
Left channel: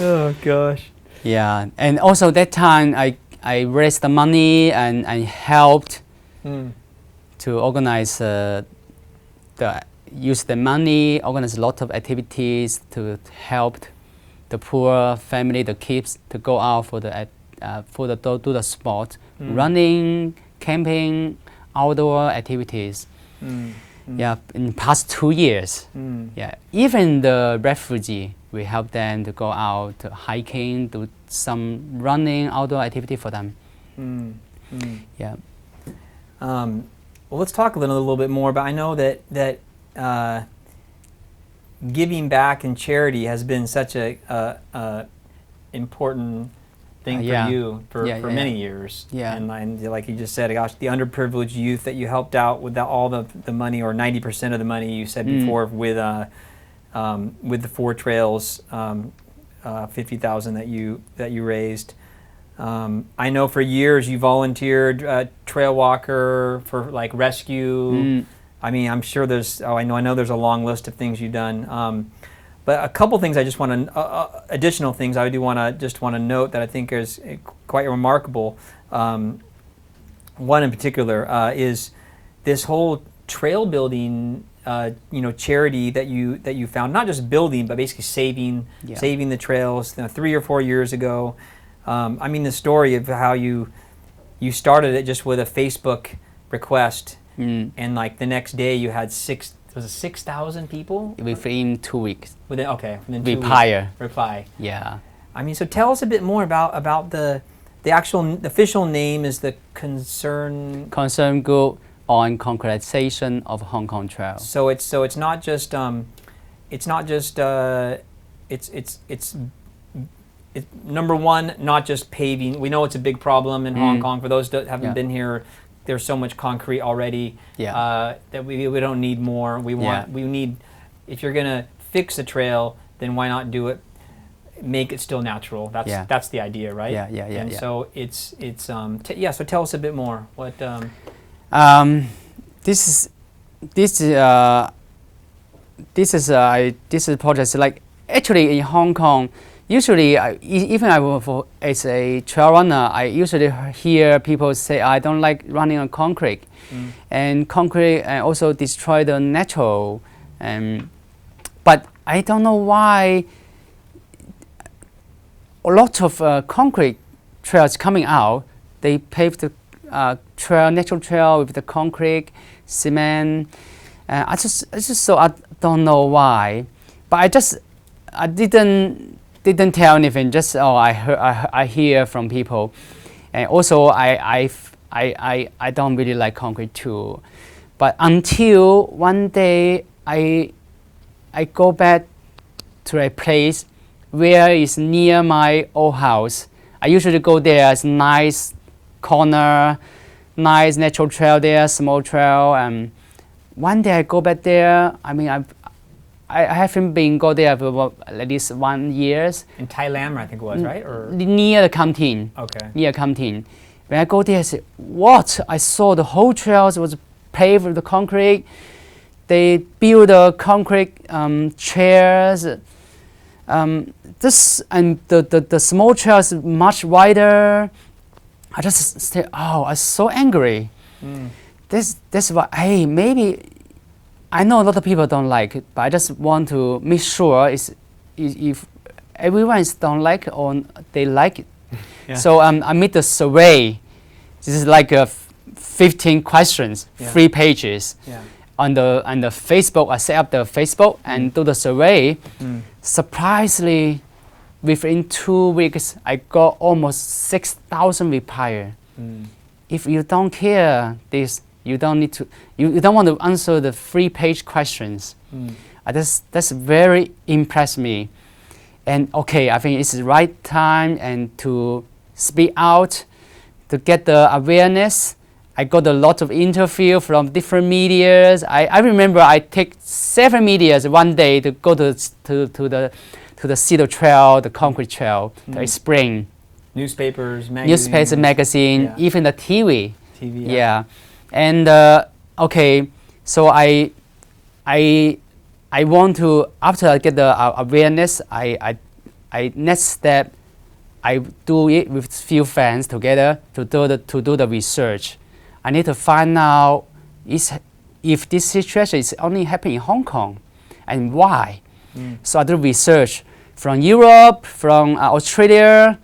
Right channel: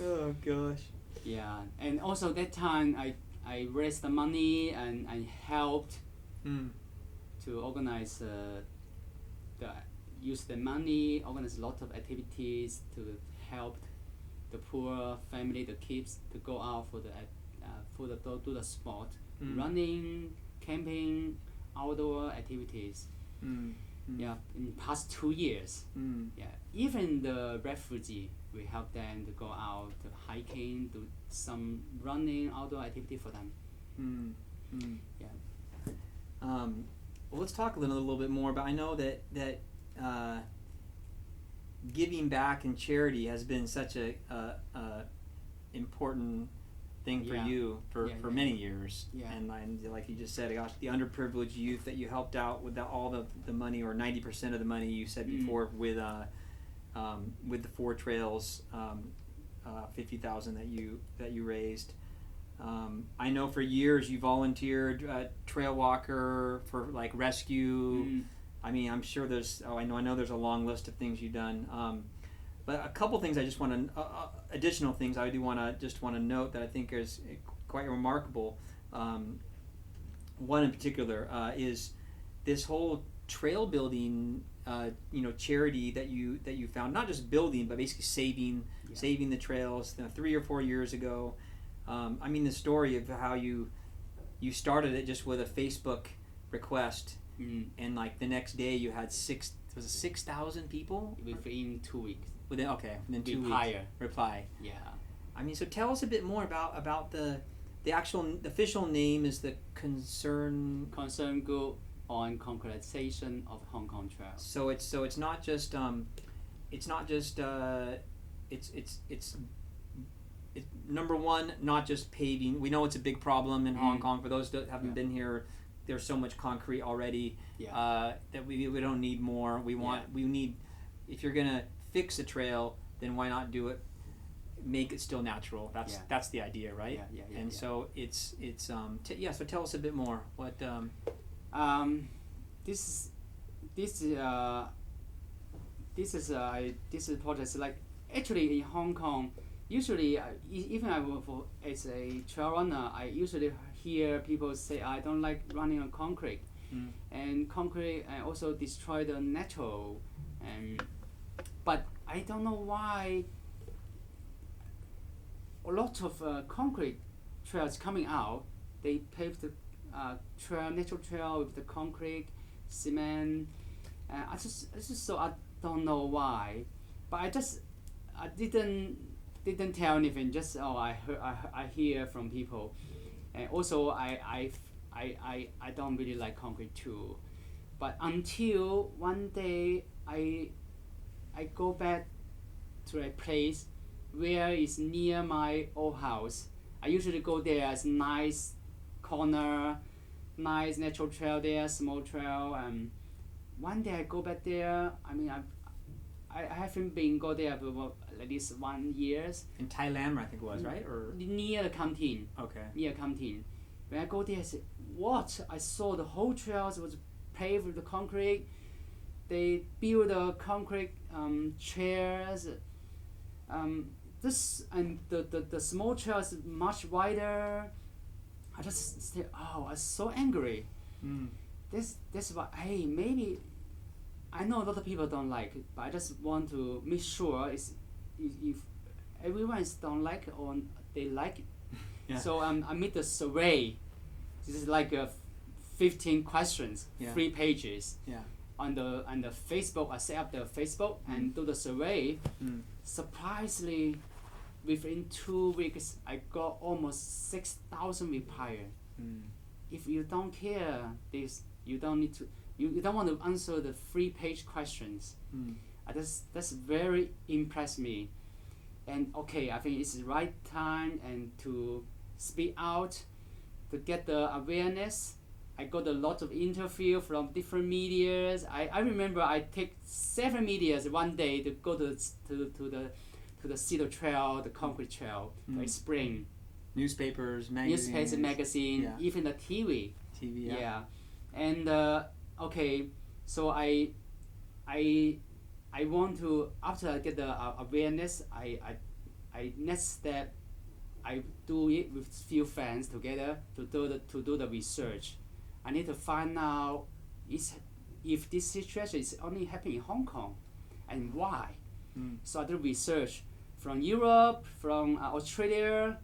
Oh gosh. Yeah, and also that time I raised the money and helped to organize use the money, organize a lot of activities to help the poor family, the kids to go out for do the sport, running, camping, outdoor activities. Yeah, in the past 2 years. Yeah, even the refugee, we help them to go out to hiking, do some running, outdoor activity for them. Yeah. Well, let's talk a little bit more. But I know that giving back and charity has been such a important thing for you for many years. Yeah. And like you just said, gosh, the underprivileged youth that you helped out with all the money, or 90% of the money you said before, with the 4 trails, 50,000 that you raised. I know for years you volunteered trail walker for like rescue. I mean, I'm sure I know there's a long list of things you've done. But a couple things I just want to, additional things I do want to note that I think is quite remarkable. One in particular is this whole trail building, charity that you found, not just building, but basically saving the trails 3 or 4 years ago. I mean, the story of how you started it just with a Facebook request, and like the next day you had 6,000 people within 2 weeks. Within 2 weeks. Reply. Yeah. I mean, so tell us a bit more about the official name is the Concern Group on Concretization of Hong Kong Trail. So it's not just it's number one, not just paving. We know it's a big problem in Hong Kong. For those that haven't been here, there's so much concrete already that we don't need more. We need, if you're gonna fix a trail, then why not do it? Make it still natural. That's the idea, right? Yeah. And so it's so tell us a bit more. What this project, like actually in Hong Kong. Usually, even as a trail runner, I usually hear people say, "I don't like running on concrete," and concrete also destroy the natural. But I don't know why. A lot of concrete trails coming out. They pave the natural trail with the concrete, cement. I don't know why, but I didn't tell anything. Just I hear from people, and also I don't really like concrete too, but until one day I go back to a place where is near my old house. I usually go there. It's nice corner, nice natural trail there, small trail. One day I go back there. I mean I haven't been go there for at least 1 year. in Thailand, I think it was, right? Or near the canteen. Okay. Near canteen. When I go there, I say, what? I saw the whole trails was paved with the concrete. They build the concrete chairs. The small trails much wider. I just say, oh, I'm so angry. That's why, hey, maybe. I know a lot of people don't like it, but I just want to make sure if everyone don't like it or they like it. So I made a survey. This is like 15 questions, 3 pages. On the Facebook, I set up the Facebook and do the survey. Surprisingly, within 2 weeks, I got almost 6,000 replies. If you don't care this, you don't need to. You don't want to answer the 3-page questions. That's very impressed me. And okay, I think it's the right time and to speak out, to get the awareness. I got a lot of interview from different medias. I remember I take 7 medias one day to go to the Cedar Trail, the concrete trail, to explain. Newspapers, magazines. Newspapers, magazine, Yeah. even the TV. TV. Yeah. And okay, so I want to, after I get the awareness, I next step, I do it with few friends together to do the research. I need to find out if this situation is only happening in Hong Kong and why. So I do research from Europe, from Australia,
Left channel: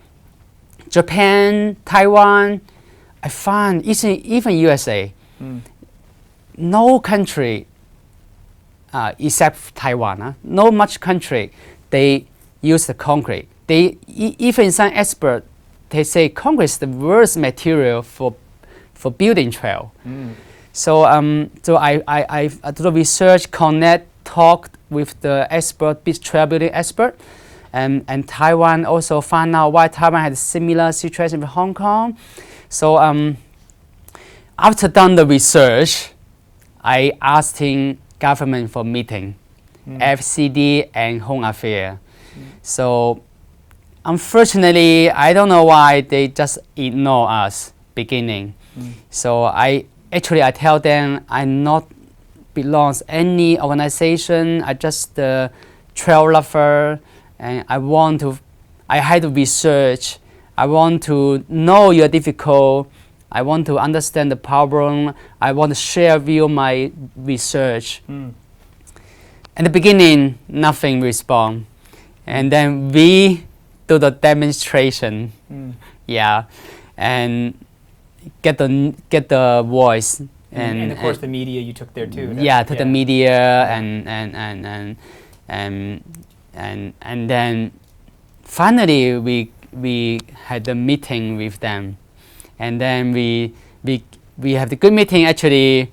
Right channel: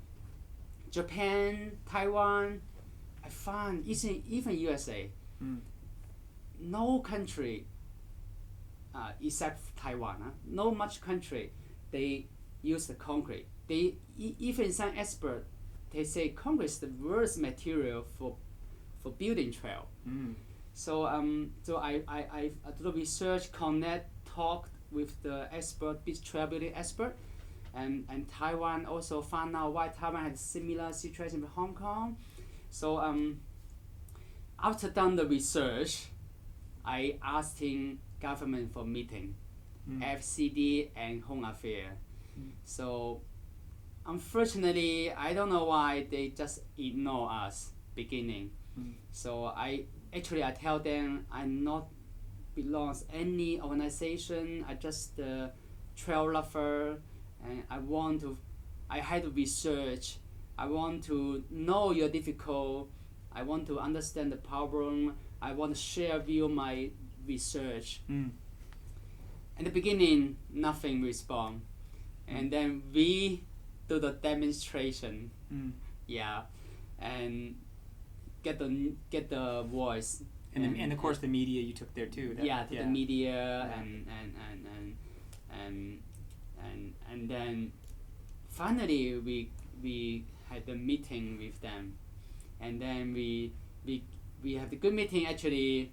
Japan, Taiwan. I find even USA, no country except Taiwan, no much country, they use the concrete. Even some experts, they say concrete is the worst material for building trail. So I do the research, connect, talk with the expert, trail building expert, and Taiwan also found out why Taiwan had a similar situation with Hong Kong. So after done the research, I asking government for meeting, FCD and Home Affairs. So unfortunately, I don't know why they just ignore us beginning. So I tell them I not belongs any organization. I just the trail lover, and I had to research. I want to know you're difficult. I want to understand the problem. I want to share with you my research. In the beginning, nothing respond, and then we do the demonstration. Yeah, and get the voice. And of course the media you took there too. The media and then finally we had the meeting with them, and then we have the good meeting actually.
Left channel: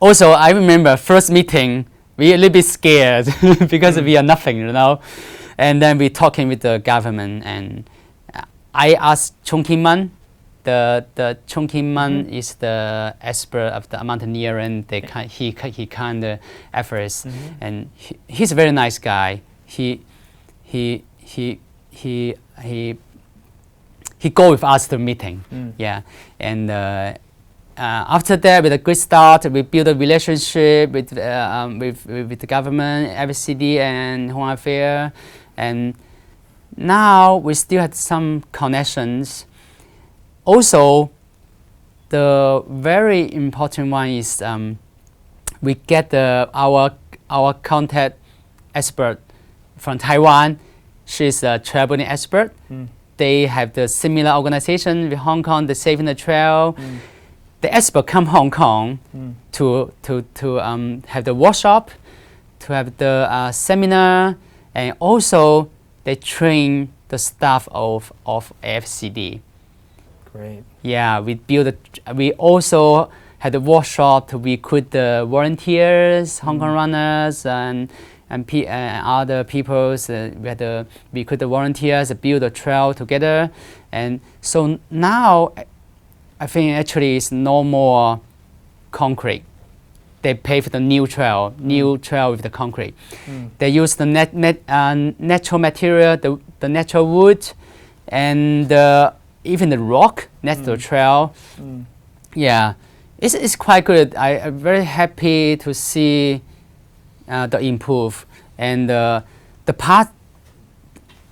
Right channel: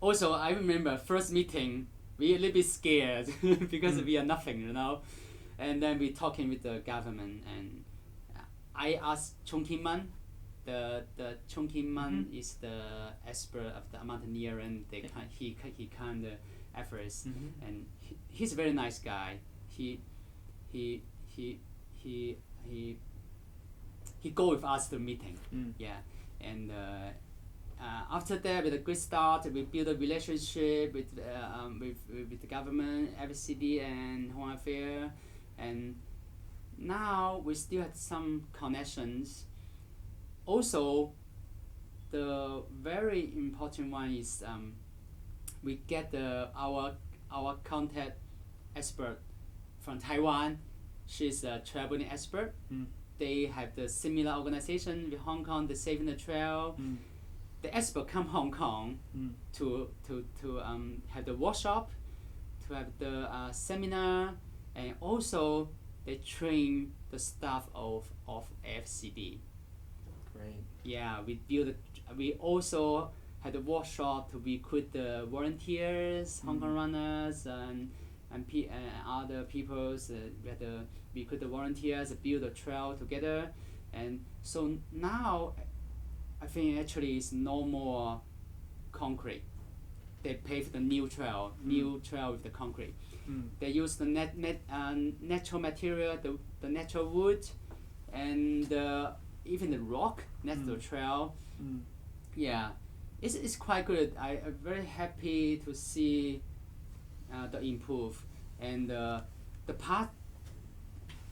Also, I remember first meeting we a little bit scared because we are nothing, and then we talking with the government, and I asked Chung Kim-man. The Chung Kim-man is the expert of the mountaineering. He kind of efforts, and he's a very nice guy. He go with us to meeting. Yeah, and after that, with a good start, we build a relationship with the government, FCD, and Home Affairs, and now we still have some connections. Also, the very important one is we get our contact expert from Taiwan. She's a traveling expert. They have the similar organization with Hong Kong, the Saving the Trail. The expert come Hong Kong to have the workshop, to have the seminar, and also they train the staff of FCD. Great. Yeah, we also had a workshop to recruit the volunteers, Hong Kong runners, and other people. We had to recruit the volunteers, build a trail together, and so now I think actually it's no more concrete. They pave the new trail with the concrete. They use the natural material, the natural wood, and even the rock next to the trail. Yeah, it's quite good. I'm very happy to see the improve. And the part,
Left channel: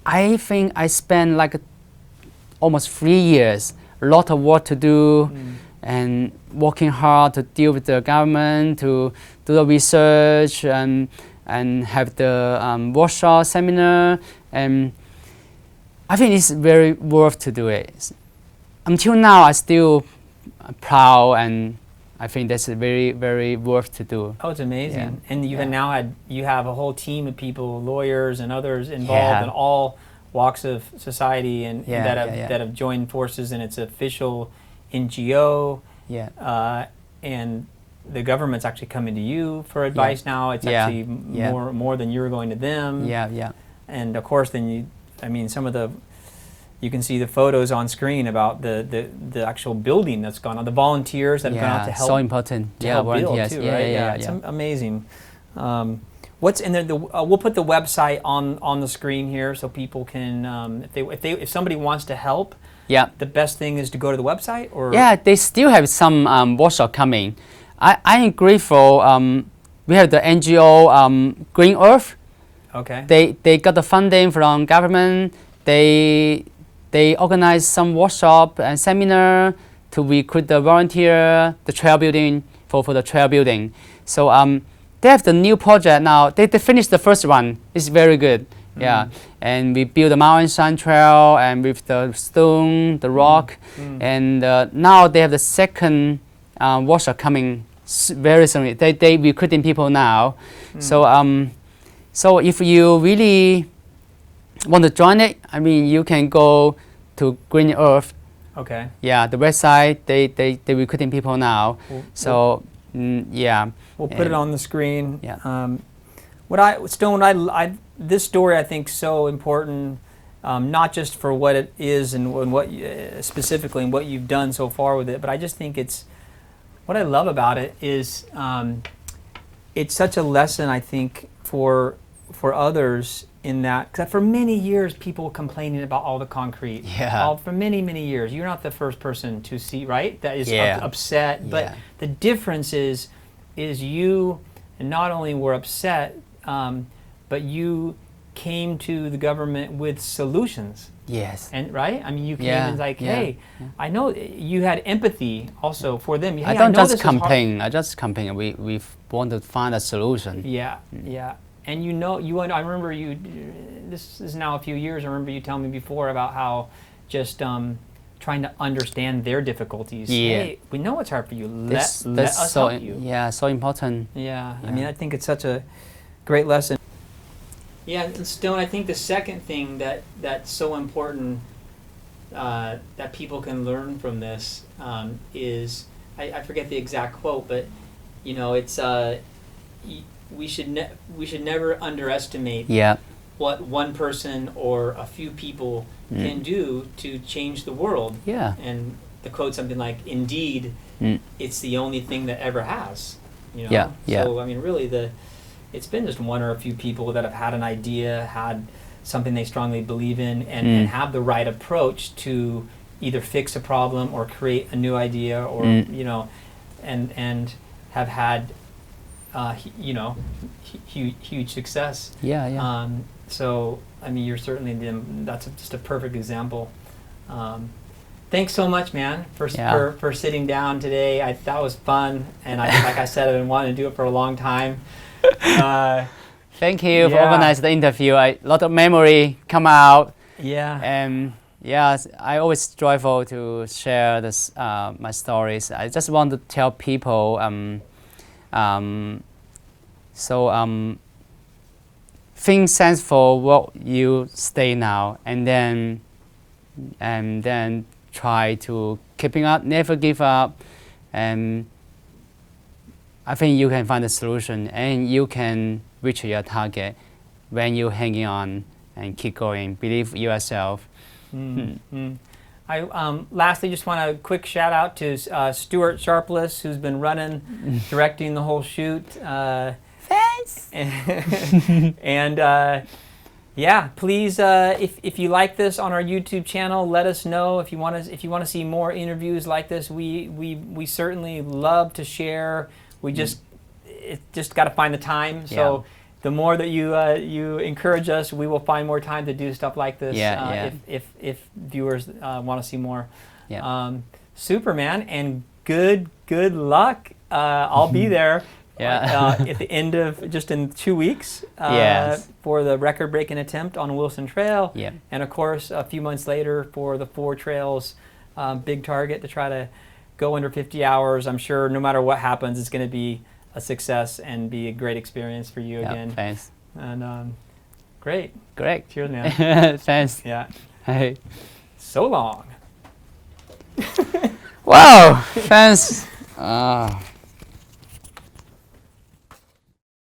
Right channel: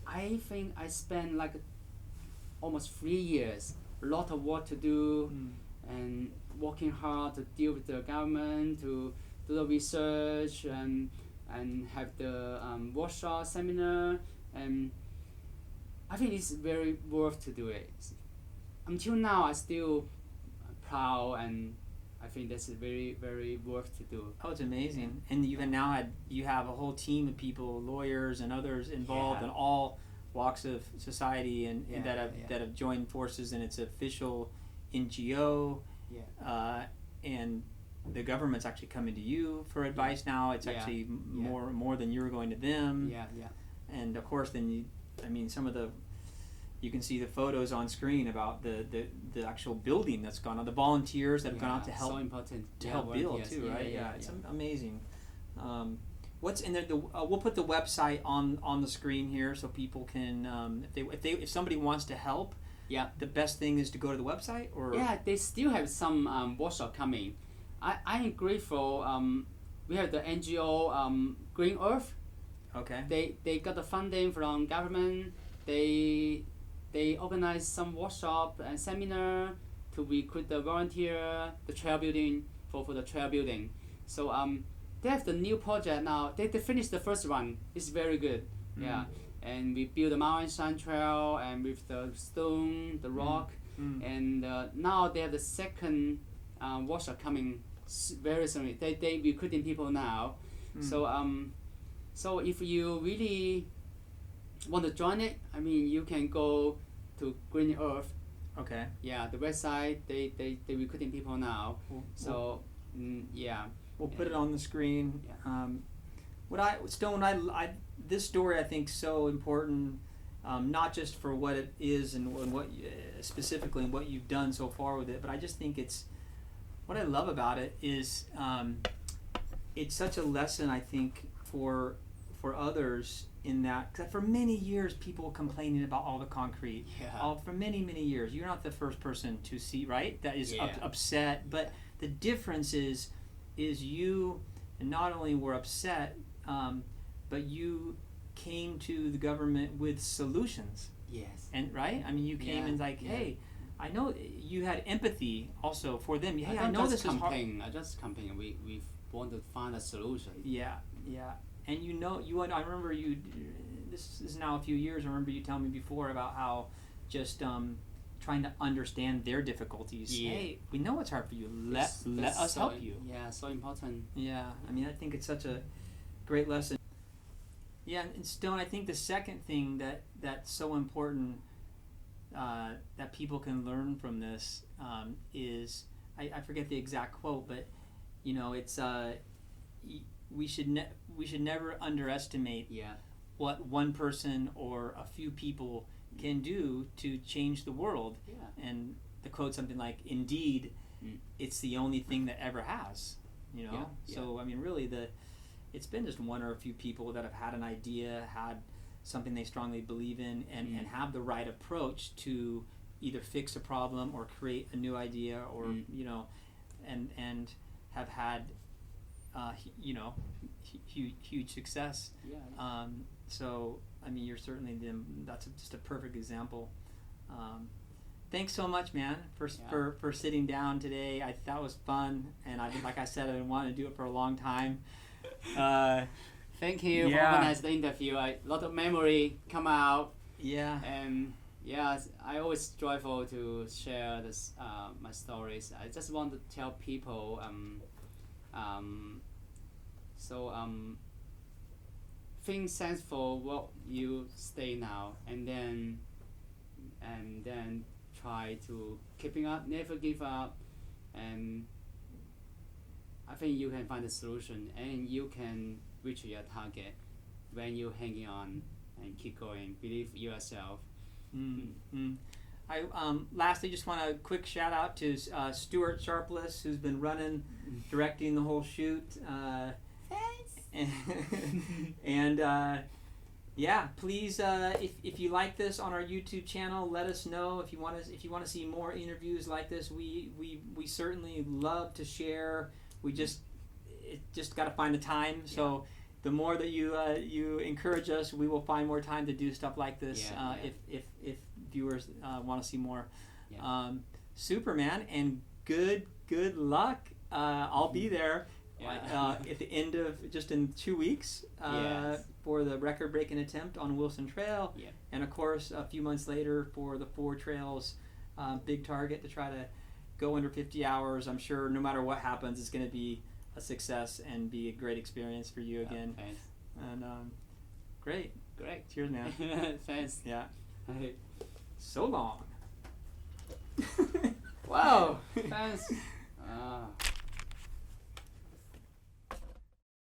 I think I spent like almost 3 years, a lot of work to do, and working hard to deal with the government, to do the research, and have the workshop, seminar, and I think it's very worth to do it. Until now, I still proud, and I think that's very, very worth to do. Oh, it's amazing. Yeah. And you have a whole team of people, lawyers and others involved in all walks of society that have joined forces, and it's official NGO. Yeah. And the government's actually coming to you for advice now. It's actually more than you're going to them. Yeah. And of course, then some of the, you can see the photos on screen about the actual building that's gone on, the volunteers that have gone out to help. So important. Help build too, right? It's amazing. What's in there? We'll put the website on the screen here so people can, if somebody wants to help. Yeah. The best thing is to go to the website, or they still have some workshop coming. I am grateful. We have the NGO Green Earth. Okay. They got the funding from government. They organize some workshop and seminar to recruit the volunteer, the trail building for the trail building. So they have the new project now. They finished the first one. It's very good. Yeah, and we build the mountain sun trail and with the stone, the rock, and now they have the second workshop coming very soon. They recruiting people now. So if you really want to join it, you can go to Green Earth. Okay. Yeah, the website. They recruiting people now. We'll put it on the screen. Yeah. This story I think so important, not just for what it is and what specifically and what you've done so far with it, but I just think what I love about it is it's such a lesson, I think, for others, in that, because for many years people complaining about all the concrete. Yeah. For many years. You're not the first person to see, right? That is upset. But Yeah. the difference is you not only were upset, but you came to the government with solutions. Yes. And right? You came and hey, I know you had empathy also for them. Hey, I don't know just this is hard. complain. I just complain. We want to find a solution. Yeah. And I remember you, this is now a few years, I remember you telling me before about how just trying to understand their difficulties. Yeah. Hey, we know it's hard for you. Let us so help you. Yeah, so important. Yeah. I think it's such a great lesson. Yeah, and Stone, I think the second thing that's so important that people can learn from this is, I forget the exact quote, but it's we should never underestimate what one person or a few people can do to change the world. Yeah. And the quote something like, "Indeed, it's the only thing that ever has." Yeah. So really it's been just one or a few people that have had an idea, had something they strongly believe in, and have the right approach to either fix a problem or create a new idea, or and have had huge success. Yeah. So you're certainly that's just a perfect example. Thanks so much, man, for sitting down today. That was fun, and like I said, I've been wanting to do it for a long time. Thank you for organizing the interview. A lot of memory come out. Yeah. And I always joyful to share this my stories. I just want to tell people. Think sense for what you stay now, and then try to keeping up, never give up, and I think you can find a solution and you can reach your target when you're hanging on and keep going. Believe yourself. I lastly just want a quick shout out to Stuart Sharpless, who's been directing the whole shoot. Thanks. And please, if you like this on our YouTube channel, let us know. If you want to see more interviews like this, we certainly love to share. We just got to find the time. So the more that you encourage us, we will find more time to do stuff like this. If viewers want to see more. Super, man, and good luck. I'll be there. At the end of just in 2 weeks for the record-breaking attempt on Wilson Trail, and of course a few months later for the 4 trails big target to try to go under 50 hours. I'm sure no matter what happens, it's going to be a success and be a great experience for you again. Thanks. And great. Cheers, man. Thanks. Yeah. Hey. So long. Wow. Thanks.